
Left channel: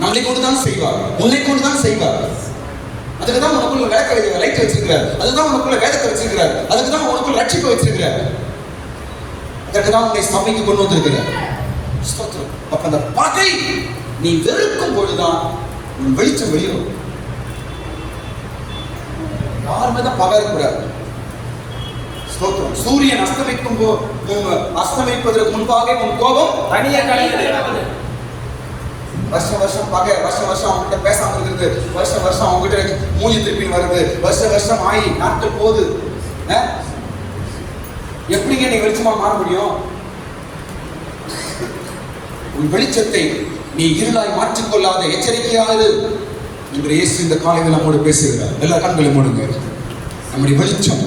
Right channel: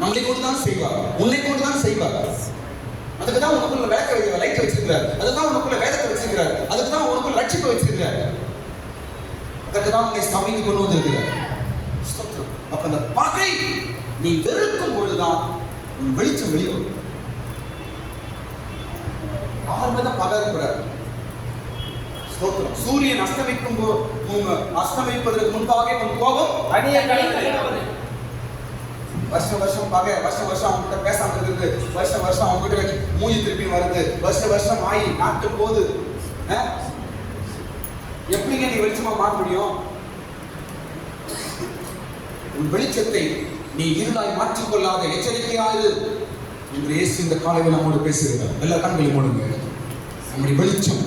நம்மளை கொண்டு தான் செய்வார், உன்னை கொண்டு தான் செய்வார். அதுக்கு தான் உனக்குள்ள லைட் வச்சிருக்கிறார், அதுதான் உனக்குள்ள வேதத்தை வச்சிருக்கிறார், அதுக்கு தான் உனக்குள்ள ரட்சிப்பை வச்சிருக்கிறார், அதுக்கு தான் உன்னை சபைக்கு கொண்டு வந்திருக்கிறார். அப்ப அந்த பகை நீ வெறுக்கும் பொழுதுதான் உன் வெளிச்சம் வெளியும். யாருமே தான் பகை இருக்கக்கூடாது. சூரியன் அஸ்தமிப்பதற்கு முன்பாக உன் கோபம் தனியா கிடையாது. வருஷம் பகை, வருஷம் அவங்ககிட்ட பேசாம இருக்குது, வருஷம் அவங்ககிட்ட மூஞ்சி திருப்பி வருது, வருஷம் ஆகி நாட்கள் போகுது. எப்படிங்க நீ வெளிச்சமா மாற முடியும்? உன் வெளிச்சத்தை நீ இருளாய் மாற்றிக்கொள்ளாத எச்சரிக்கையாயிரு என்று இயேசு இந்த காலையில் நம்மோடு பேசுகிறார். எல்லா கண்களையும் மூடுங்க. நம்முடைய வெளிச்சம்